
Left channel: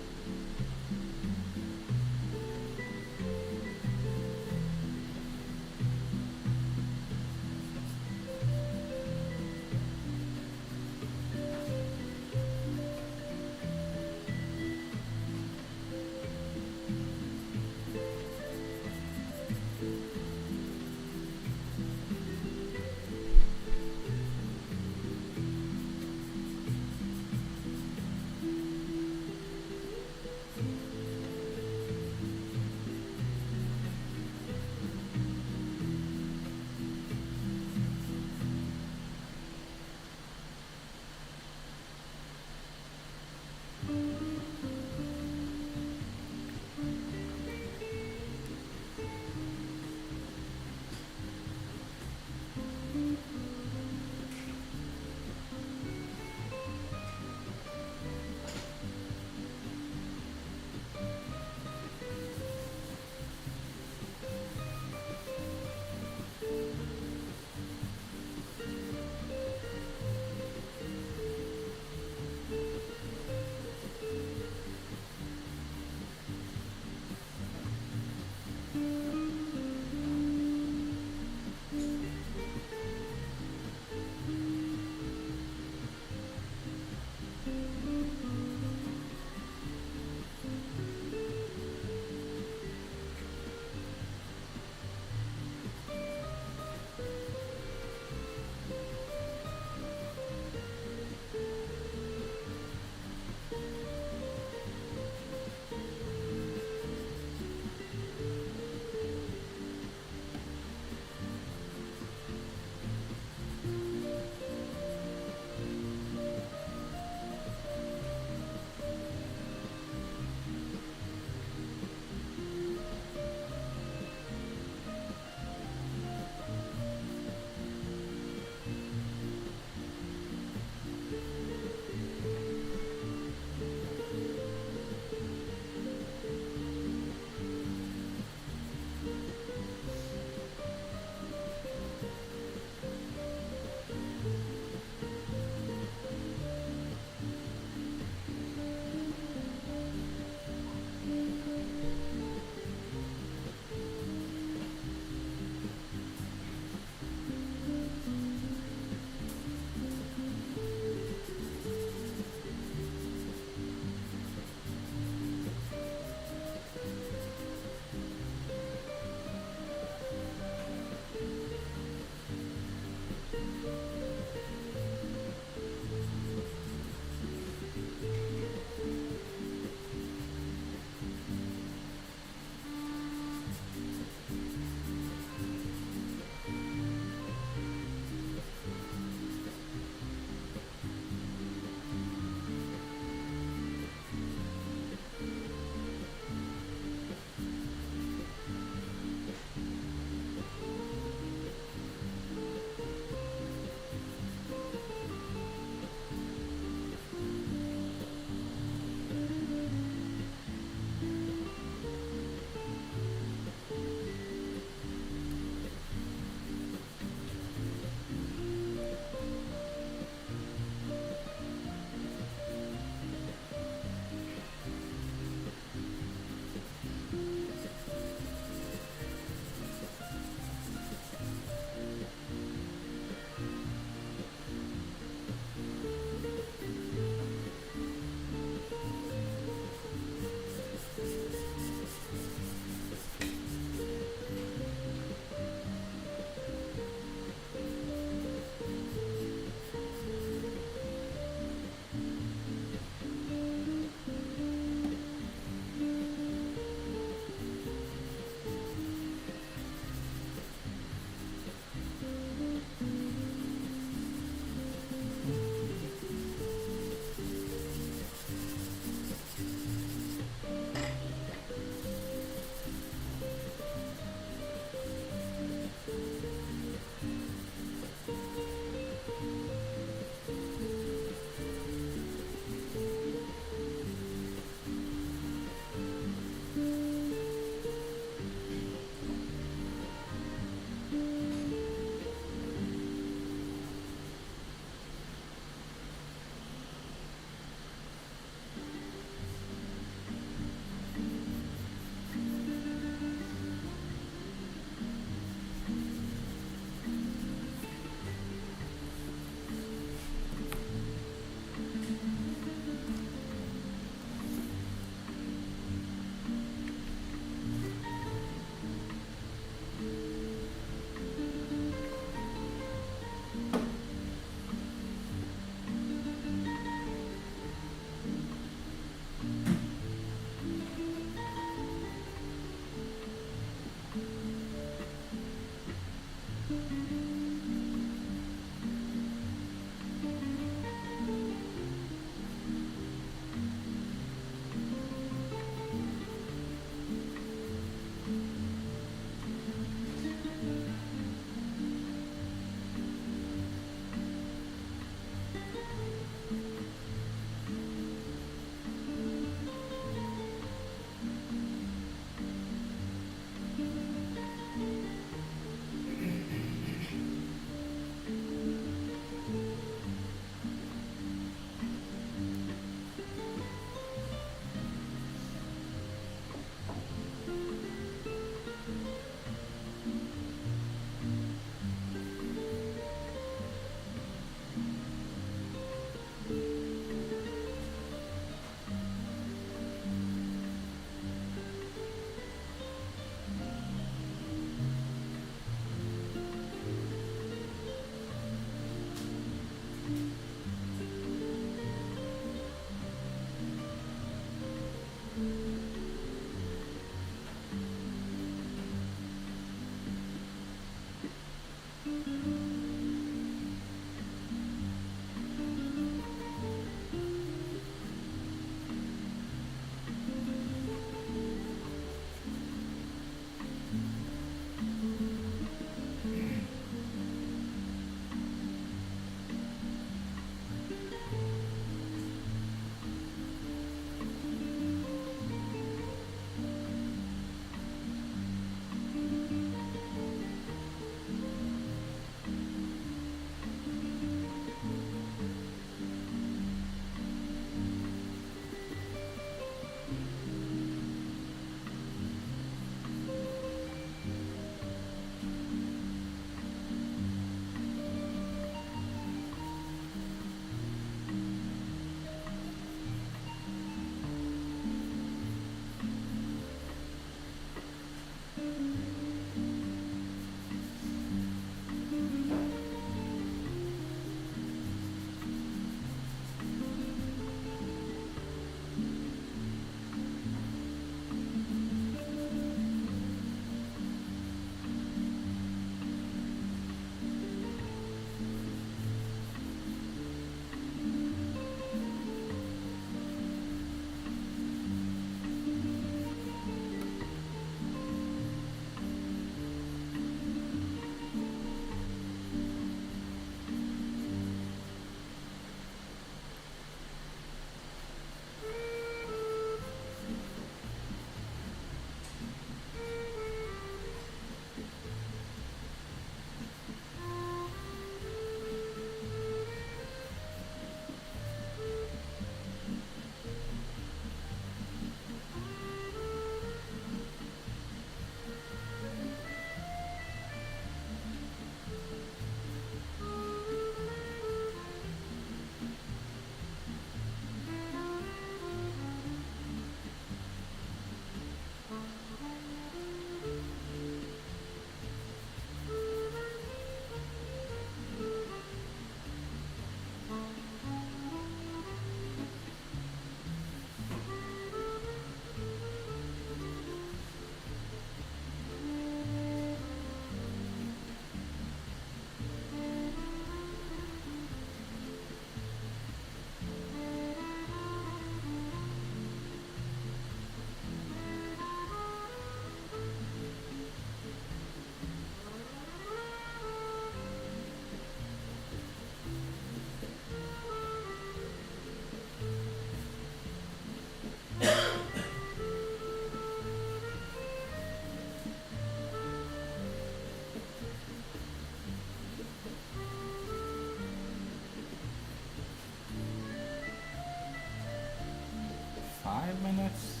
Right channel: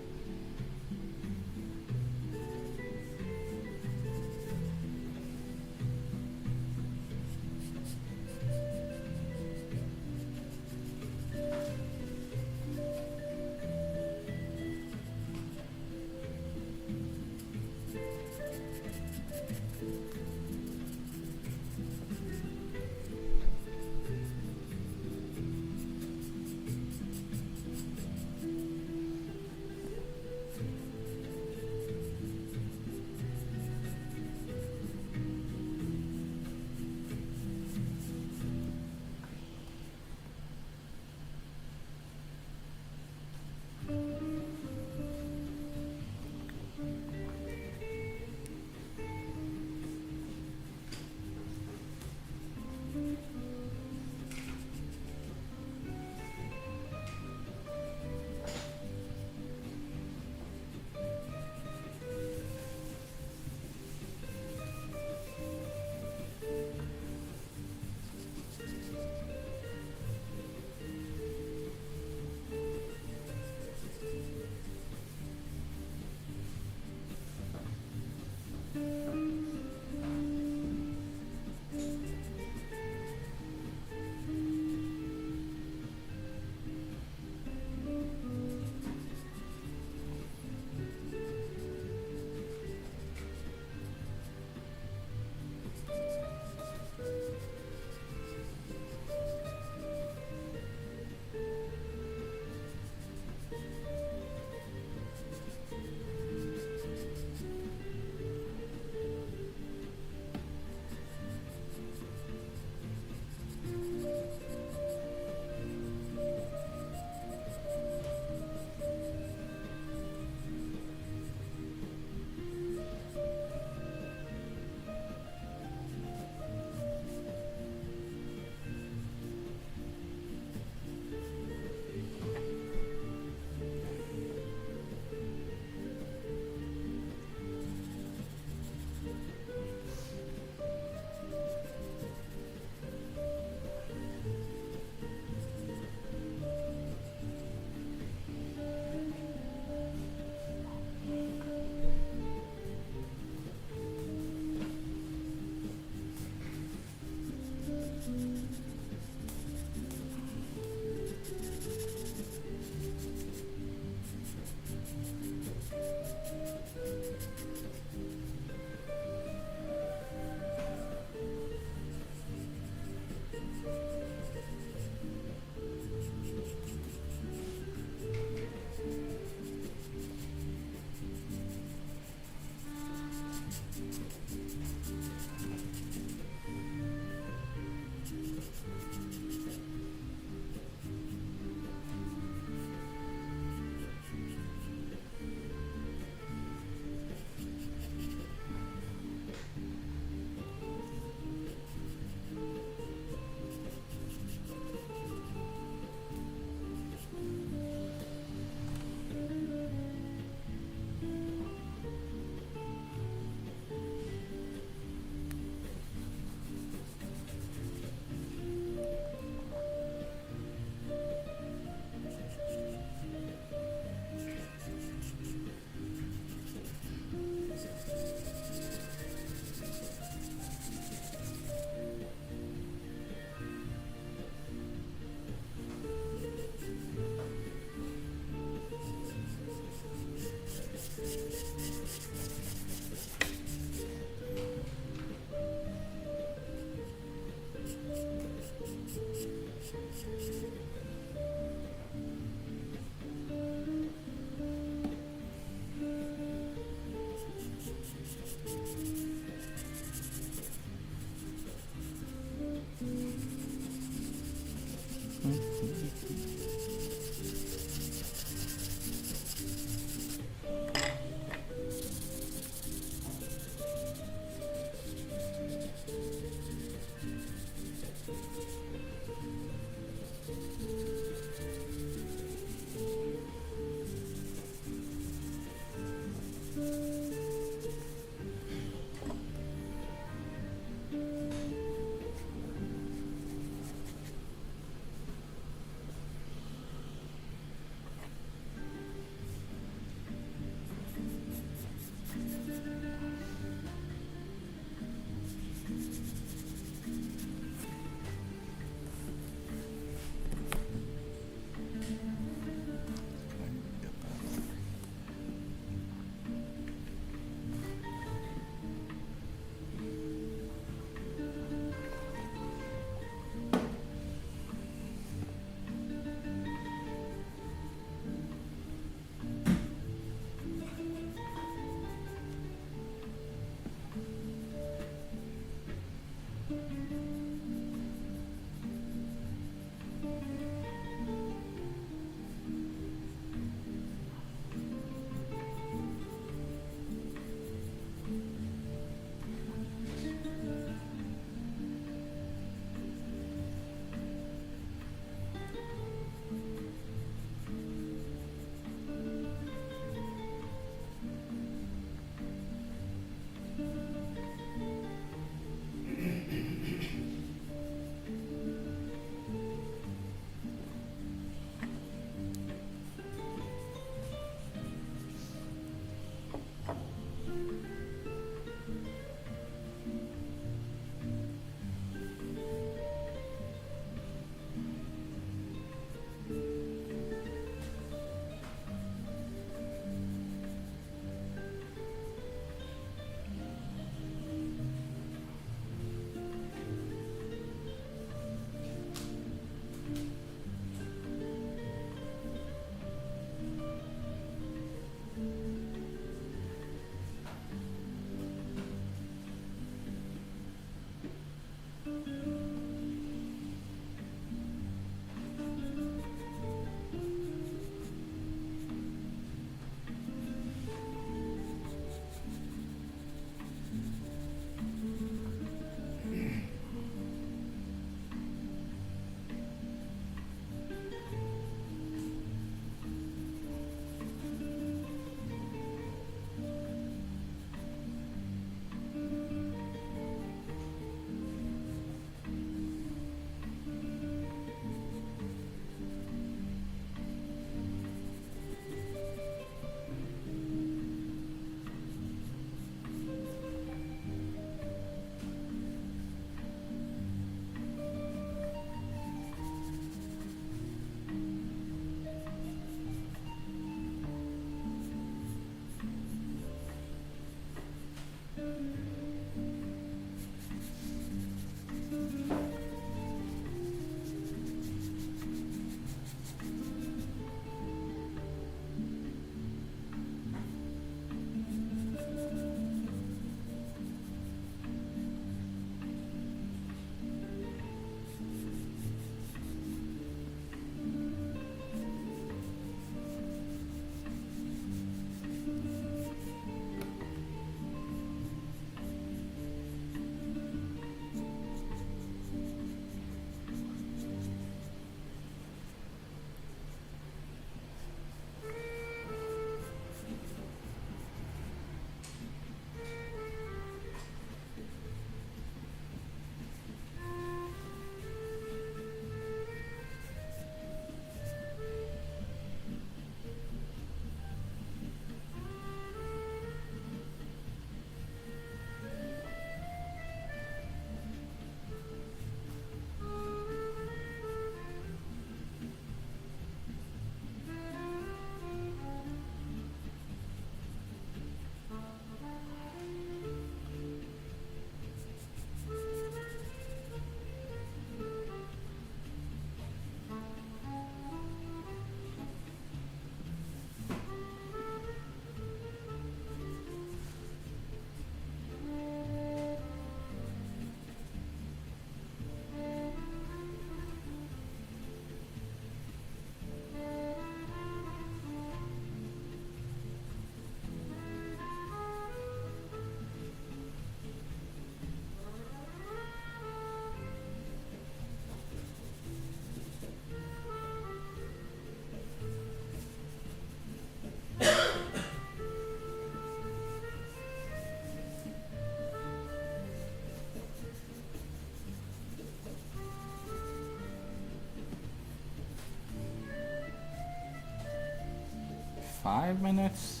5 minutes.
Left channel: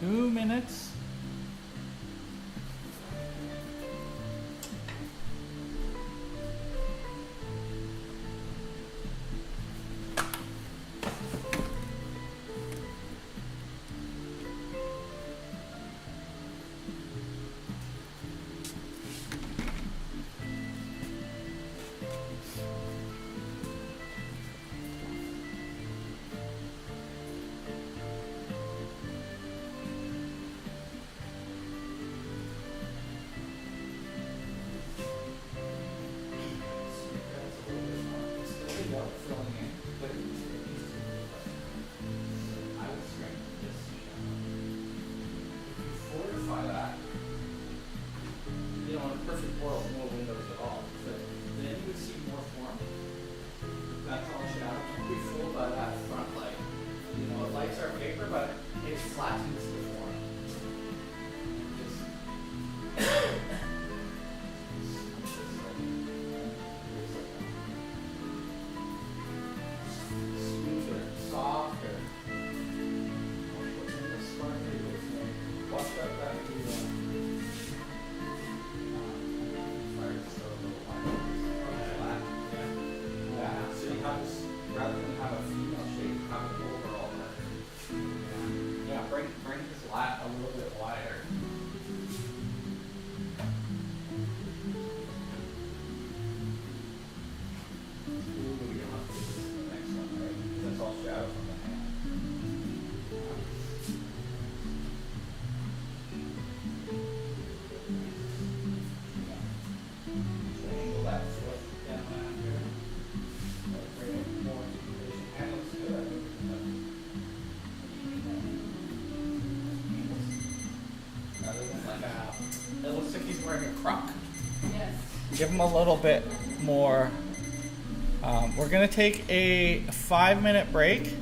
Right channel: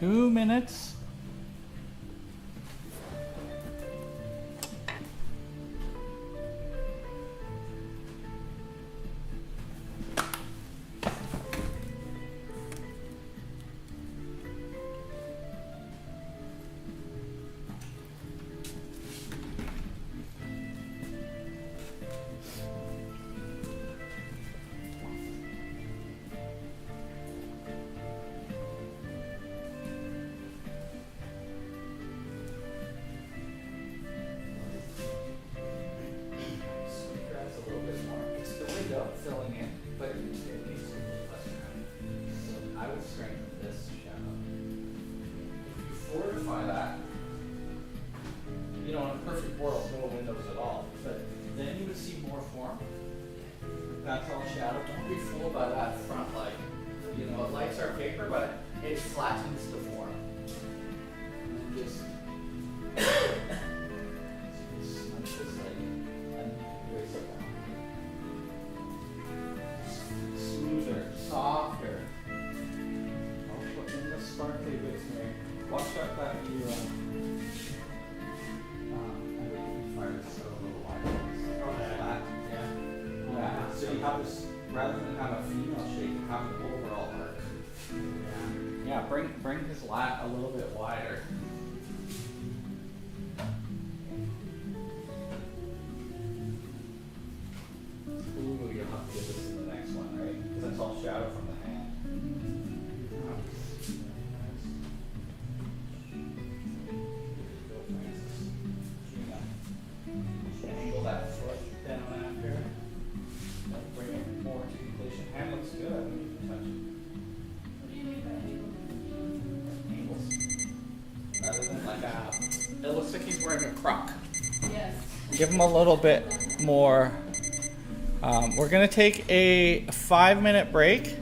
Two minutes. Bring his lat a little bit wider. Ooh, you'll have to do this in the next one, right? Because that's all shadow from the hand. It looks like he's wearing a croc. Yes. Give him a little bit more. We're gonna take a 5-minute break.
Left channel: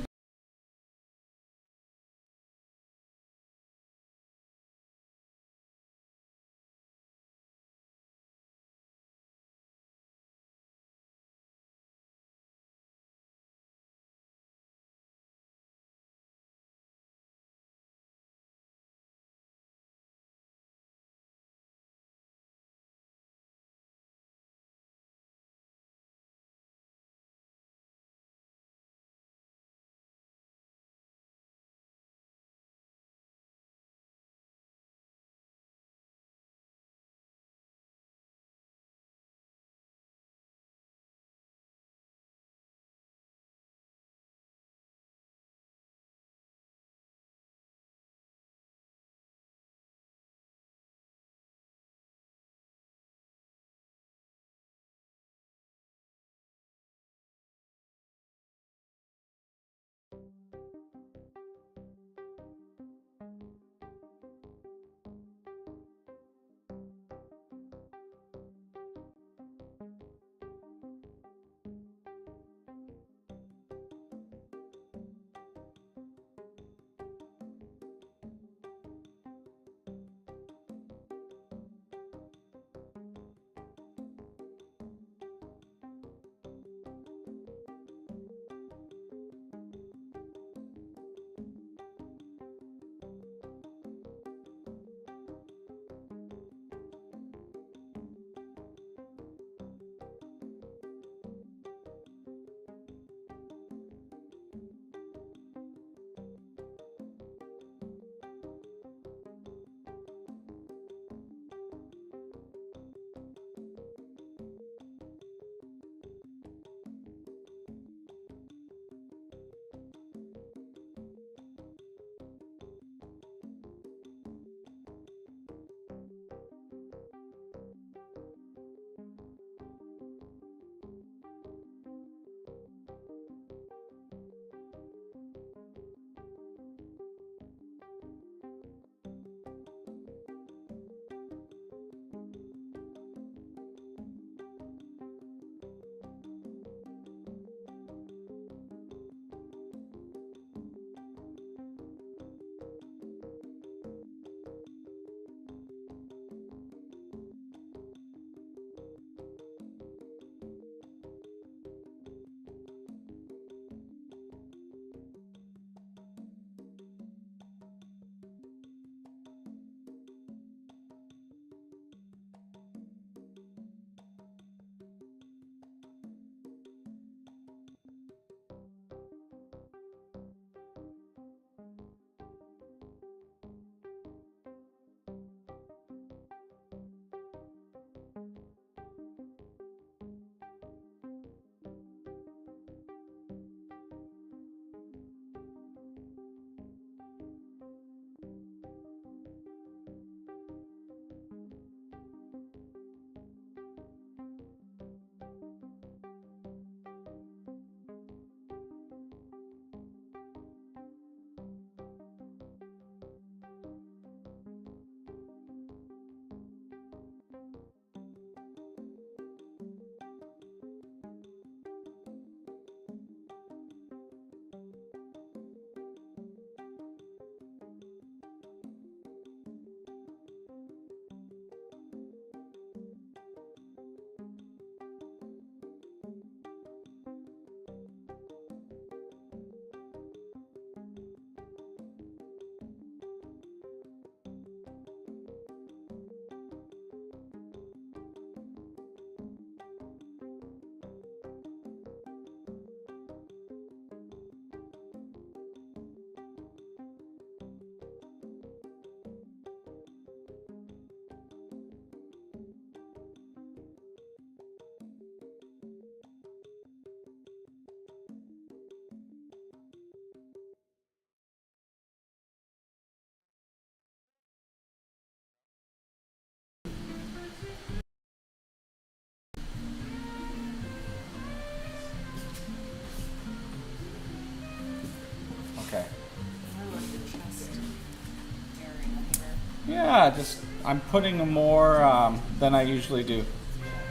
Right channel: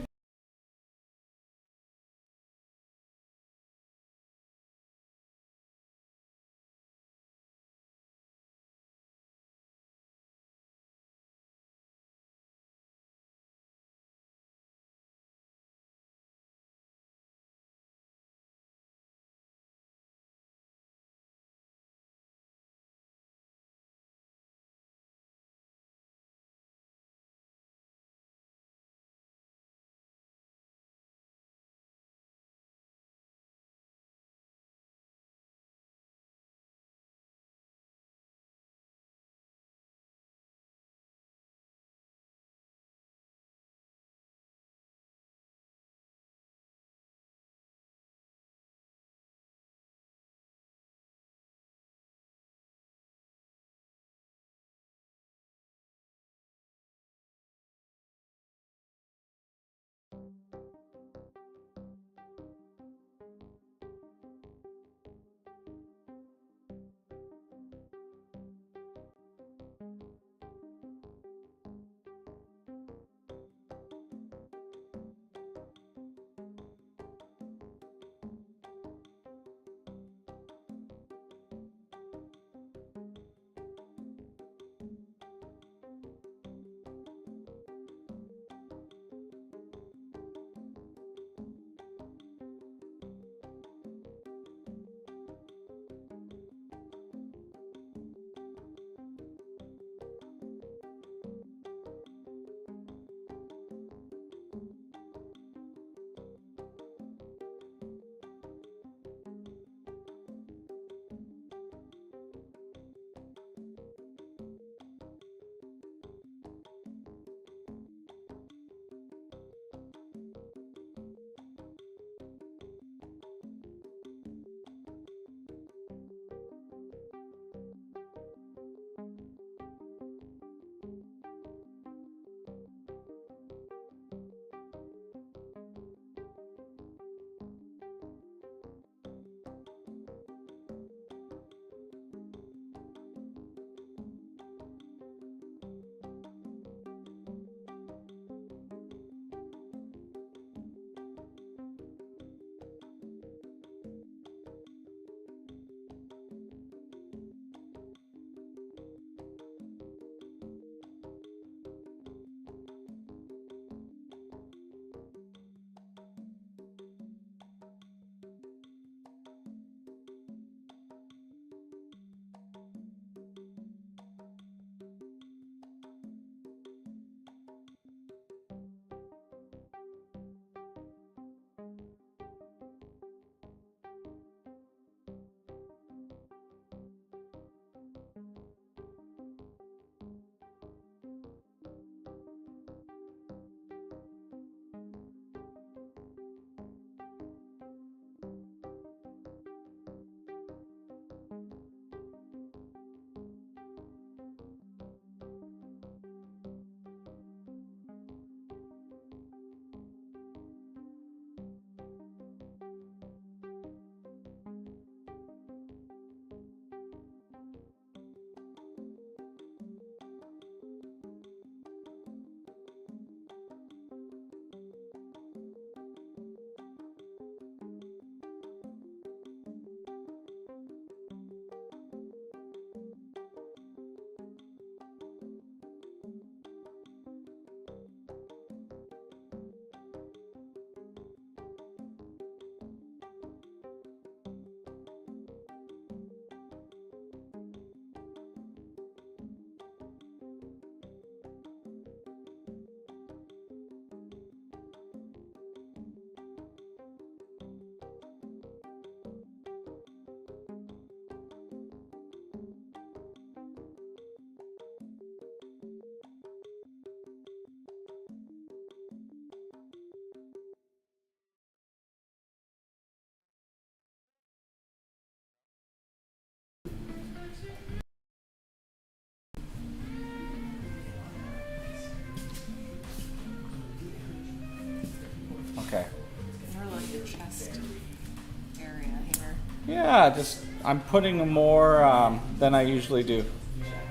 Yeah, just I'm putting more than I usually do.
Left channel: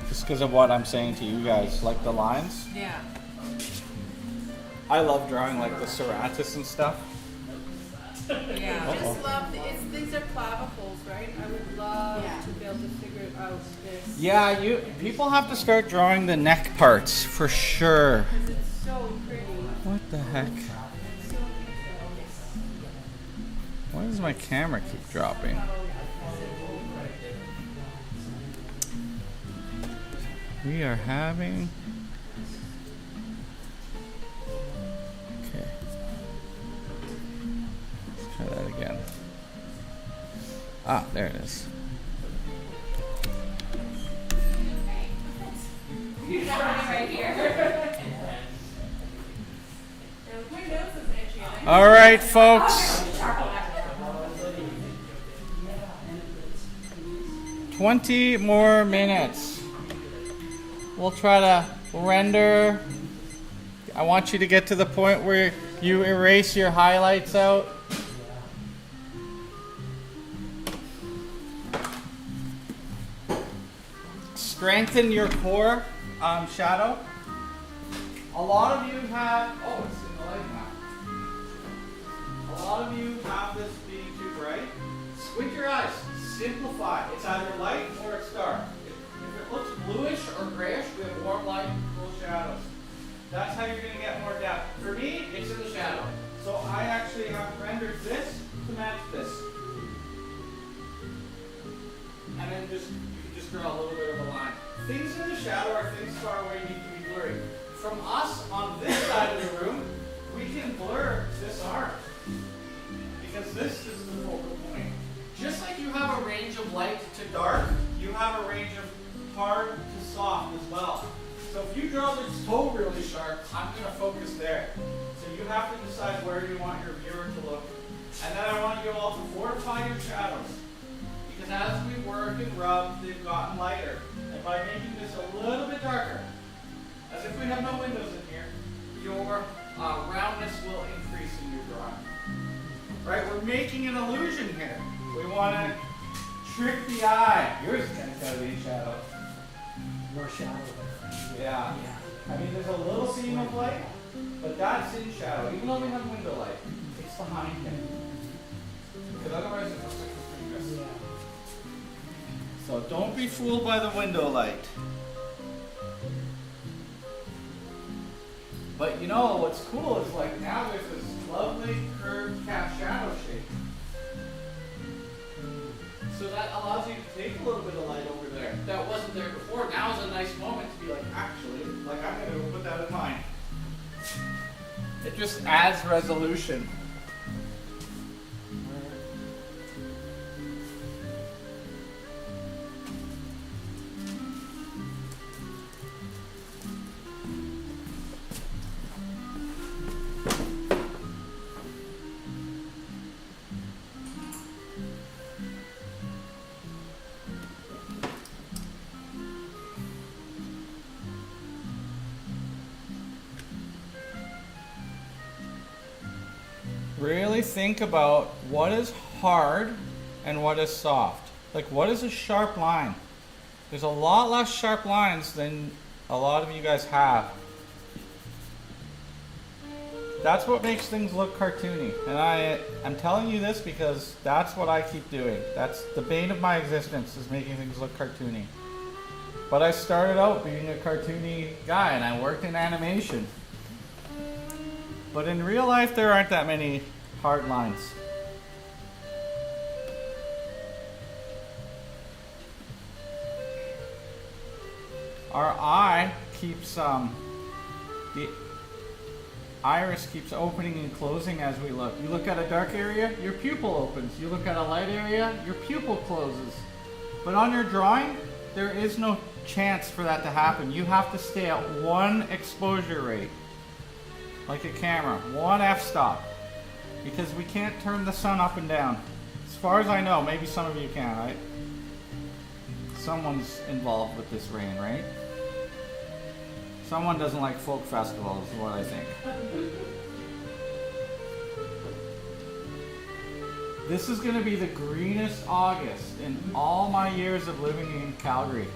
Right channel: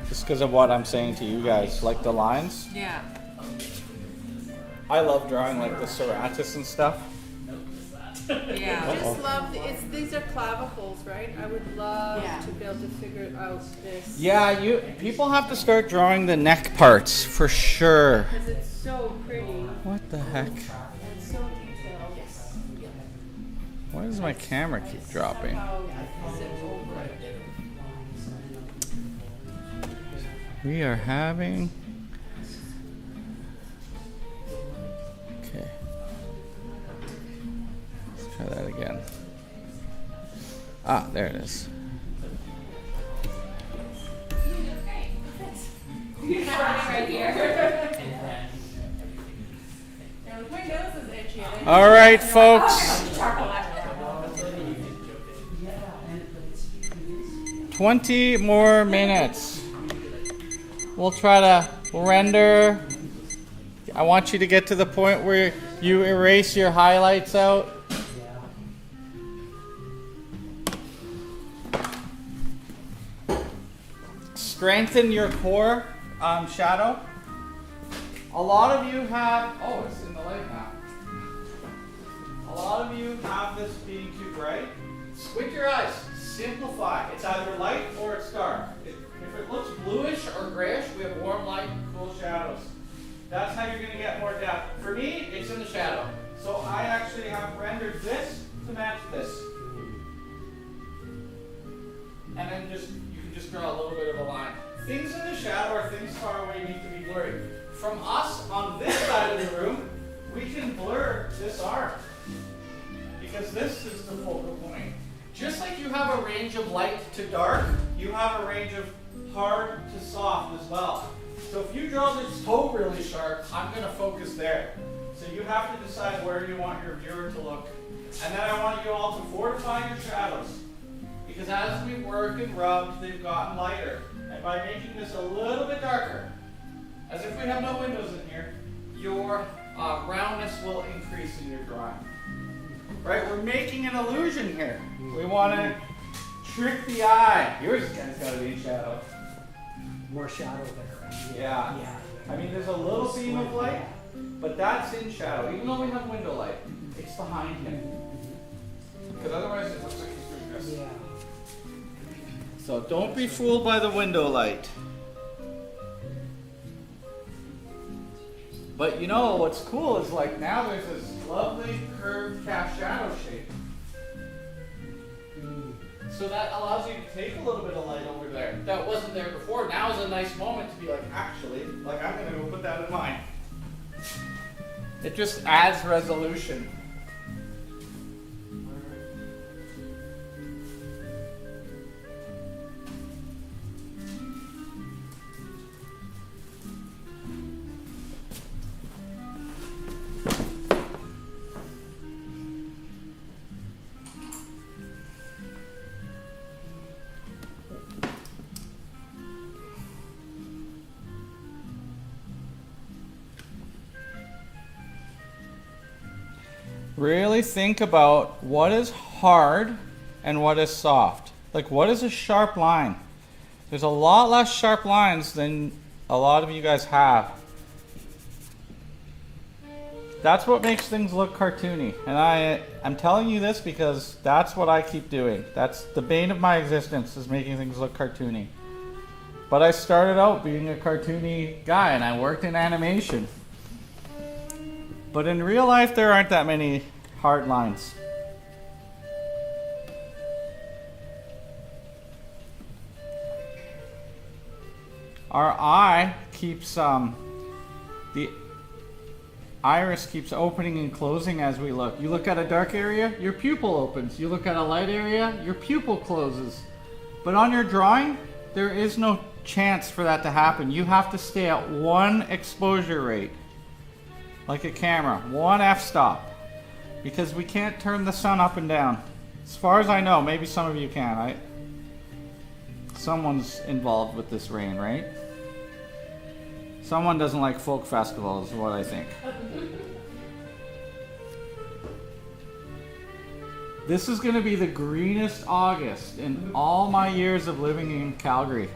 Just because of what I'm saying to you guys, like the lines. Yeah. I love drawing like the serratus and stuff. Yeah. I just love these are clavicles, right? I would love to be able to figure out this. Yeah, people have to start drawing the neck parts for sure. Because it's so pretty. What the heck? It's so detailed. Why does my camera keep dropping? We are having... Okay. Let's try that again. Ah, there it is. Right here. All right, folks. 20 more minutes. We'll try to render. I want you to get to the point where you erase your highlights out. Strengthen your core shadow. A lot of you have, oh, it's in the light now. A lot of you have this being too bright. Squint your eyes, simplify. It's either light or it's dark. If it looks bluish or grayish, we have warm light, cool shadows. That's how you're going to get more depth. For me, it's in the shadow. So I actually have rendered this to match this. And then you can just draw a little bit of a line. Things in the shadow are things far away need to be blurry. From us on this side of the room, we can blur this arm. Because this is the focal point. Just like you have a range of light to dark, you have a range of hard to soft as well. So if you draw this toe really sharp, I'm going to focus there. So you have to decide where you want your viewer to look. And then I want you all to fortify your shadows. Because as we work and rub, they've gotten lighter. And by making this a little bit darker, as if we have no windows in here, your roundness will increase in your drawing. Right? We're making an illusion here. We want to trick the eye. Yours has got to be in shadow. More shadow there. Yeah. I mean, there's a little beam of light, but that's in shadow. Even though we have window light, it's behind him. Because otherwise it looks like he's doing this. So don't be fooled by the window light. But you know what's cool is like now there's this lovely curved cast shadow shape. So that allows you to take a little bit of light over there. That wasn't there before. Now is a nice moment to be like, actually, like I'm going to put that in mine. It just adds resolution. Really think about what is hard and what is soft. Like, what is a sharp line? There's a lot less sharp lines than a lot of you guys have. That's what makes things look cartoony. And I'm telling you this because that's what I keep doing. That's the bane of my existence, is making things look cartoony. But I started out being a cartoony guy and I worked in animation. But in real life, there aren't that many hard lines. Our eye keeps, the iris keeps opening and closing as we look. You look at a dark area, your pupil opens. You look at a light area, your pupil closes. But on your drawing, there is no chance for that to happen. You have to stay at one exposure rate. Like a camera, one f-stop, because we can't turn the sun up and down. As far as I know, maybe some of you can. Someone's involved with this rain, right? Someone doesn't like folk festivals, is what I think. This is going to be the greenest August in all my years of living in Calgary.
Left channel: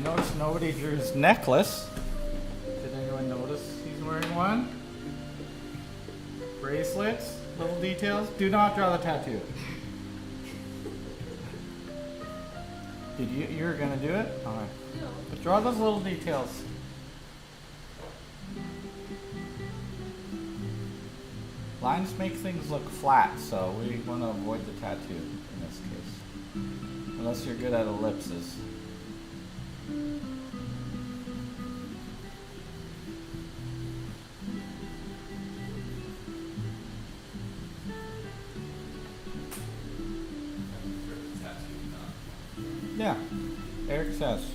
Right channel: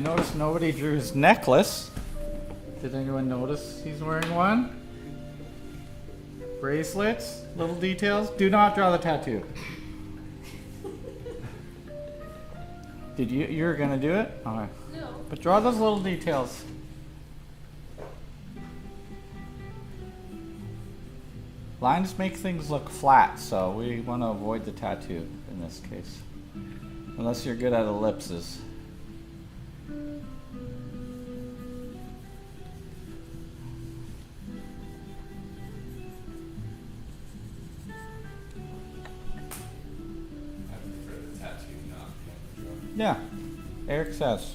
I noticed nobody drew his necklace. Did anyone notice he's wearing one? Bracelets, little details. Do not draw the tattoo. Did you? You're gonna do it? Alright. No. But draw those little details. Lines make things look flat, so we want to avoid the tattoo in this case. Unless you're good at ellipses. Yeah, Eric says.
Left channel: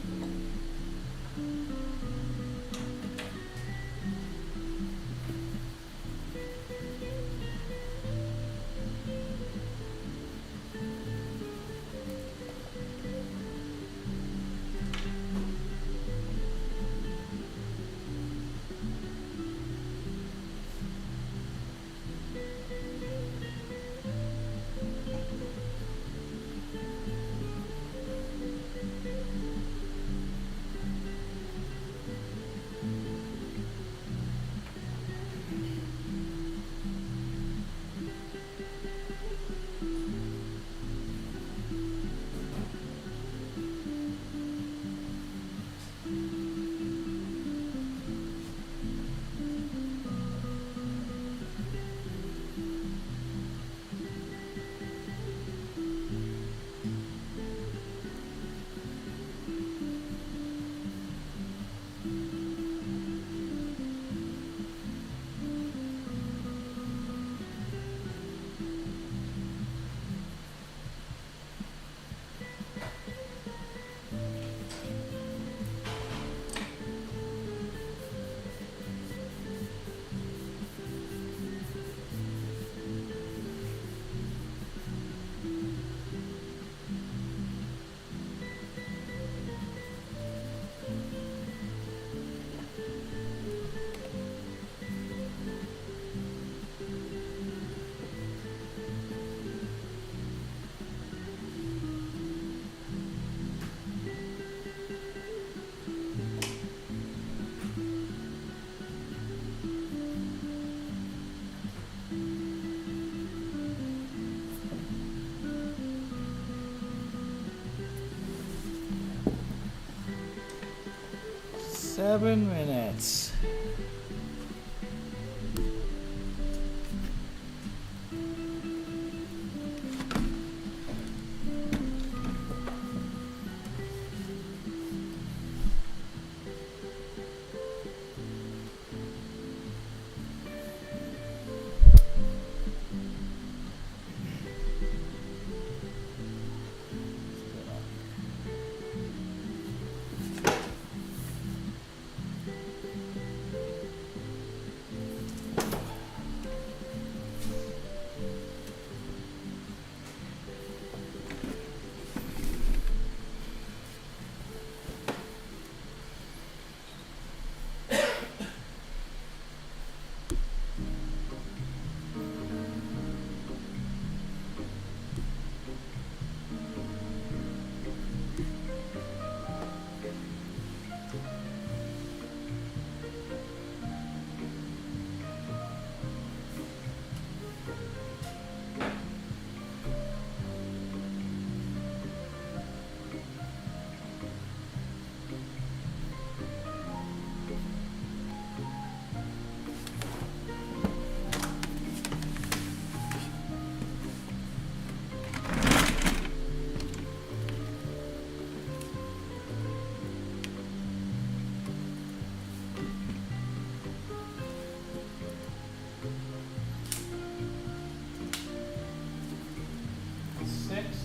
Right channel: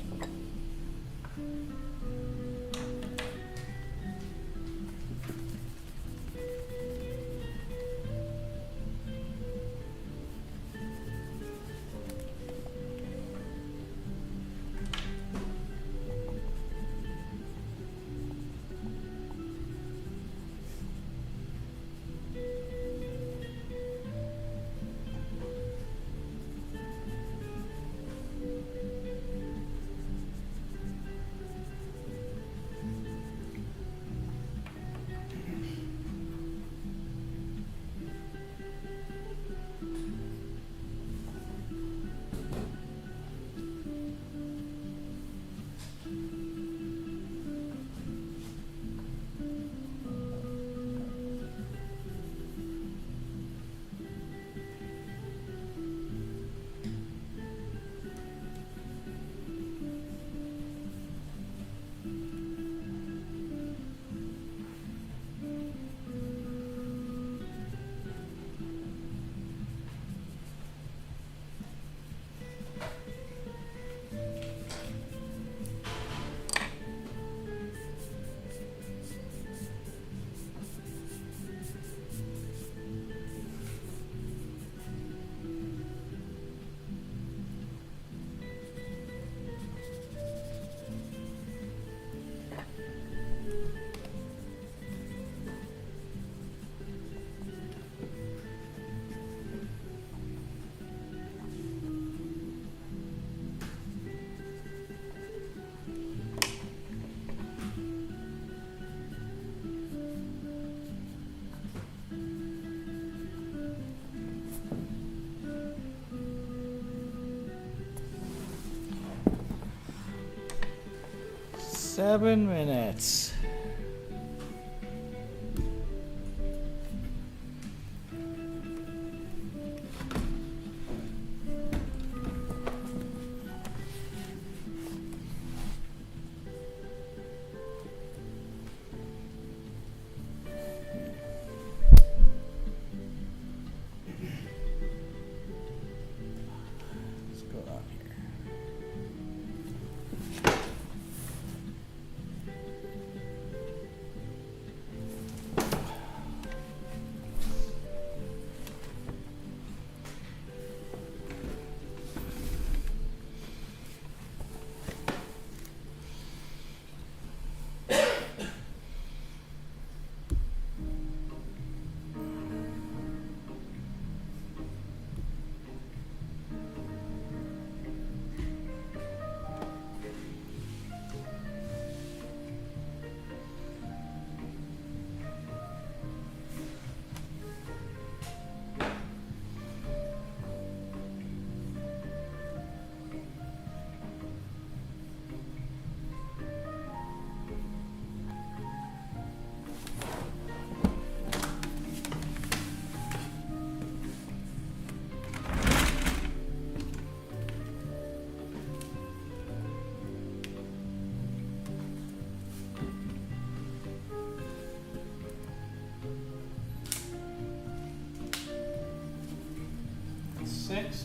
Seven minutes.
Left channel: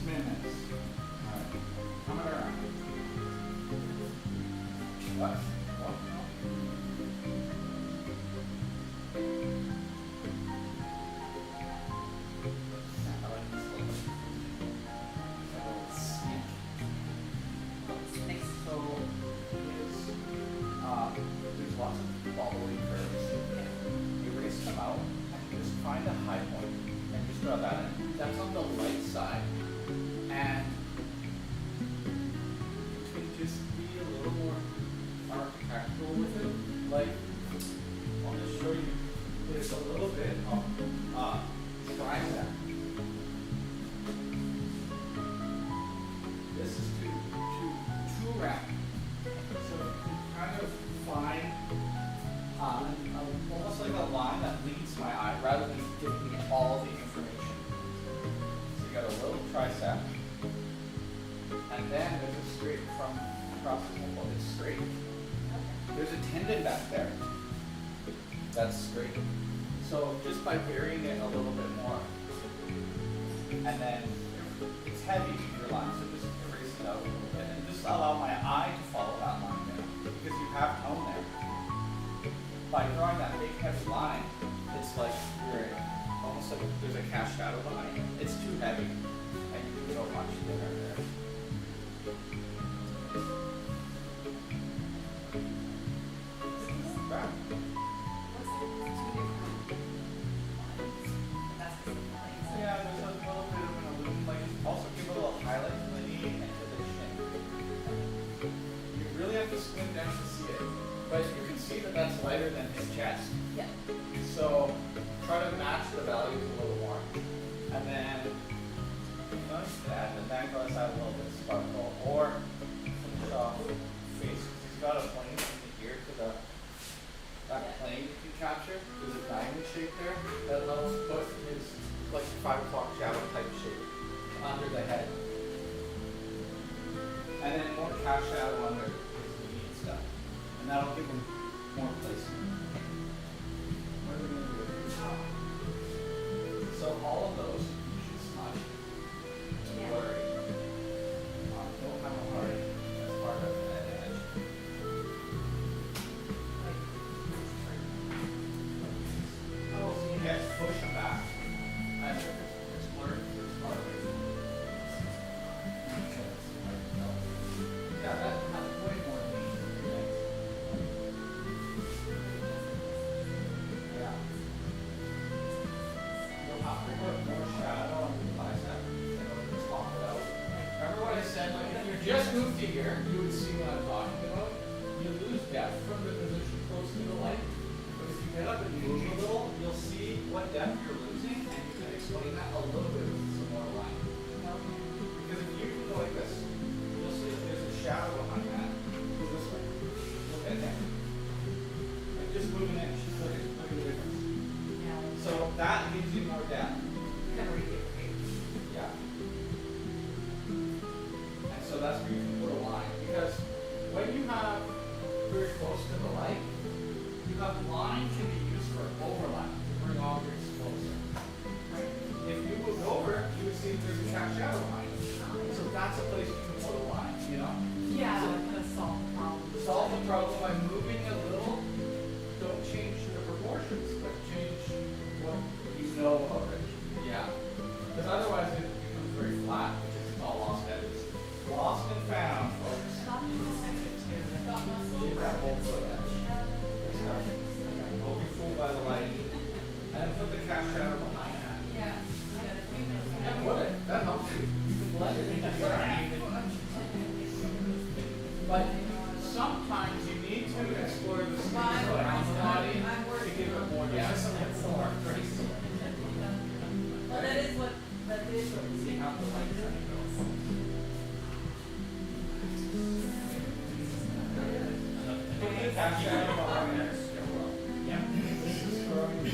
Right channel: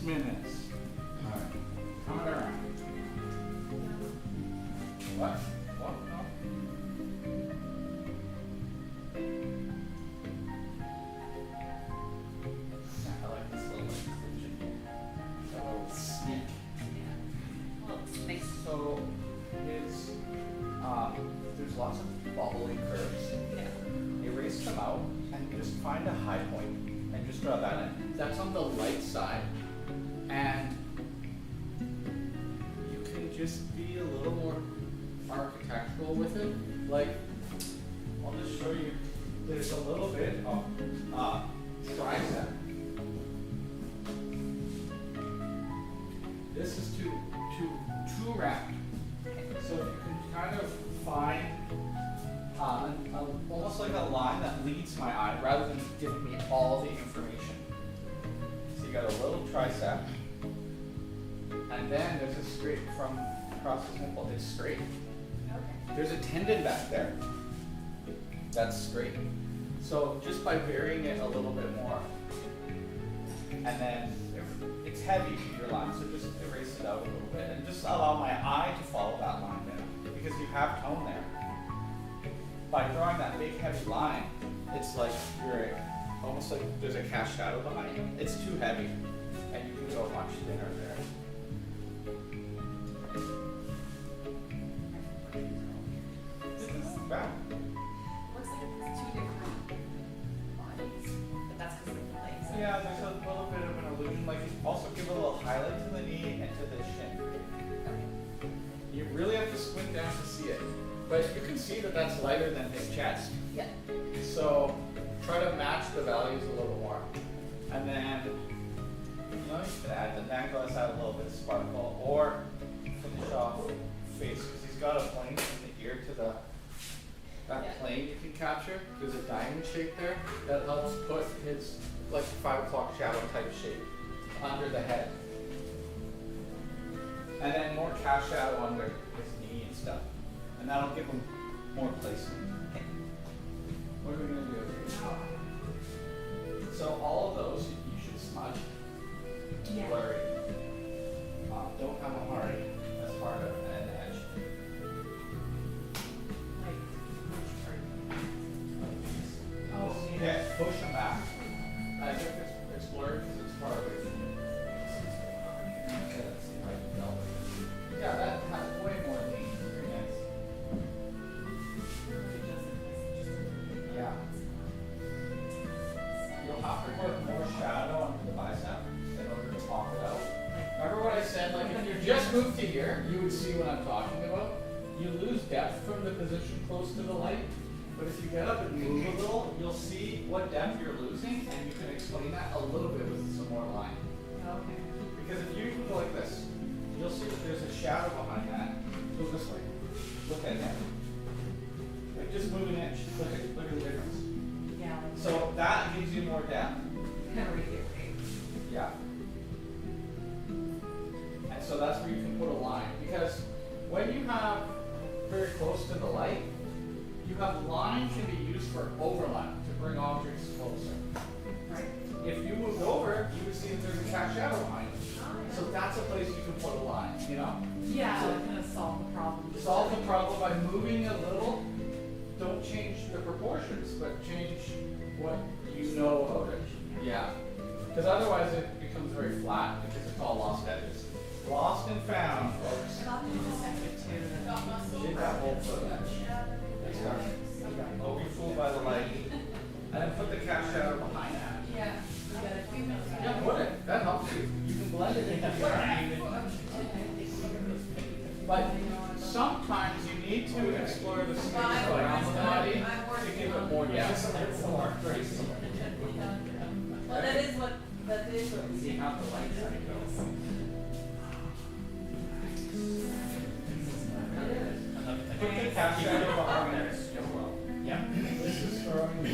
Minutes. All right. Come around. What? What? No. I like this little sneak. Thanks. So, there's lots of wobbly curves. Erase them out and just find a high point and just draw that in. That's on the right side. And you can just be a little too round. So you can kind of find almost like a line that leads my eye rather than giving me all the information. So you got a little tricep, and then there's a straight from across the nipple. It's straight. There's a tendon back there that's straight. So just by varying it a little bit more, and then it's heavy, your line, so just erase it out a little bit, and just allow my eye to follow that line there, because you have tone there. By drawing that big heavy line, it's like you're almost like there's a cast shadow behind you. It's too heavy, and you can go much thinner there. This is bad. What's the two different lines? That's because of the legs. Yeah, there's a little bit of an illusion. Like, also give a little highlight to the knee and to the shin. You really have to squint down to see it. But you can see that that's lighter than his chest. Yeah. So try to match the values a little more. And then, you know, you can add the necklace, add a little bit of sparkle, or finish off face, because he's got a plane from the ear to the, that plane you can capture. There's a diamond shape there that helps put his, like, 5 o'clock shadow type shape under the head. And then more cast shadow under his knee and stuff. And that'll give him more placement. What are we going to do? So all of those you should smudge. Yeah. Blurry. Don't have a hard as part of an edge. Oh, Yeah, push them back. I think it's blurred because it's part of it. Yeah, that has way more need. Yeah. You'll have to put more shadow on the bicep in order to talk it out. Remember what I said? Like, if you just moved to here, you would see what I'm talking about. You lose depth from the position close to the light. But if you get up and move a little, you'll see what depth you're losing, and you can explain that a little bit with some more line. Because if you go like this, you'll see that there's a shadow behind that. Move this way. Look at that. Like just move an inch. Look at the difference. Yeah. So that gives you more depth. Yeah. And so that's where you can put a line. Because when you have very close to the light, you have line can be used for overlap to bring objects closer. Right? If you moved over, you would see that there's a cast shadow behind it. So that's a place you can put a line, you know? Yeah, I'm gonna solve the problem. Solve the problem by moving a little. Don't change the proportions, but change what you know about it. Yeah. Because otherwise it becomes very flat, because it's all lost edges. Lost and found, folks. Get that whole foot edge. Don't be fooled by the light. And then put the cast shadow behind it. Yeah. Yeah, put it. That helps you. You can blend it into your But sometimes you need to explore the space around the body to give it more depth. Well, that is what we see how the light goes. Put the cast shadow behind it. Yeah. This is throwing.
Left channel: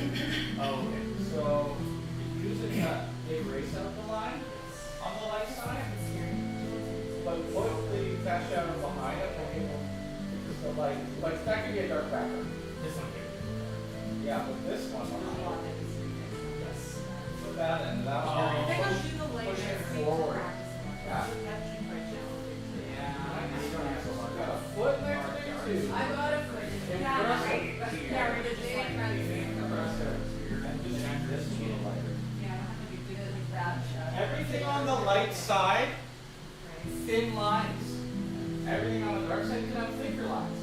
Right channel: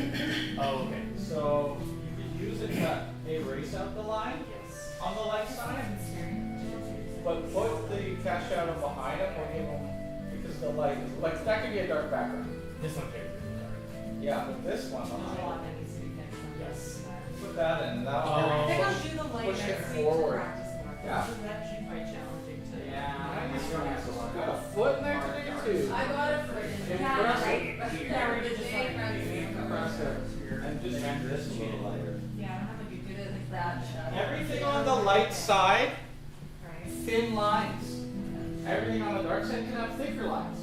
Oh, okay. So you can use it to erase out the line on the left side. But put the cast shadow behind it because the light, like that could be a dark background. This one here. Yeah, but this one, Yes. put that in. That I one. think I'll do the light Push it next week to forward. practice more. Yeah. It's actually quite challenging to. Got a foot and everything too. I got it for you. Yeah, we did just like And just change this a little lighter. Yeah, I'm not gonna be good at that shot. Everything on the light side, Right. thin lines. Everything on the dark side can have thicker lines.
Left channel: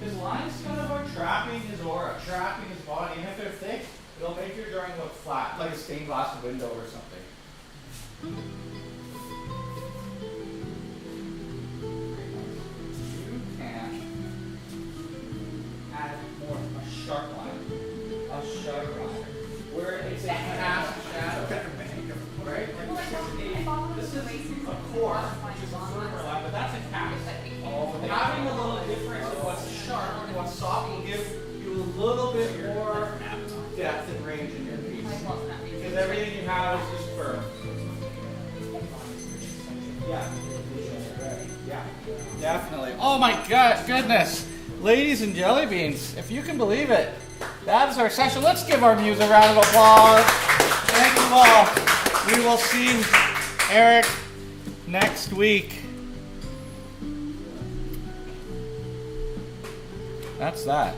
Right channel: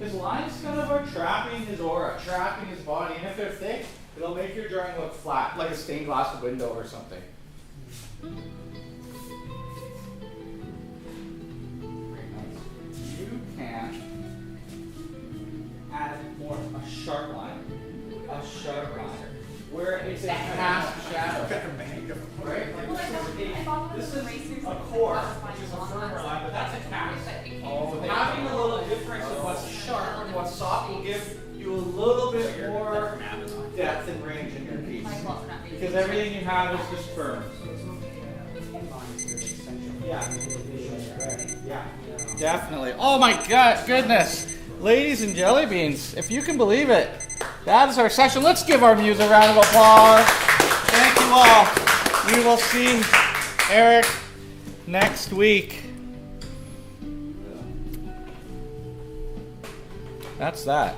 His lines kind of are trapping his aura, trapping his body, and if they're thick, it'll make your drawing look flat, like a stained glass window or something. You can add more a sharp line, where it's a cast shadow. Right? Like this is a core, which is a firmer line little bit more depth and range in your piece. Because everything you have is just firm. Yeah. Yeah. Definitely. Oh my God, goodness. Ladies and jelly beans, if you can believe it, that is our session. Let's give our muse a round of applause. Thank you all. We will see Eric next week. That's that.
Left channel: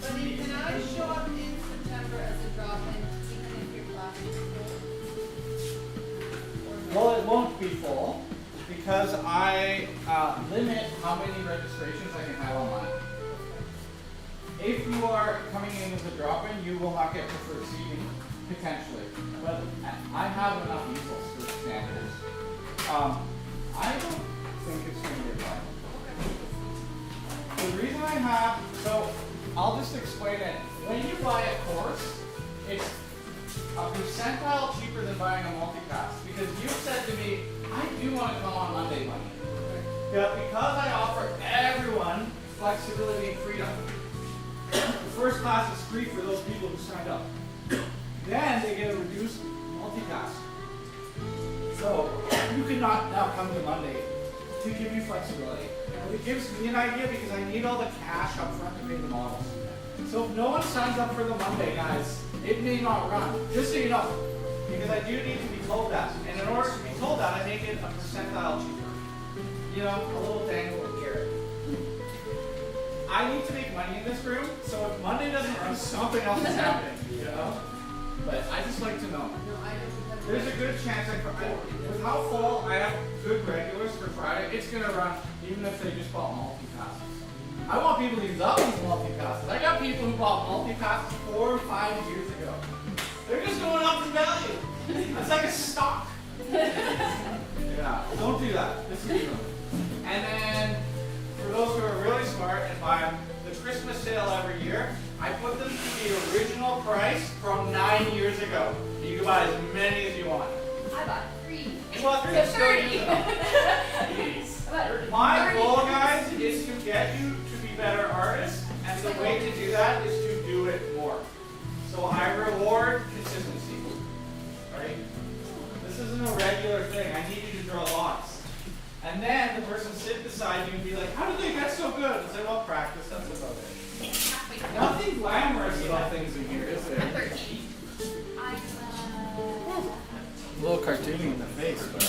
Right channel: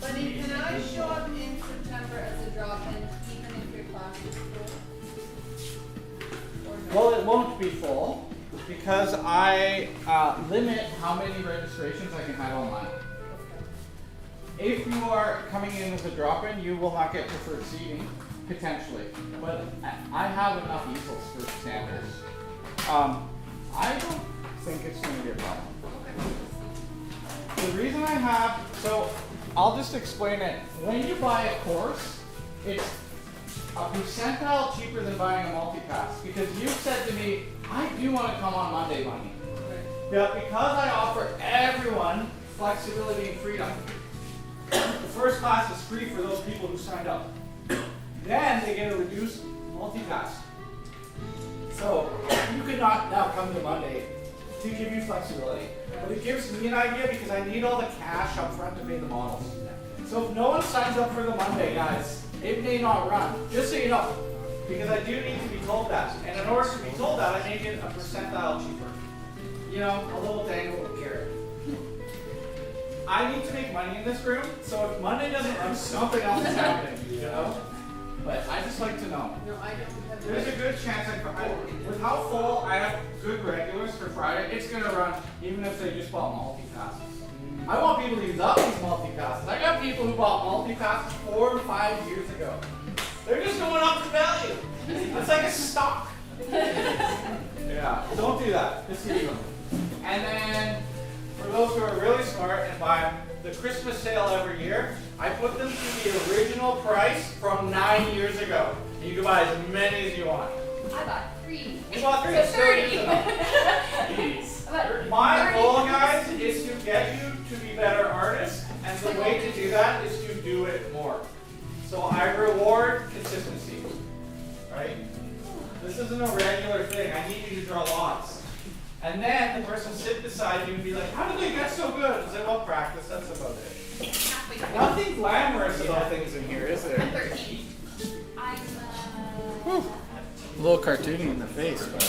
Buddy, can I show up in September as a drop-in, even if your class is full? Well, it won't be full because I limit how many registrations I can have online. If you are coming in as a drop-in, you will not get preferred seating, potentially. But I have enough easels for standards. I don't think it's going to be a problem. The reason I have, so I'll just explain it. When you buy a course, it's a percentile cheaper than buying a multi-pass. Because you said to me, I do want to come on Monday money. Yeah, because I offer everyone flexibility and freedom. The first class is free for those people who signed up. Then they get a reduced multi-pass. So you cannot now come to Monday to give you flexibility. But it gives me an idea because I need all the cash up front to pay the models. So if no one signs up for the Monday, guys, it may not run. Just so you know. Because I do need to be told that. And in order to be told that, I make it a percentile cheaper. You know, a little dangle here. I need to make money in this room, so if Monday doesn't run, something else is happening, you know? But I just like to know. There's a good chance with how full I have good regulars for Friday, it's gonna run even if they just bought multi-passes. I want people to use up these multi-passes. I got people who bought multi-passes 4 or 5 years ago. They're just going up in value. It's like a stock. Yeah, don't do that. Just leave them. And then, for those who are really smart and buy the Christmas sale every year, I put them to the original price from 9 years ago. You can buy as many as you want. I bought 3. You bought 3? So 30. My goal, guys, is to get you to be better artists, and the way to do that is to do it more. So I reward consistency, right? This isn't a regular thing. I need you to draw lots. And then the person sit beside you and be like, how did they get so good? I say, well, practice, that's about it. Nothing glamorous about things in here, is there? I'm 13. A little cartoony in the face, but...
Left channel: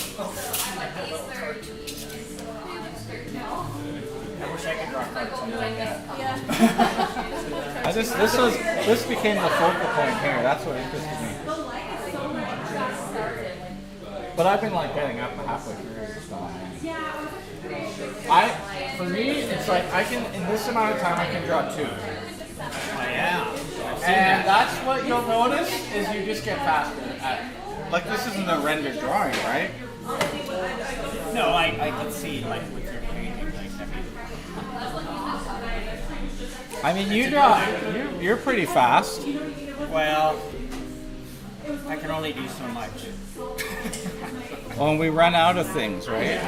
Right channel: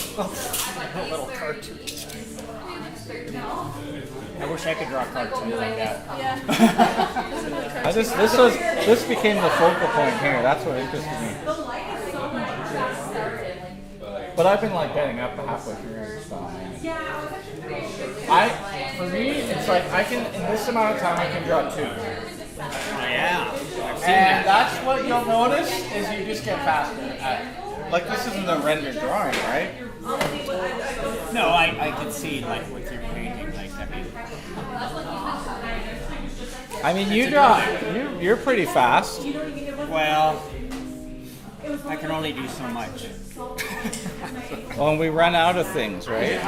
I wish I could draw cartoons like that. Yeah. This became the focal point here. That's what interested me. The light is so much got started. But I've been like getting up halfway through and stuff. Yeah, I was actually pretty For me, it's like I can, in this amount of time, I can draw 2. Oh yeah. And that's what you'll notice is you just get faster at, like this isn't a rendered drawing, right? No, I can see like with your painting, like I mean, you draw, you're pretty fast. well, I can only do so much. Well, and we run out of things, right?